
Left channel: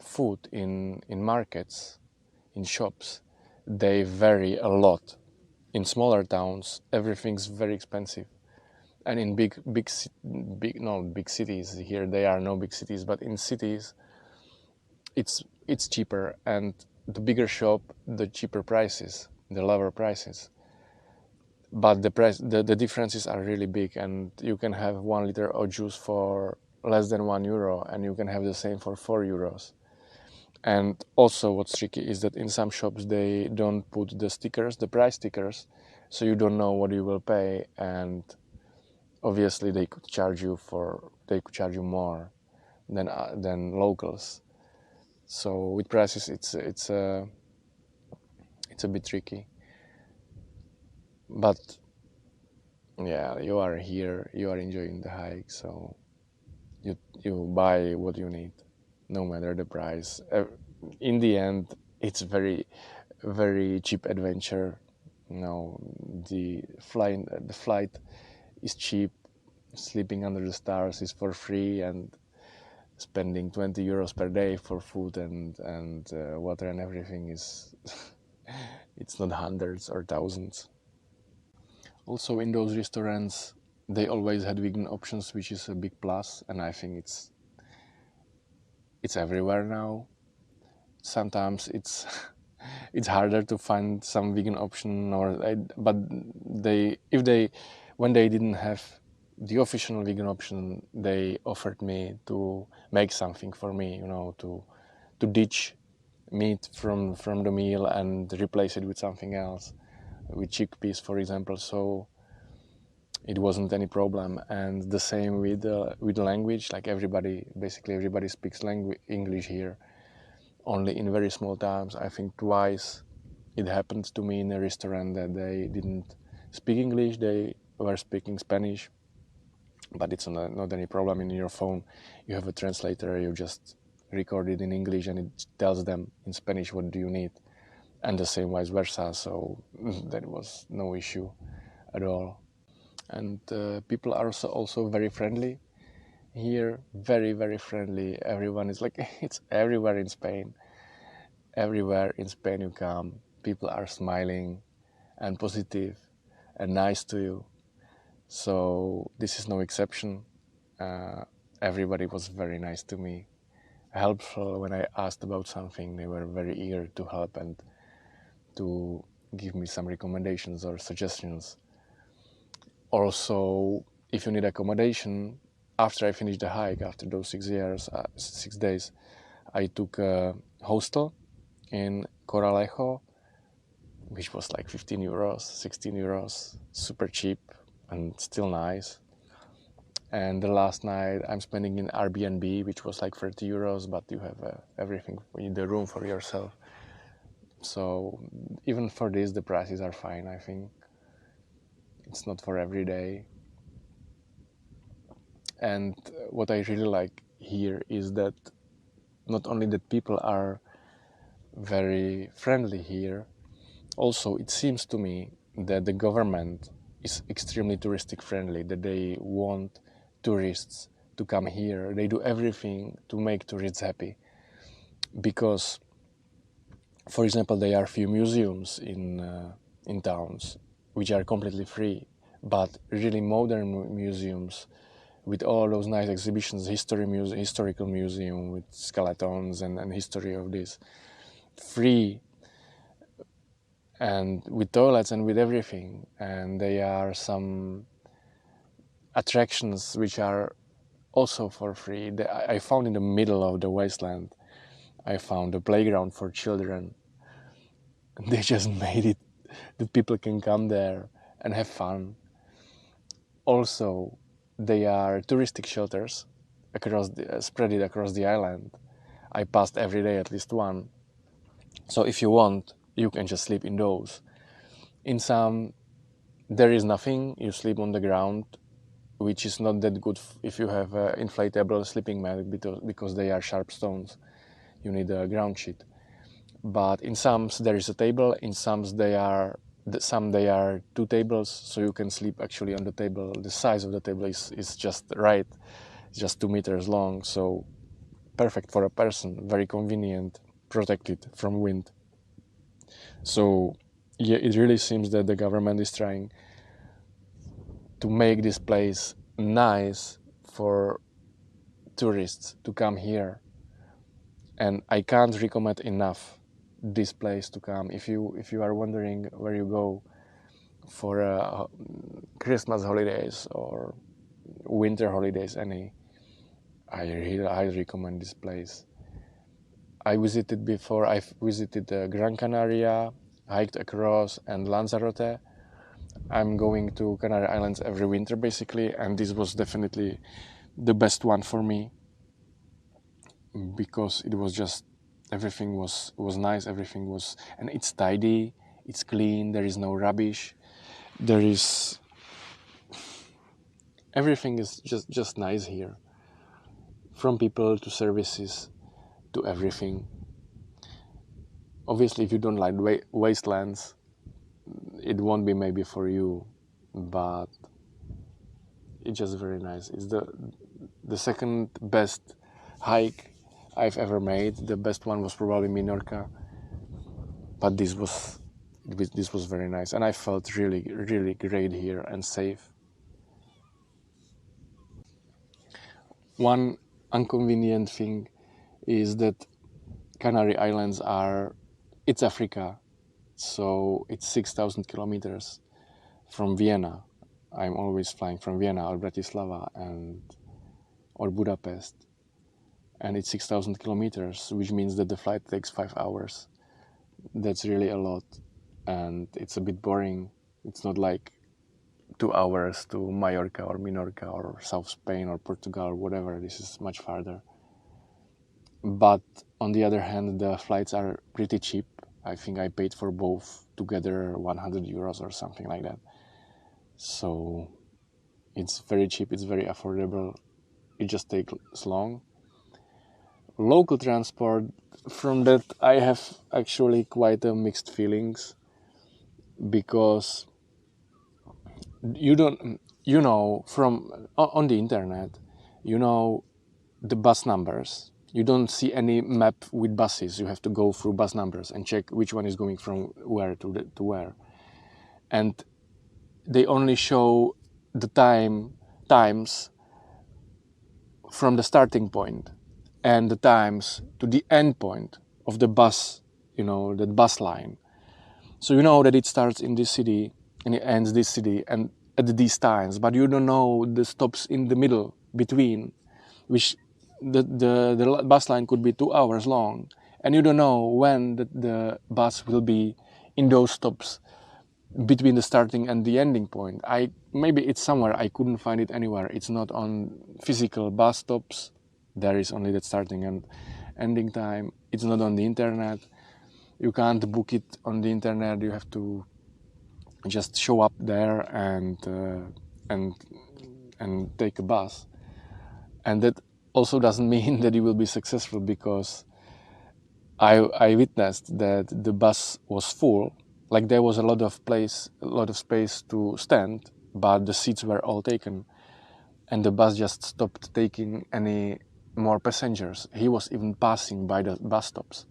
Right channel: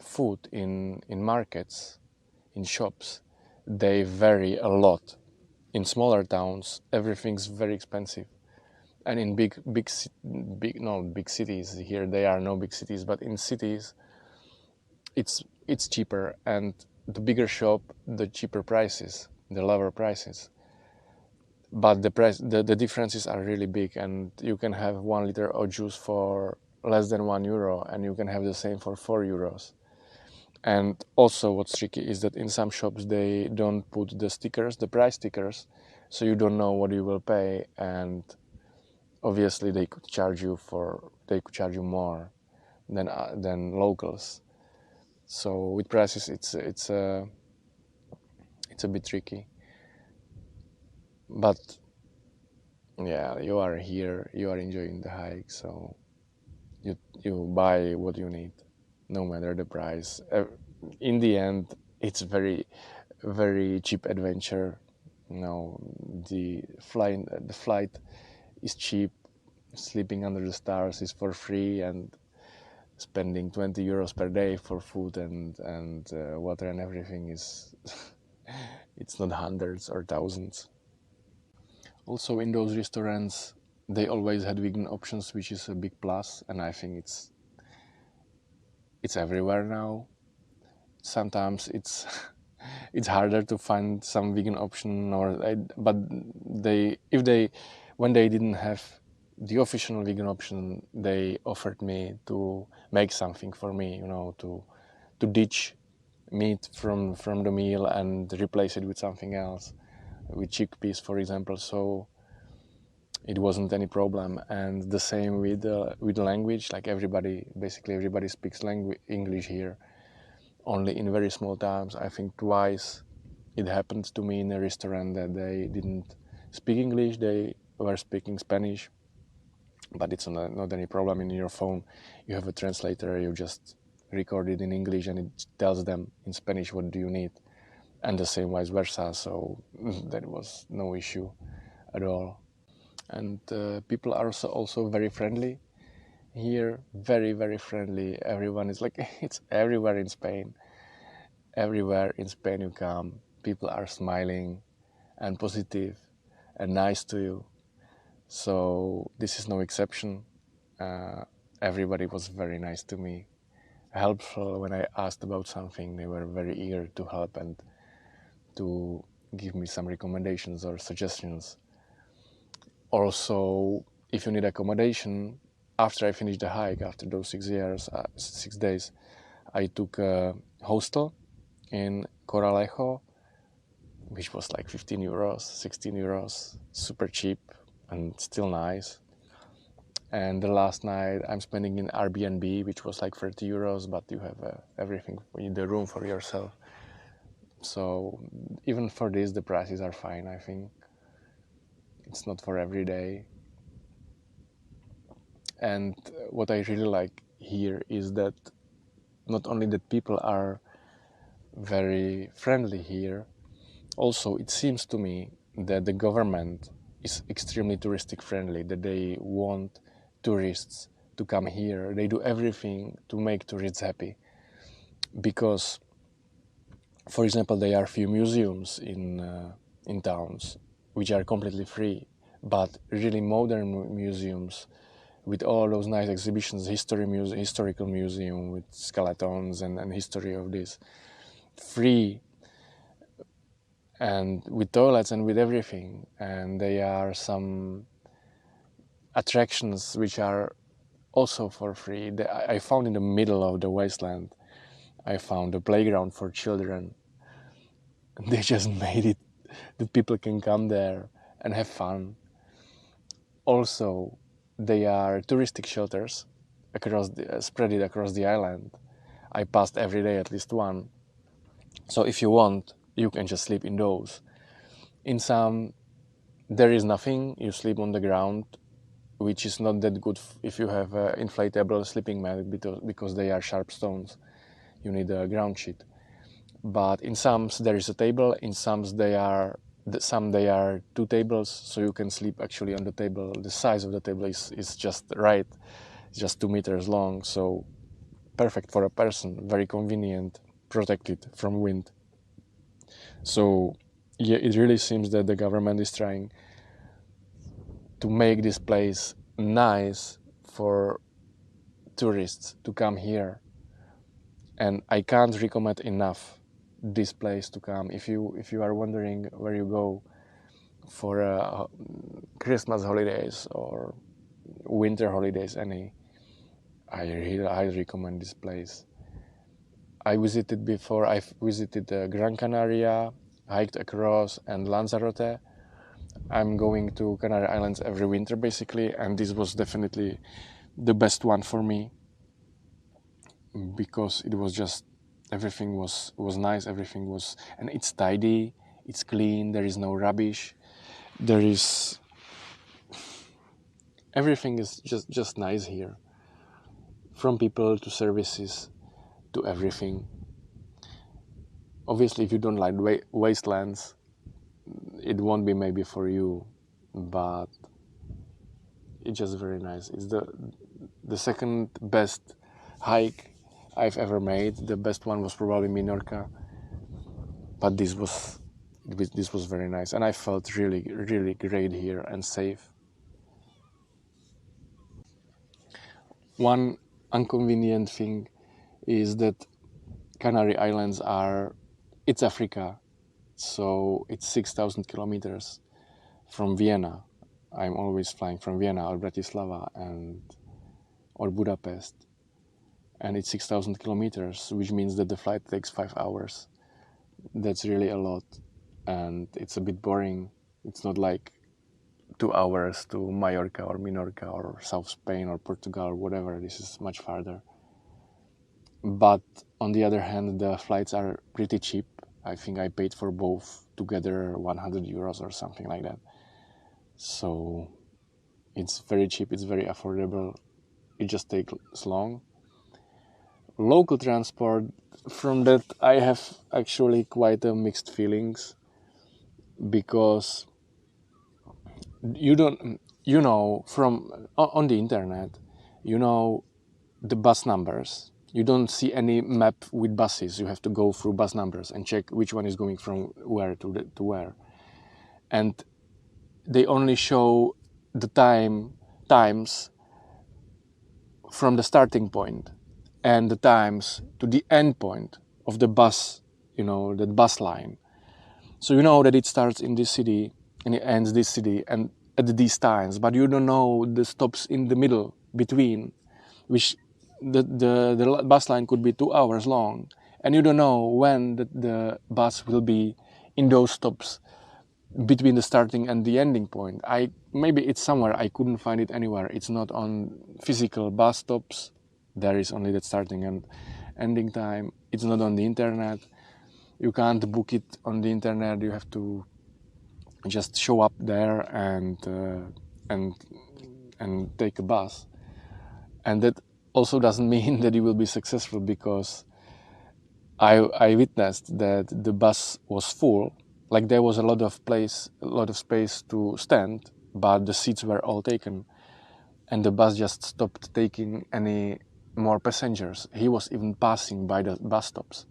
food in markets, in shops, they vary a lot. In smaller towns, everything's very expensive, and in big cities, here they are no big cities, but in cities it's cheaper, and the bigger shop, the cheaper prices, the lower prices. But the differences are really big, and you can have 1 liter of juice for less than €1, and you can have the same for €4. And also what's tricky is that in some shops they don't put the price stickers, so you don't know what you will pay, and obviously they could charge you more than locals. So with prices it's a bit tricky. But yeah, you are here, you are enjoying the hike, so you buy what you need, no matter the price. In the end, it's very cheap adventure. The flight is cheap, sleeping under the stars is for free, and spending 20 euros per day for food and water and everything is it's not hundreds or thousands. Also in those restaurants they always had vegan options, which is a big plus, and I think it's everywhere now. sometimes it's it's harder to find some vegan option, but when they didn't have the official vegan option, they offered me to make something for me, to ditch meat from the meal and replace it with something else, with chickpeas, for example. So it wasn't any problem. And the same with the language. Like basically everybody speaks English here, only in very small towns. I think twice it happened to me in a restaurant that they didn't speak English, they were speaking Spanish, but it's not any problem. In your phone you have a translator, you just record it in English and it tells them in Spanish what do you need, and the same vice versa. So that was no issue at all. And people are also very friendly here, very, very friendly. Everyone is like, it's everywhere in Spain. Everywhere in Spain you come, people are smiling and positive and nice to you. So this is no exception. Everybody was very nice to me, helpful. When I asked about something, they were very eager to help and to give me some recommendations or suggestions. Also, if you need accommodation, after I finished the hike, after those 6 days, I took a hostel in Coralejo, which was like 15 euros, 16 euros, super cheap and still nice. And the last night I'm spending in Airbnb, which was like 30 euros, but you have everything, the room for yourself. So even for this, the prices are fine, I think. It's not for every day. And what I really like here is that not only that people are very friendly here, also it seems to me that the government is extremely touristic friendly, that they want tourists to come here. They do everything to make tourists happy. Because, for example, there are few museums in towns which are completely free, but really modern museums with all those nice exhibitions, historical museum with skeletons and history of this, free and with toilets and with everything. And there are some attractions which are also for free. I found in the middle of the wasteland, I found a playground for children. They just made it that people can come there and have fun. Also, they are touristic shelters spread across the island. I passed every day at least one. So if you want, you can just sleep in those. In some, there is nothing. You sleep on the ground, which is not that good if you have an inflatable sleeping mat, because they are sharp stones. You need a ground sheet. But in some there is a table. In some they are 2 tables, so you can sleep actually on the table. The size of the table is just right. It's just 2 meters long, so perfect for a person. Very convenient, protected from wind. So yeah, it really seems that the government is trying to make this place nice for tourists to come here. And I can't recommend enough this place to come. If you are wondering where you go for Christmas holidays or winter holidays, I really highly recommend this place. I visited before. I've visited Gran Canaria, hiked across, and Lanzarote. I'm going to Canary Islands every winter basically, and this was definitely the best one for me, because it was just, everything was nice, and it's tidy, it's clean, there is no rubbish, everything is just nice here, from people to services to everything. Obviously, if you don't like wastelands, it won't be maybe for you, but it's just very nice. It's the second best hike I've ever made. The best one was probably Minorca, but this was very nice, and I felt really, really great here and safe. One inconvenient thing is that Canary Islands it's Africa, so it's 6,000 kilometers from Vienna. I'm always flying from Vienna or Bratislava or Budapest, and it's 6,000 kilometers, which means that the flight takes 5 hours. That's really a lot, and it's a bit boring. It's not like 2 hours to Mallorca or Minorca or South Spain or Portugal or whatever. This is much farther. But on the other hand, the flights are pretty cheap. I think I paid for both together 100 euros or something like that. So it's very cheap, it's very affordable. It just takes long. Local transport, from that I have actually quite a mixed feelings, because from on the internet, the bus numbers. You don't see any map with buses. You have to go through bus numbers and check which one is going from where to where. And they only show the times from the starting point and the times to the end point of the bus, the bus line. So you know that it starts in this city and it ends this city and at these times, but you don't know the stops in the middle between, which the bus line could be 2 hours long, and you don't know when the bus will be in those stops between the starting and the ending point. Maybe it's somewhere, I couldn't find it anywhere. It's not on physical bus stops. There is only that starting and ending time. It's not on the internet. You can't book it on the internet. You have to just show up there and take a bus. And that also doesn't mean that you will be successful, because I witnessed that the bus was full. Like, there was a lot of space to stand, but the seats were all taken, and the bus just stopped taking any more passengers. He was even passing by the bus stops.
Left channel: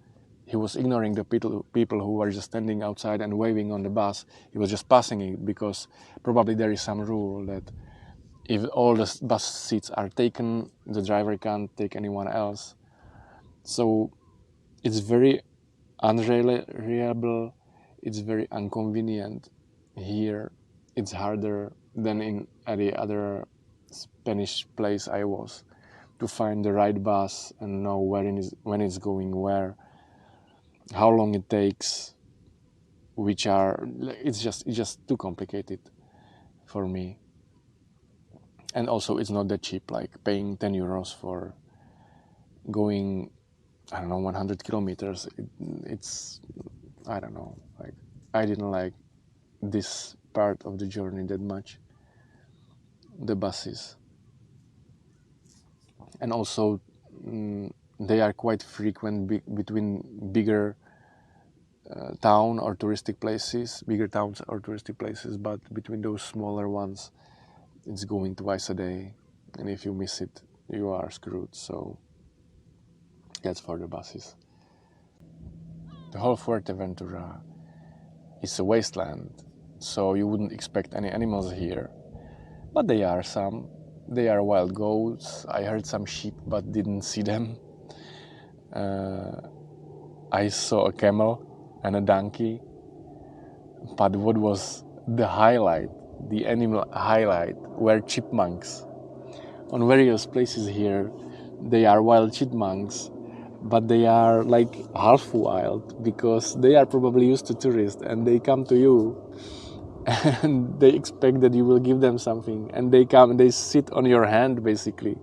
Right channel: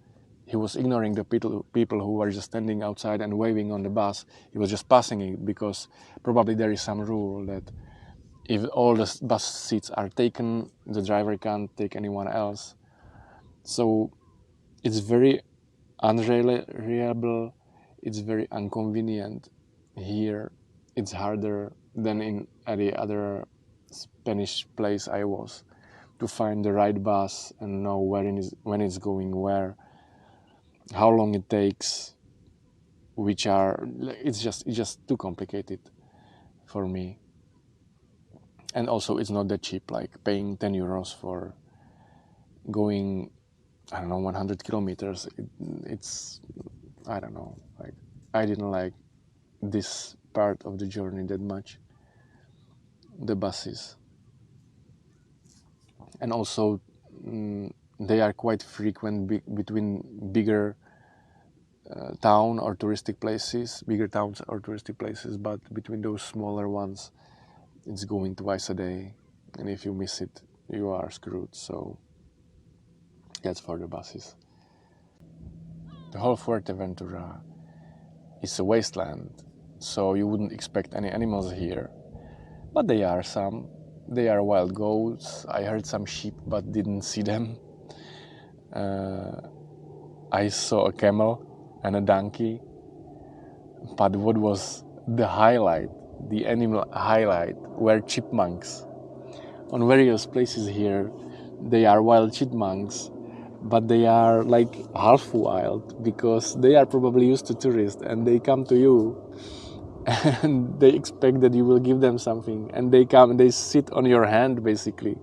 He was ignoring the people who were just standing outside and waving on the bus. He was just passing it, because probably there is some rule that if all the bus seats are taken, the driver can't take anyone else. So it's very unreliable, it's very inconvenient here. It's harder than in any other Spanish place I was to find the right bus and know when it's going where, how long it takes, it's just too complicated for me. And also it's not that cheap, like paying 10 euros for going, 100 kilometers. It's, I don't know, like, I didn't like this part of the journey that much, the buses. And also they are quite frequent between bigger towns or touristic places, but between those smaller ones, it's going twice a day, and if you miss it, you are screwed. So that's for the buses. The whole Fuerteventura is a wasteland, so you wouldn't expect any animals here, but there are some. They are wild goats. I heard some sheep, but didn't see them. I saw a camel and a donkey, but what was the highlight, the animal highlight, were chipmunks. On various places here, they are wild chipmunks, but they are like half wild, because they are probably used to tourists and they come to you and they expect that you will give them something, and they come and they sit on your hand basically,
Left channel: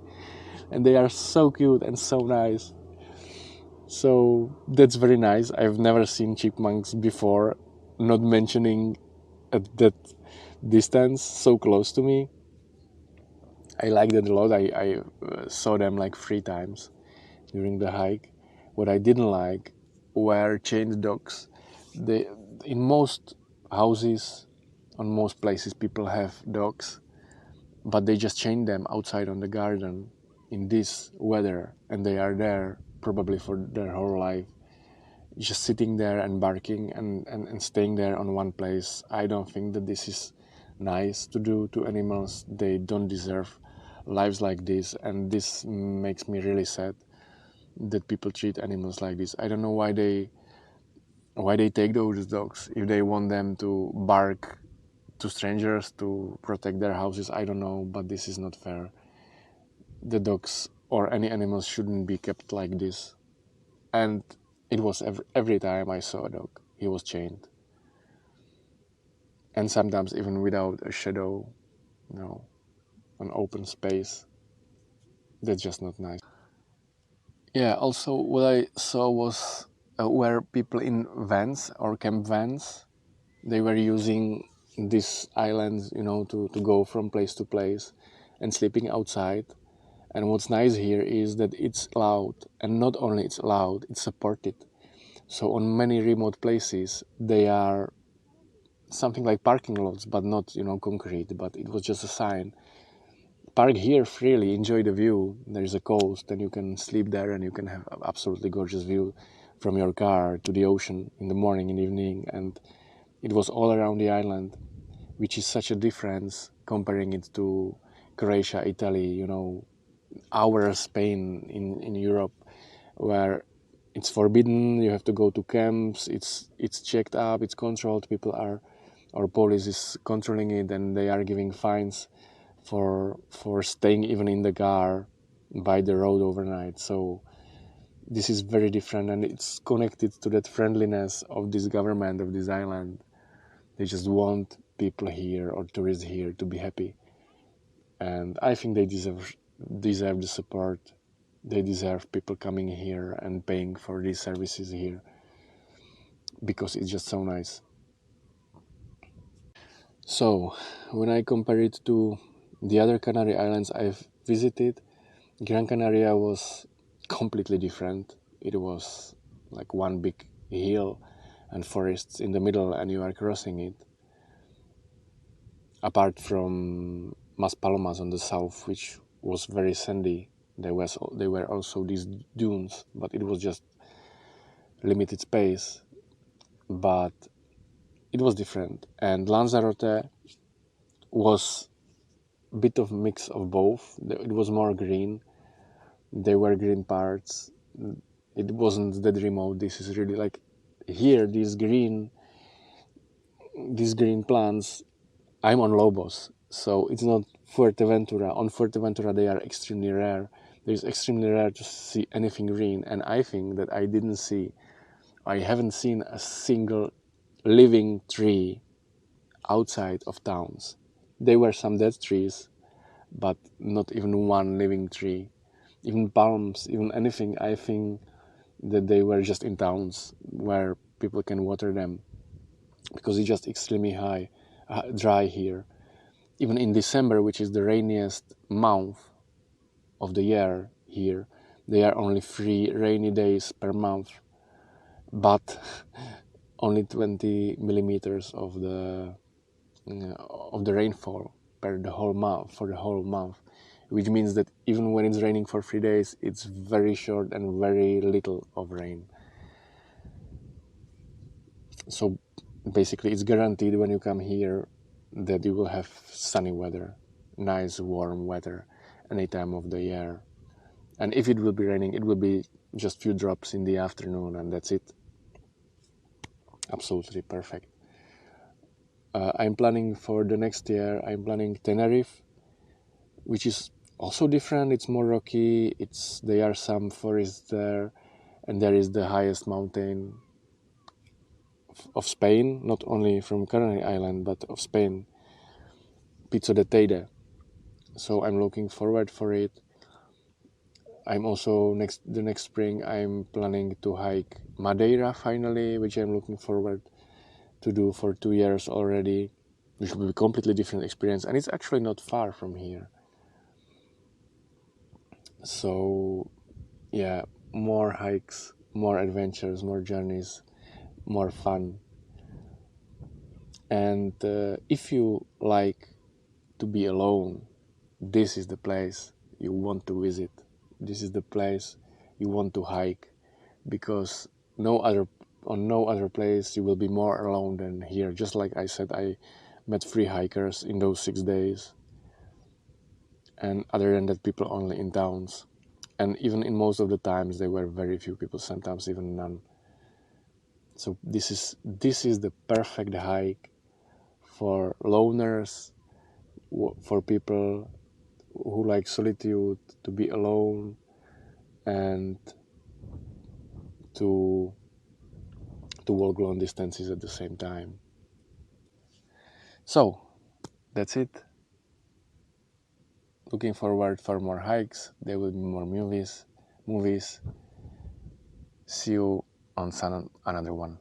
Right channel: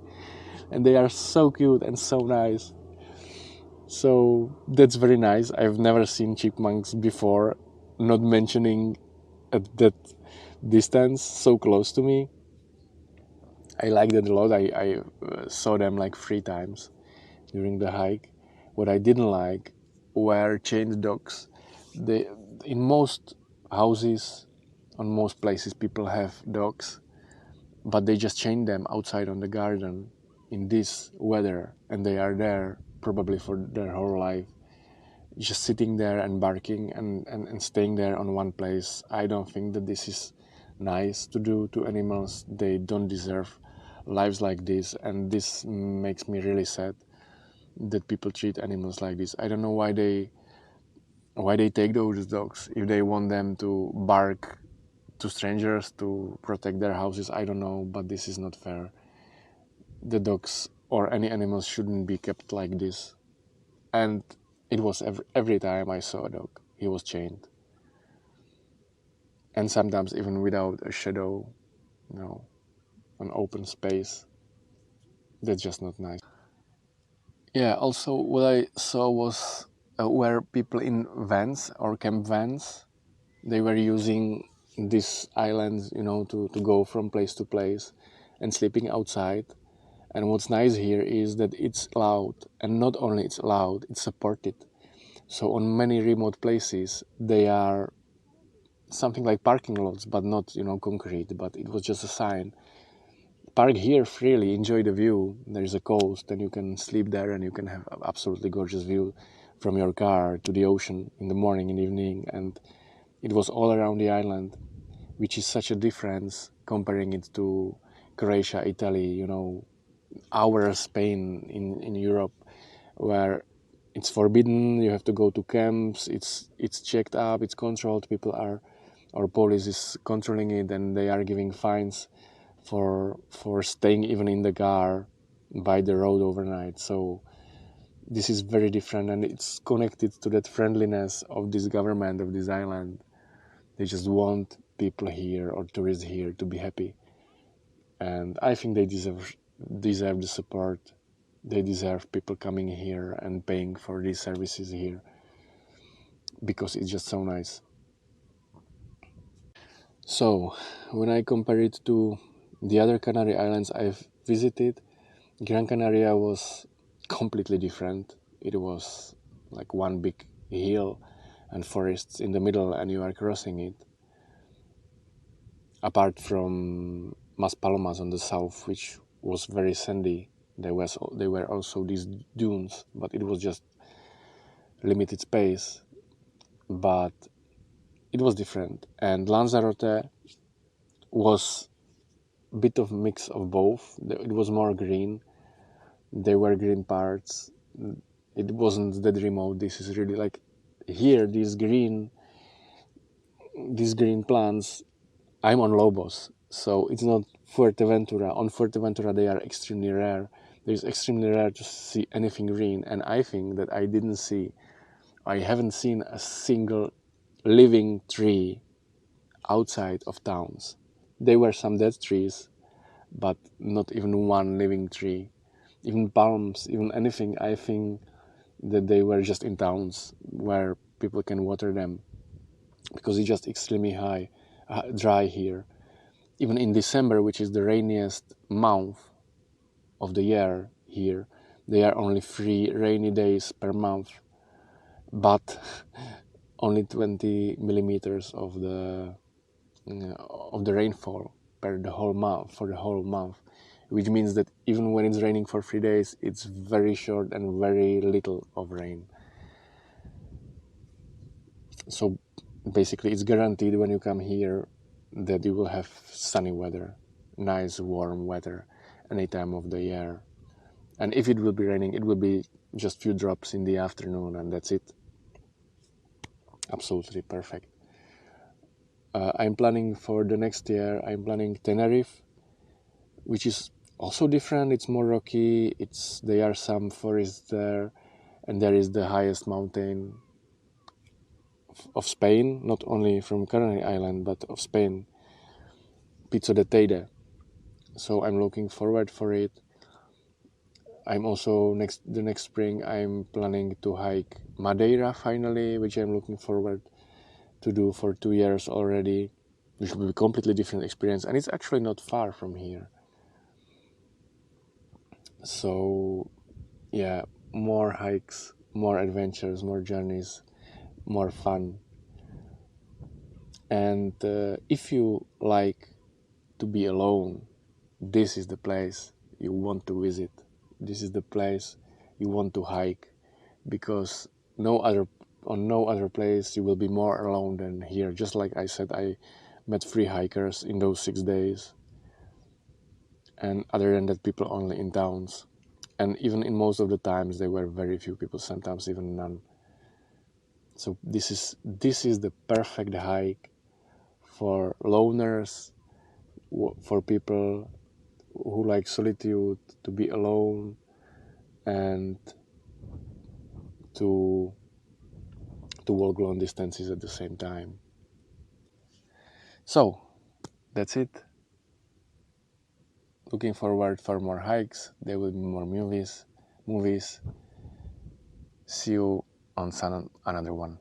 and they are so cute and so nice. So that's very nice. I've never seen chipmunks before, not mentioning at that distance, so close to me. I liked it a lot. I saw them like 3 times during the hike. What I didn't like were chained dogs. In most houses, on most places, people have dogs, but they just chain them outside on the garden in this weather, and they are there probably for their whole life, just sitting there and barking and staying there on one place. I don't think that this is nice to do to animals. They don't deserve lives like this, and this makes me really sad that people treat animals like this. I don't know why they take those dogs. If they want them to bark to strangers to protect their houses, I don't know, but this is not fair. The dogs or any animals shouldn't be kept like this. And it was every time I saw a dog, he was chained. And sometimes even without a shadow, an open space. That's just not nice. Yeah, also what I saw was where people in vans or camp vans, they were using these islands, to go from place to place and sleeping outside. And what's nice here is that it's allowed, and not only it's allowed, it's supported. So on many remote places, they are something like parking lots, but not, concrete, but it was just a sign. Park here freely, enjoy the view. There's a coast and you can sleep there and you can have an absolutely gorgeous view from your car to the ocean in the morning and evening. And it was all around the island, which is such a difference comparing it to Croatia, Italy, our Spain in Europe, where it's forbidden, you have to go to camps, it's checked up, it's controlled, or police is controlling it and they are giving fines for staying even in the car by the road overnight. So this is very different, and it's connected to that friendliness of this government of this island. They just want people here or tourists here to be happy, and I think they deserve the support. They deserve people coming here and paying for these services here because it's just so nice. So when I compare it to the other Canary Islands I've visited, Gran Canaria was completely different. It was like one big hill and forests in the middle, and you are crossing it. Apart from Maspalomas on the south, which was very sandy, there were also these dunes, but it was just limited space. But it was different, and Lanzarote was a bit of mix of both. It was more green. There were green parts. It wasn't that remote. This is really like here, these green plants. I'm on Lobos, so it's not Fuerteventura. On Fuerteventura, they are extremely rare. It's extremely rare to see anything green, and I think that I haven't seen a single living tree outside of towns. There were some dead trees, but not even one living tree. Even palms, even anything, I think that they were just in towns where people can water them, because it's just extremely dry here. Even in December, which is the rainiest month of the year here, there are only 3 rainy days per month, but only 20 millimeters of the rainfall for the whole month, which means that even when it's raining for 3 days, it's very short and very little of rain. So basically it's guaranteed when you come here that you will have sunny weather, nice warm weather any time of the year. And if it will be raining, it will be just few drops in the afternoon, and that's it. Absolutely perfect. I'm planning for the next year, I'm planning Tenerife, which is also different. It's more rocky, there are some forests there, and there is the highest mountain of Spain, not only from Canary Island, but of Spain, Pico de Teide. So I'm looking forward for it. I'm also the next spring I'm planning to hike Madeira finally, which I'm looking forward to do for 2 years already, which will be a completely different experience, and it's actually not far from here. So yeah, more hikes, more adventures, more journeys, more fun. And if you like to be alone, this is the place you want to visit. This is the place you want to hike, because on no other place you will be more alone than here. Just like I said, I met 3 hikers in those 6 days, and other than that, people only in towns. and even in most of the times there were very few people, sometimes even none. So this is the perfect hike for loners, for people who like solitude, to be alone and to walk long distances at the same time. So that's it. Looking forward for more hikes. There will be more movies. See you on another one.